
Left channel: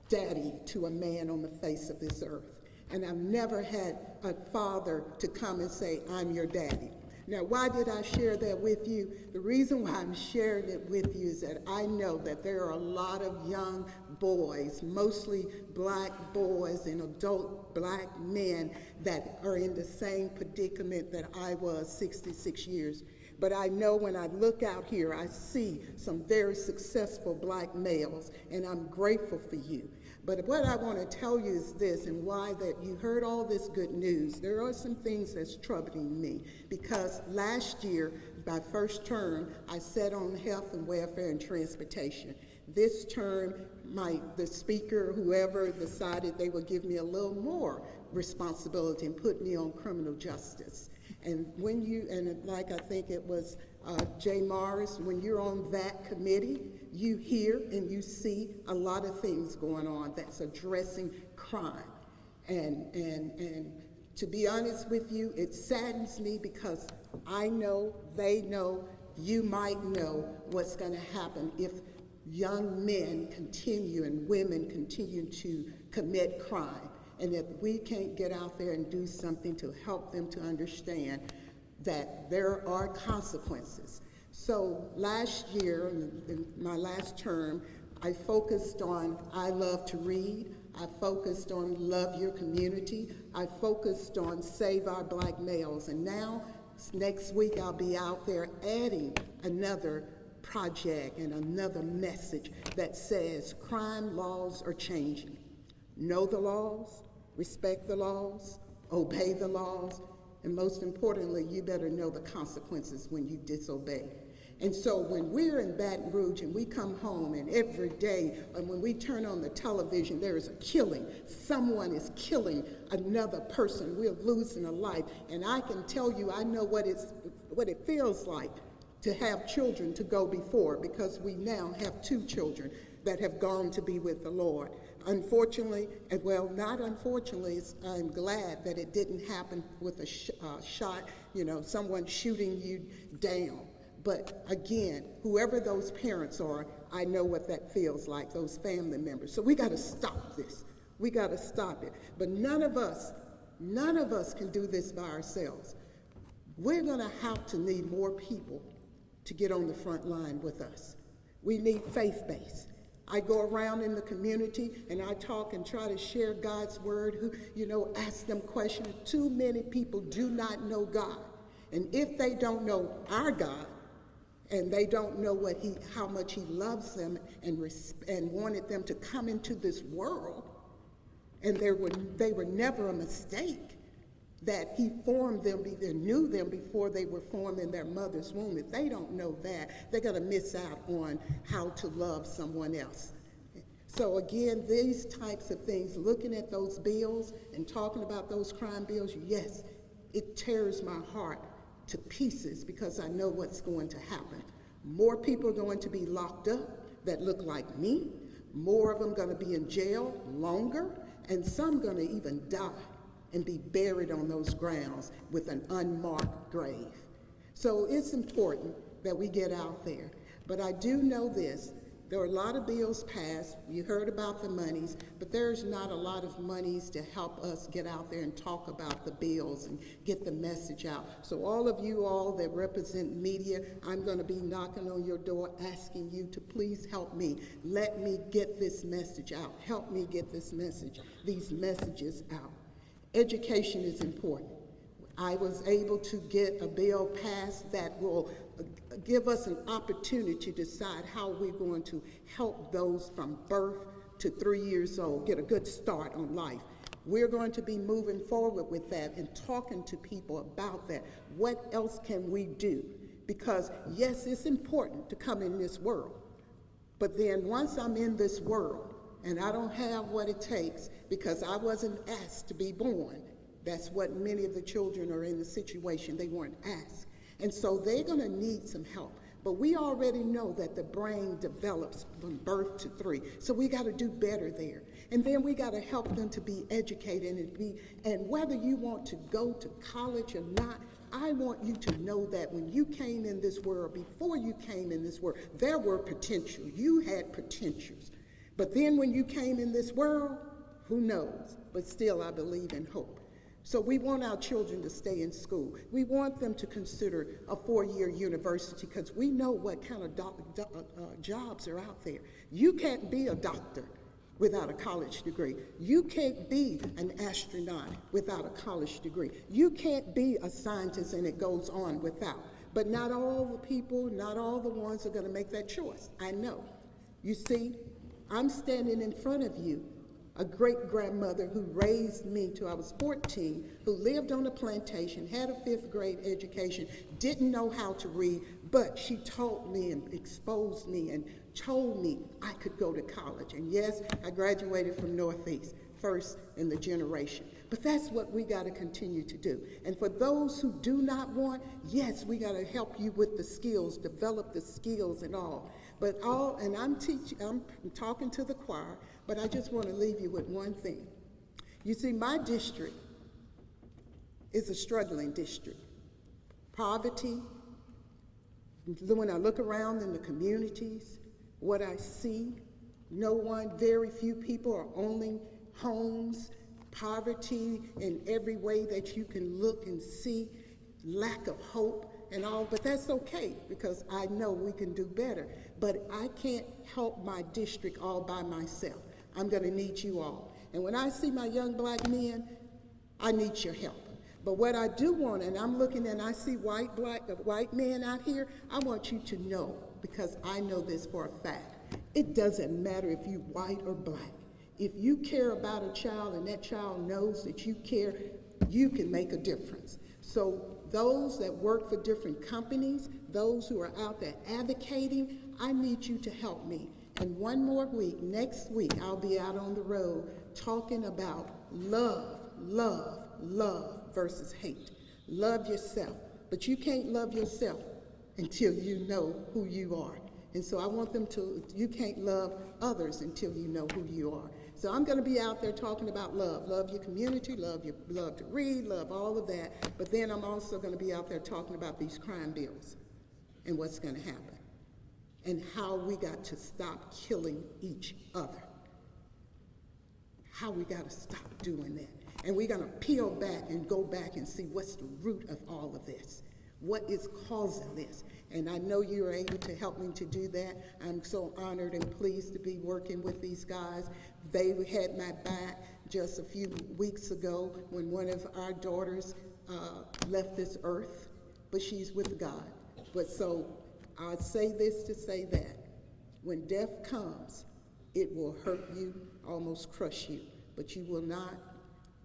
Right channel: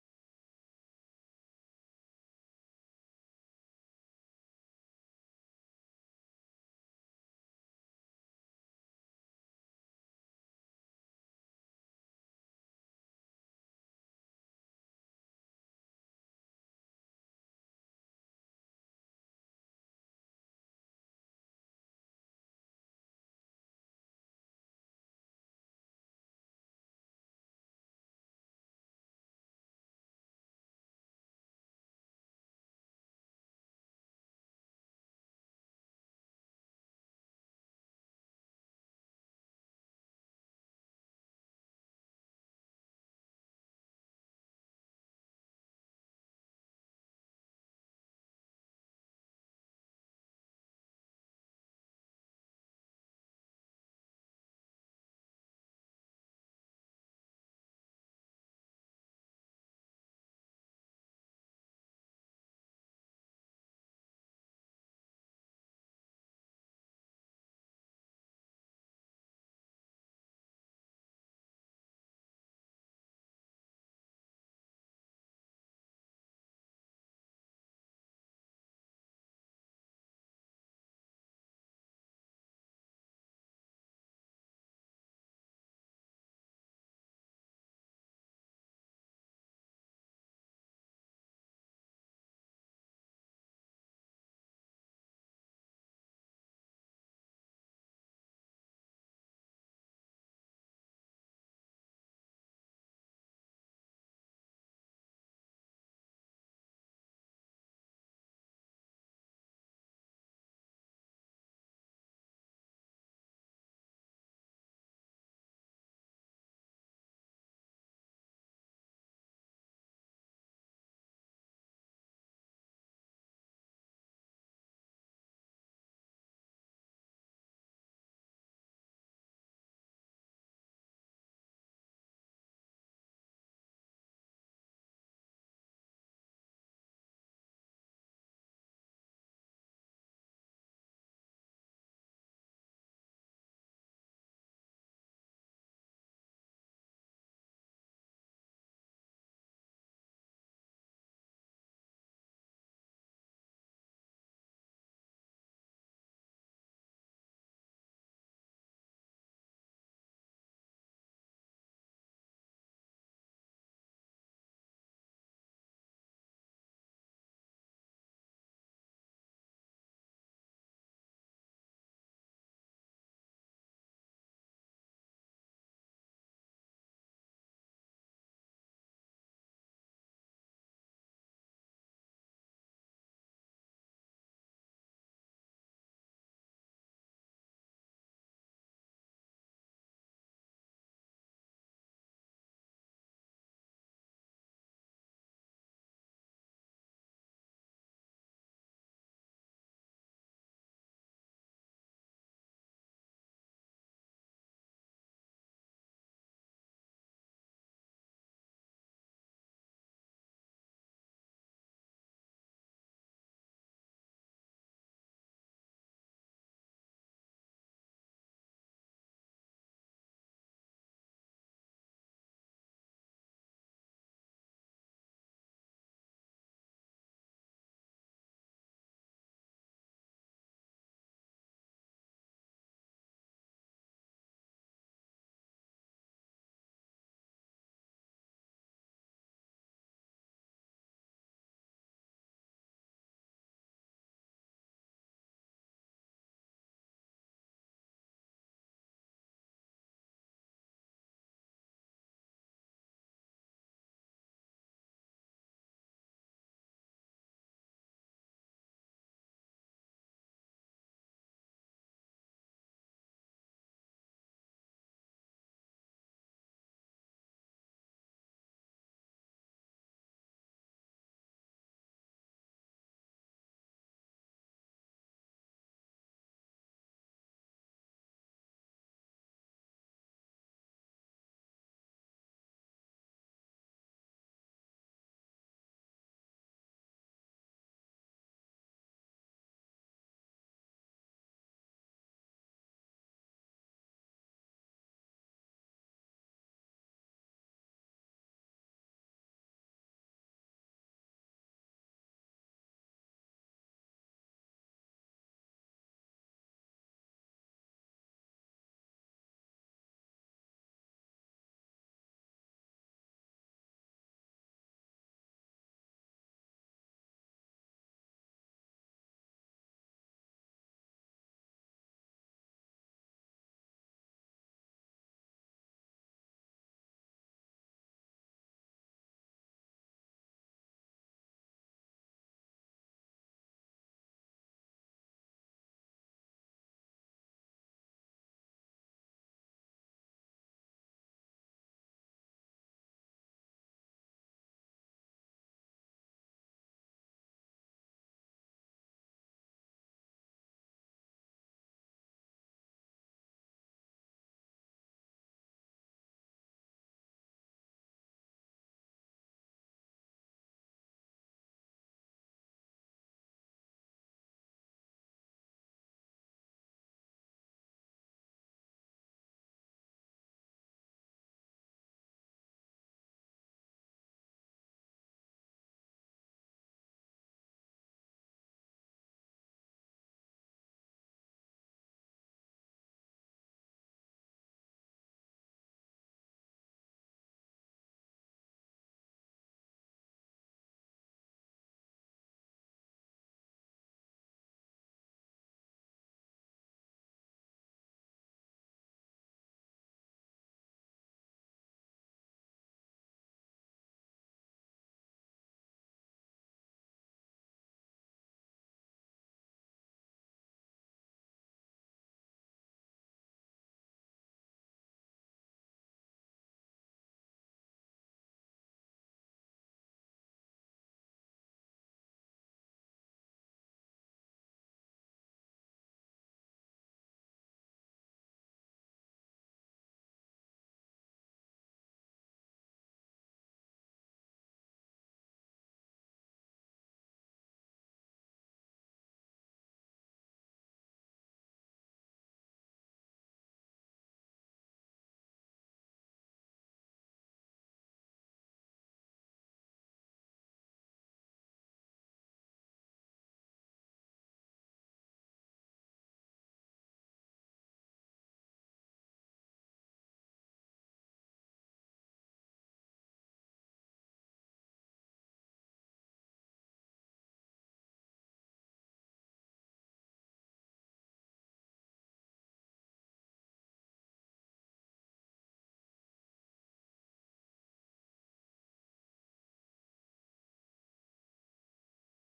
daddy to a man on the face of this earth. And I've never had a father to come and say, I'm your daddy. Now, why did I share that with you? The reason why I'm sharing it with you is that I know that there are a lot of young boys, mostly black boys and adult black men that are in the same predicament that I was 66 years. But I know when I look out here, I see some very successful black males, and I'm grateful for you. But what I want to tell you is this, and why that you heard all this good news. There are some things that's troubling me, because last year, my first term, I sat on health and welfare and transportation. This term, the speaker, whoever decided they would give me a little more responsibility and put me on criminal justice. And when like I think it was Jay Morris, when you're on that committee, you hear and you see a lot of things going on that's addressing crime. And to be honest with you, it saddens me because I know, they know, you might know what's going to happen if young men continue and women continue to commit crime. And if we can't get out there and do something to help them to understand that there are consequences. So last year, in my last term, I focused on I love to read. I focused on love your community. I focused on Save Our Black Males, and now next week I'll be out there adding another project and another message that says crime laws are changing. Know the laws, respect the laws, obey the laws, and most importantly, you better know the consequences when you disobey. And so when we're in Baton Rouge and we come home and every day, and when we turn on the television, there is a killing. Someone is killing another person. We're losing a life. And I can tell you, I know what it feels like to have children to go before, because we now have 2 children that have gone to be with the Lord. Unfortunately, well, not unfortunately, I'm glad that it didn't happen with a shot, someone shooting you down. But again, whoever those parents are, I know what that feels like, those family members. So we got to stop this. We got to stop it. But none of us can do this by ourselves. We're going to have to need more people to get on the front line with us. We need faith-based. I go around in the community and I talk and try to share God's word, ask them questions. Too many people do not know God. And if they don't know our God, and they don't know how much he loves them and wanted them to come into this world, and they were never a mistake, that he formed them, either knew them before they were formed in their mother's womb. If they don't know that, they're going to miss out on how to love someone else. So again, these types of things, looking at those bills and talking about those crime bills, yes, it tears my heart to pieces, because I know what's going to happen. More people are going to be locked up that look like me. More of them going to be in jail longer, and some going to even die and be buried on those grounds with an unmarked grave. So it's important that we get out there. But I do know this. There are a lot of bills passed. You heard about the monies, but there's not a lot of monies to help us get out there and talk about the bills and get the message out. So all of you all that represent media, I'm going to be knocking on your door asking you to please help me. Let me get this message out. Help me get these messages out. Education is important. I was able to get a bill passed that will give us an opportunity to decide how we're going to help those from birth to 3 years old get a good start on life. We're going to be moving forward with that and talking to people about that. What else can we do? Because yes, it's important to come in this world, but then once I'm in this world and I don't have what it takes because I wasn't asked to be born, that's what many of the children are in the situation. They weren't asked. And so they're going to need some help. But we already know that the brain develops from birth to 3. So we got to do better there. And then we got to help them to be educated and whether you want to go to college or not, I want you to know that when you came in this world, before you came in this world, there were potential. You had potentials. But then when you came in this world, who knows? But still, I believe in hope. So we want our children to stay in school. We want them to consider a 4-year university because we know what kind of jobs are out there. You can't be a doctor without a college degree. You can't be an astronaut without a college degree. You can't be a scientist, and it goes on without. But not all the people, not all the ones are going to make that choice. I know. You see, I'm standing in front of you, a great-grandmother who raised me till I was 14, who lived on a plantation, had a 5th grade education, didn't know how to read, but she taught me and exposed me and told me I could go to college. And yes, I graduated from Northeast, first in the generation. But that's what we got to continue to do. And for those who do not want, yes, we got to help you with the skills, develop the skills and all. But I'm talking to the choir, but I just want to leave you with one thing. You see, my district is a struggling district. Poverty, when I look around in the communities, what I see, very few people are owning homes, poverty in every way that you can look and see, lack of hope and all, but that's okay because I know we can do better. But I can't help my district all by myself. I'm going to need you all. And when I see my young black men, I need your help. But what I do want, and I'm looking and I see white men out here, I want you to know, because I know this for a fact, it doesn't matter if you white or black. If you care about a child and that child knows that you care, you can make a difference. So those that work for different companies, those who are out there advocating, I need you to help me. And one more week, next week, I'll be out on the road talking about love, love, love versus hate. Love yourself, but you can't love yourself until you know who you are. And so I want them to, you can't love others until you know who you are. So I'm going to be out there talking about love. Love your community, love to read, love all of that. But then I'm also going to be out there talking about these crime bills and what's going to happen and how we got to stop killing each other. How we got to stop doing that. And we're going to peel back and go back and see what's the root of all of this. What is causing this? And I know you're able to help me to do that. I'm so honored and pleased to be working with these guys. They had my back just a few weeks ago when one of our daughters left this earth, but she's with God. But so I say this to say that when death comes, it will hurt you, almost crush you, but you will not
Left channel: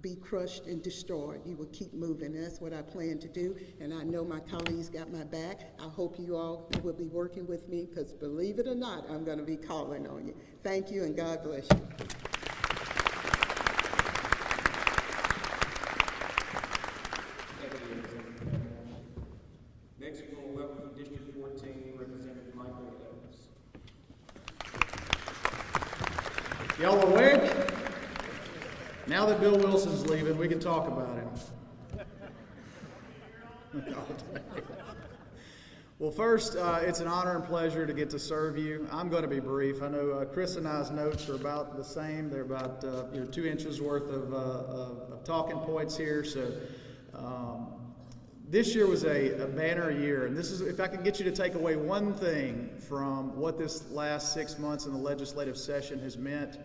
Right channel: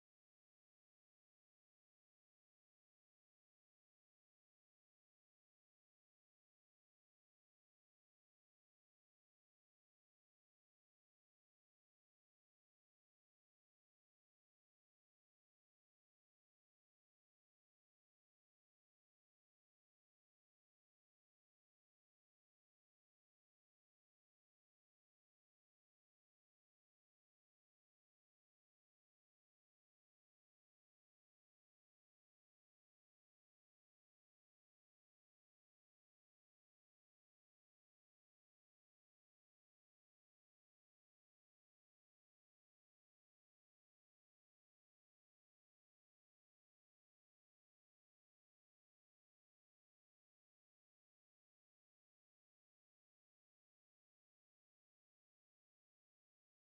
be crushed and destroyed. You will keep moving. And that's what I plan to do. And I know my colleagues got my back. I hope you all will be working with me, because believe it or not, I'm going to be calling on you. Thank you, and God bless you. Next, we'll welcome from District 14, Representative Michael Evans. Y'all awake? Now that Bill Wilson's leaving, we can talk about him. Well, first, it's an honor and pleasure to get to serve you. I'm going to be brief. I know Chris and I's notes are about the same. They're about 2 inches worth of talking points here. So this year was a banner year. And this is, if I can get you to take away one thing from what this last 6 months in the legislative session has meant,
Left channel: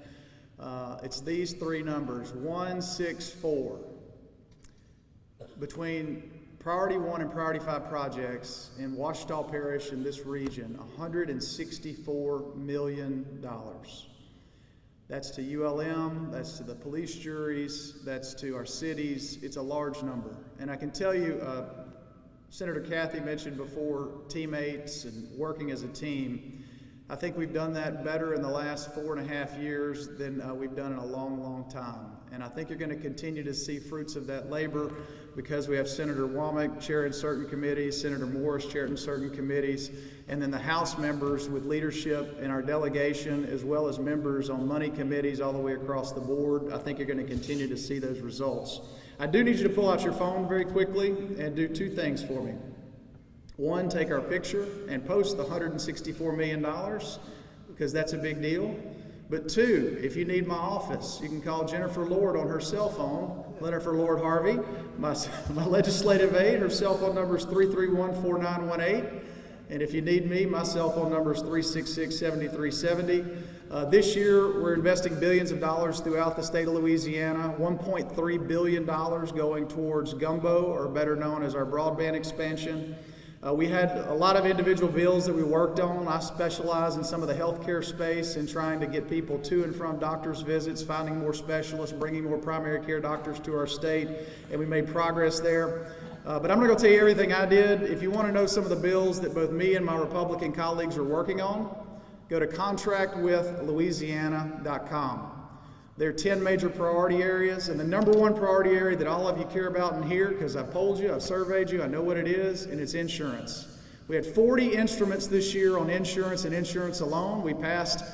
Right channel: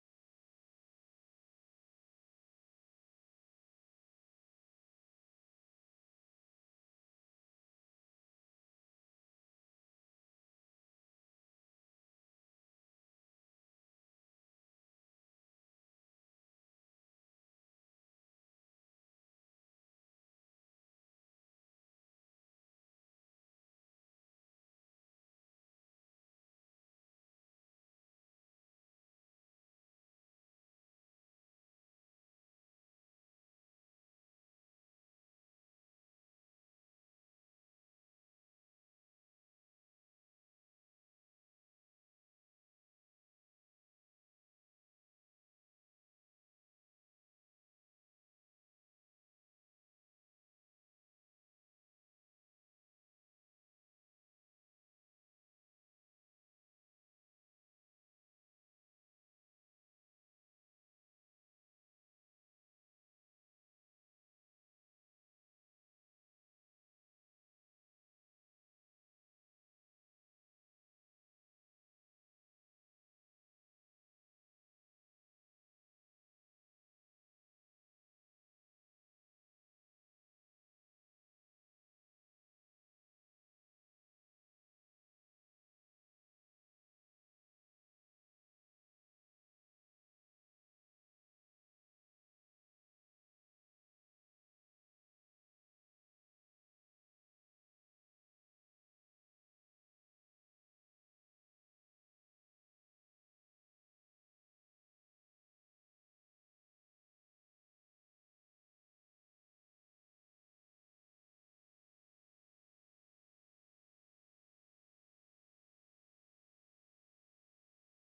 it's these 3 numbers, 164. Between Priority 1 and Priority 5 projects in Ouachita Parish in this region, $164 million. That's to ULM, that's to the police juries, that's to our cities. It's a large number. And I can tell you, Senator Kathy mentioned before teammates and working as a team. I think we've done that better in the last 4.5 years than we've done in a long, long time. And I think you're going to continue to see fruits of that labor because we have Senator Womack chairing certain committees, Senator Morris chairing certain committees, and then the House members with leadership in our delegation, as well as members on money committees all the way across the board. I think you're going to continue to see those results. I do need you to pull out your phone very quickly and do 2 things for me. 1, take our picture and post the $164 million, because that's a big deal. But 2, if you need my office, you can call Jennifer Lord on her cell phone, Jennifer Lord Harvey, my legislative aide. Her cell phone number is 331-4918. And if you need me, my cell phone number is 366-7370. This year, we're investing billions of dollars throughout the state of Louisiana, $1.3 billion going towards Gumbo, or better known as our broadband expansion. We had a lot of individual bills that we worked on. I specialize in some of the healthcare space and trying to get people to and from doctor's visits, finding more specialists, bringing more primary care doctors to our state, and we made progress there. But I'm not going to tell you everything I did. If you want to know some of the bills that both me and my Republican colleagues are working on, go to contractwithlouisiana.com. There are 10 major priority areas, and the number 1 priority area that all of you care about in here, because I've polled you, I've surveyed you, I know what it is, and it's insurance. We had 40 instruments this year on insurance and insurance alone. We passed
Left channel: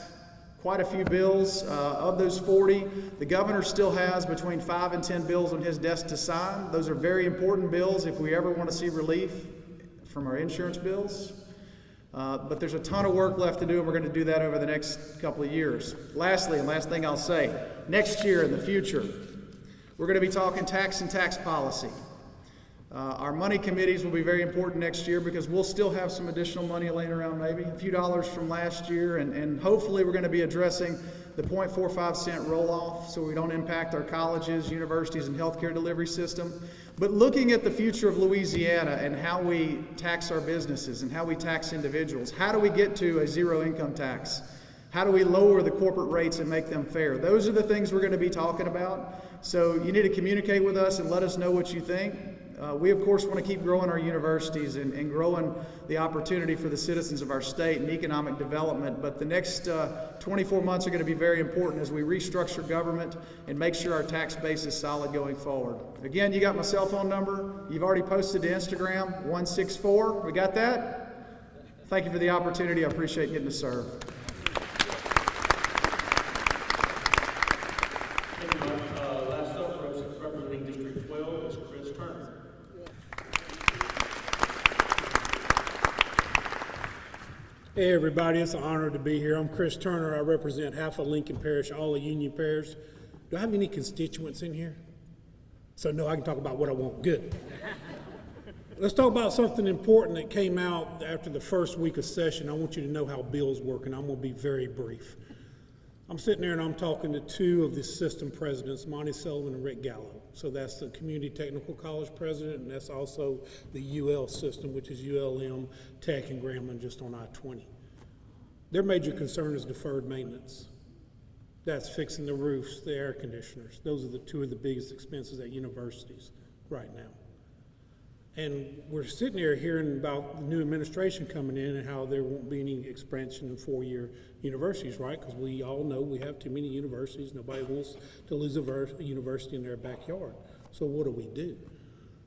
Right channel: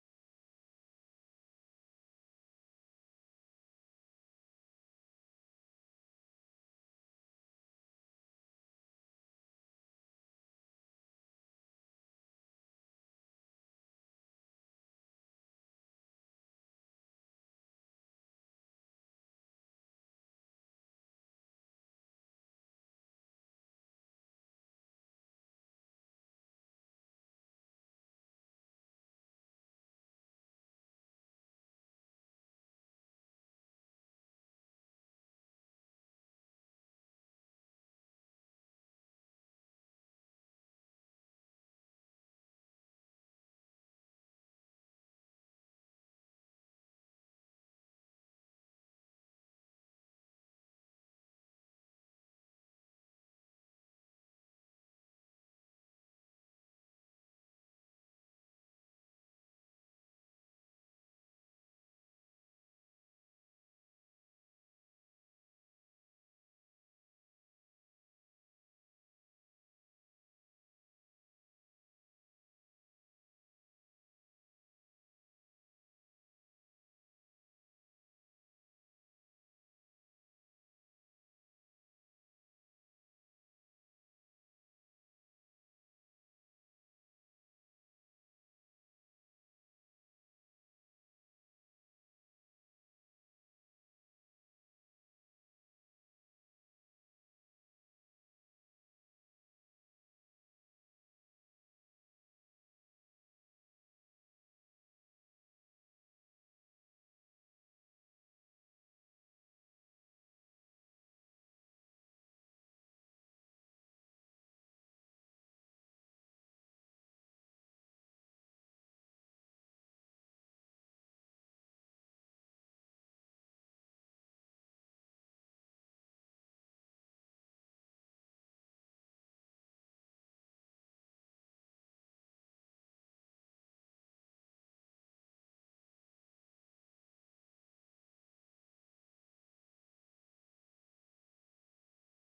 quite a few bills. Of those 40, the governor still has between 5 and 10 bills on his desk to sign. Those are very important bills if we ever want to see relief from our insurance bills. But there's a ton of work left to do, and we're going to do that over the next couple of years. Lastly, and last thing I'll say, next year in the future, we're going to be talking tax and tax policy. Our money committees will be very important next year because we'll still have some additional money laying around, maybe a few dollars from last year, and hopefully we're going to be addressing the 0.45 cent roll-off so we don't impact our colleges, universities, and healthcare delivery system. But looking at the future of Louisiana and how we tax our businesses and how we tax individuals, how do we get to a zero income tax? How do we lower the corporate rates and make them fair? Those are the things we're going to be talking about. So you need to communicate with us and let us know what you think. We, of course, want to keep growing our universities and growing the opportunity for the citizens of our state and economic development. But the next 24 months are going to be very important as we restructure government and make sure our tax base is solid going forward. Again, you got my cell phone number. You've already posted to Instagram, 164. We got that? Thank you for the opportunity. I appreciate getting to serve. Last up, representing District 12 is Chris Turner. Hey everybody, it's an honor to be here. I'm Chris Turner. I represent half of Lincoln Parish, all of Union Parish. Do I have any constituents in here? So no, I can talk about what I want. Good. Let's talk about something important that came out after the first week of session. I want you to know how bills work, and I'm going to be very brief. I'm sitting there and I'm talking to two of the system presidents, Monty Sullivan and Rick Gallo. So that's the Community Technical College president, and that's also the UL system, which is ULM, Tech, and Grambling, just on I-20. Their major concern is deferred maintenance. That's fixing the roofs, the air conditioners. Those are the two of the biggest expenses at universities right now. And we're sitting here hearing about the new administration coming in and how there won't be any expansion in four-year universities, right? Because we all know we have too many universities. Nobody wants to lose a university in their backyard. So what do?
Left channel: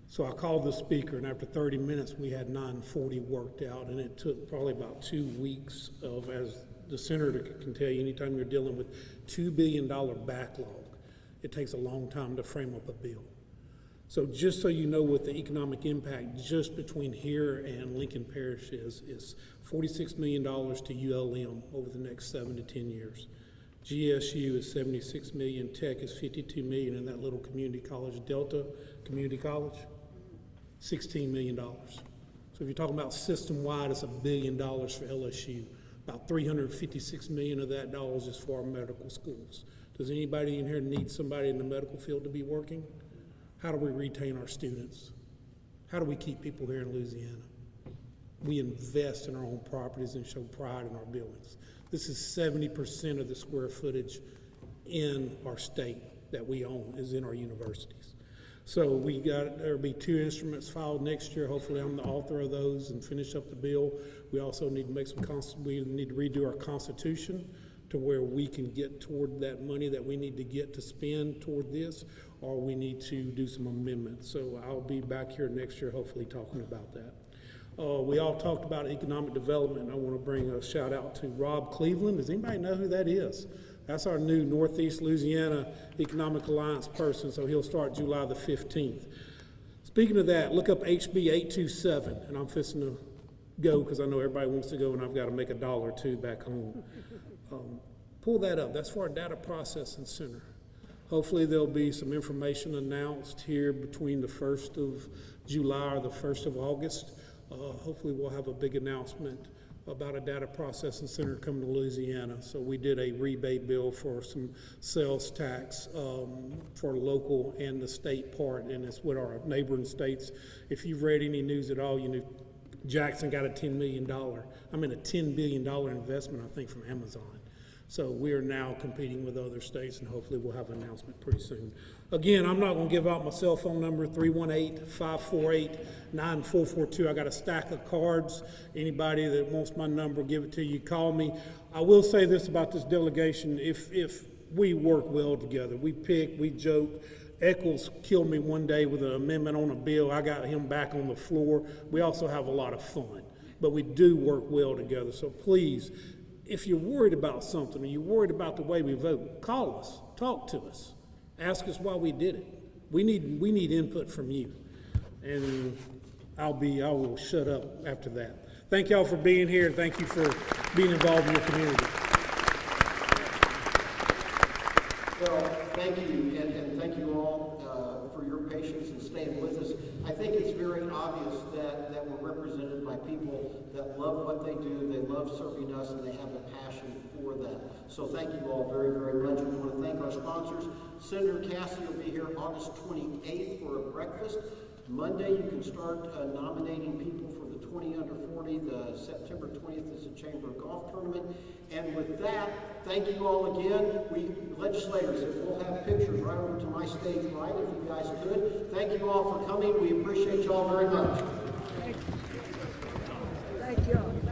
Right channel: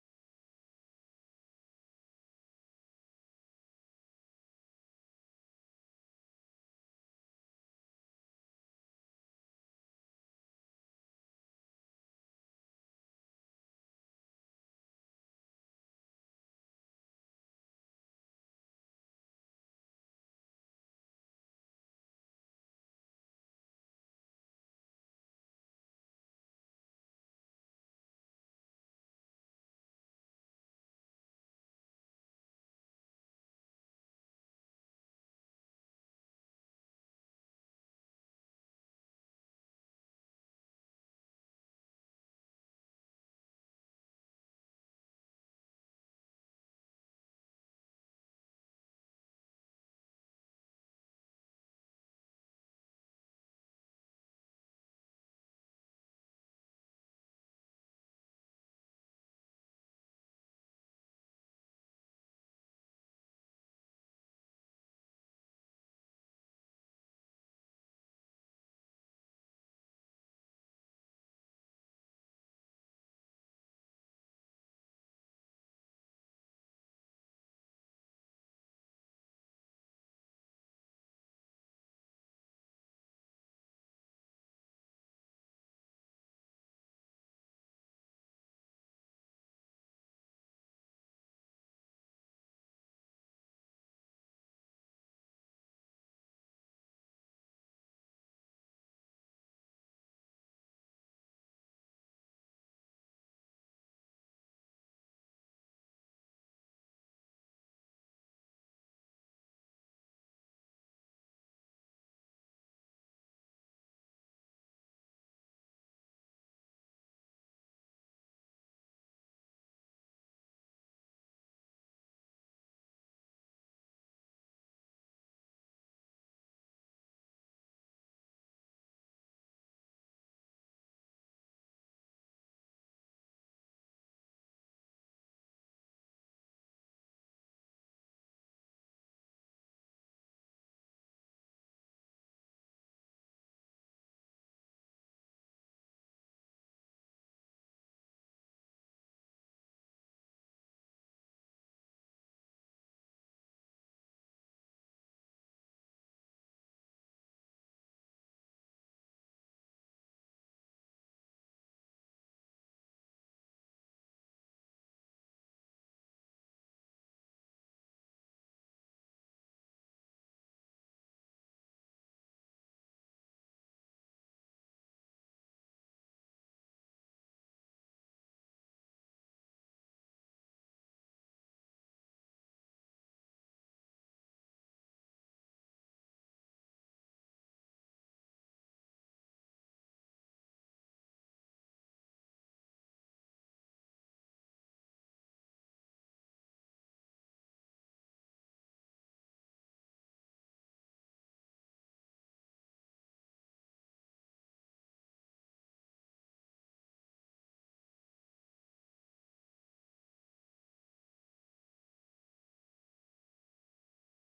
So I called the speaker, and after 30 minutes, we had 940 worked out, and it took probably about 2 weeks of, as the senator can tell you, anytime you're dealing with $2 billion backlog, it takes a long time to frame up a bill. So just so you know what the economic impact just between here and Lincoln Parish is $46 million to ULM over the next 7 to 10 years. GSU is $76 million, Tech is $52 million, and that little community college, Delta Community College, $16 million. So if you're talking about system-wide, it's $1 billion for LSU. About $356 million of that dollars is for our medical schools. Does anybody in here need somebody in the medical field to be working? How do we retain our students? How do we keep people here in Louisiana? We invest in our own properties and show pride in our buildings. This is 70% of the square footage in our state that we own is in our universities. So there'll be 2 instruments filed next year. Hopefully I'm the author of those and finish up the bill. We also need to we need to redo our Constitution to where we can get toward that money that we need to get to spend toward this, or we need to do some amendments. So I'll be back here next year hopefully talking about that. We all talked about economic development. I want to bring a shout out to Rob Cleveland. Does anybody know who that is? That's our new Northeast Louisiana Economic Alliance person, so he'll start July the 15th. Speaking of that, look up HB 827, and I'm fixing to go because I know everybody wants to go and I've got to make $1 or $2 back home. Pull that up. That's for our data processing center. Hopefully there'll be some information announced here between the 1st of July or the 1st of August. Hopefully we'll have a big announcement about a data processing center coming to Louisiana. So we did a rebate bill for some sales tax for local and the state part, and it's with our neighboring states. If you've read any news at all, you know Jackson got a $10 billion investment, I think, from Amazon. So we are now competing with other states, and hopefully we'll have an announcement pretty soon. Again, I'm not going to give out my cell phone number, 318-548-9442. I got a stack of cards. Anybody that wants my number, give it to you, call me. I will say this about this delegation. If we work well together, we pick, we joke. Eccles killed me one day with an amendment on a bill. I got him back on the floor. We also have a lot of fun, but we do work well together. So please, if you're worried about something or you're worried about the way we vote, call us, talk to us, ask us why we did it. We need input from you, and I will shut up after that. Thank y'all for being here, and thank you for being involved in your community. Well, thank you, and thank you all for your patience and staying with us. I think it's very obvious that we're represented by people that love what they do, they love serving us, and they have a passion for for that. So thank you all very, very much. We want to thank our sponsors. Senator Cassie will be here August 28th for a breakfast. Monday, you can start nominating people for the 20 under 40. The September 20th is the Chamber Golf Tournament. And with that, thank you all again. We legislators, we'll have pictures right over to my stage right, if you guys could. Thank you all for coming. We appreciate you all very much. Thank you.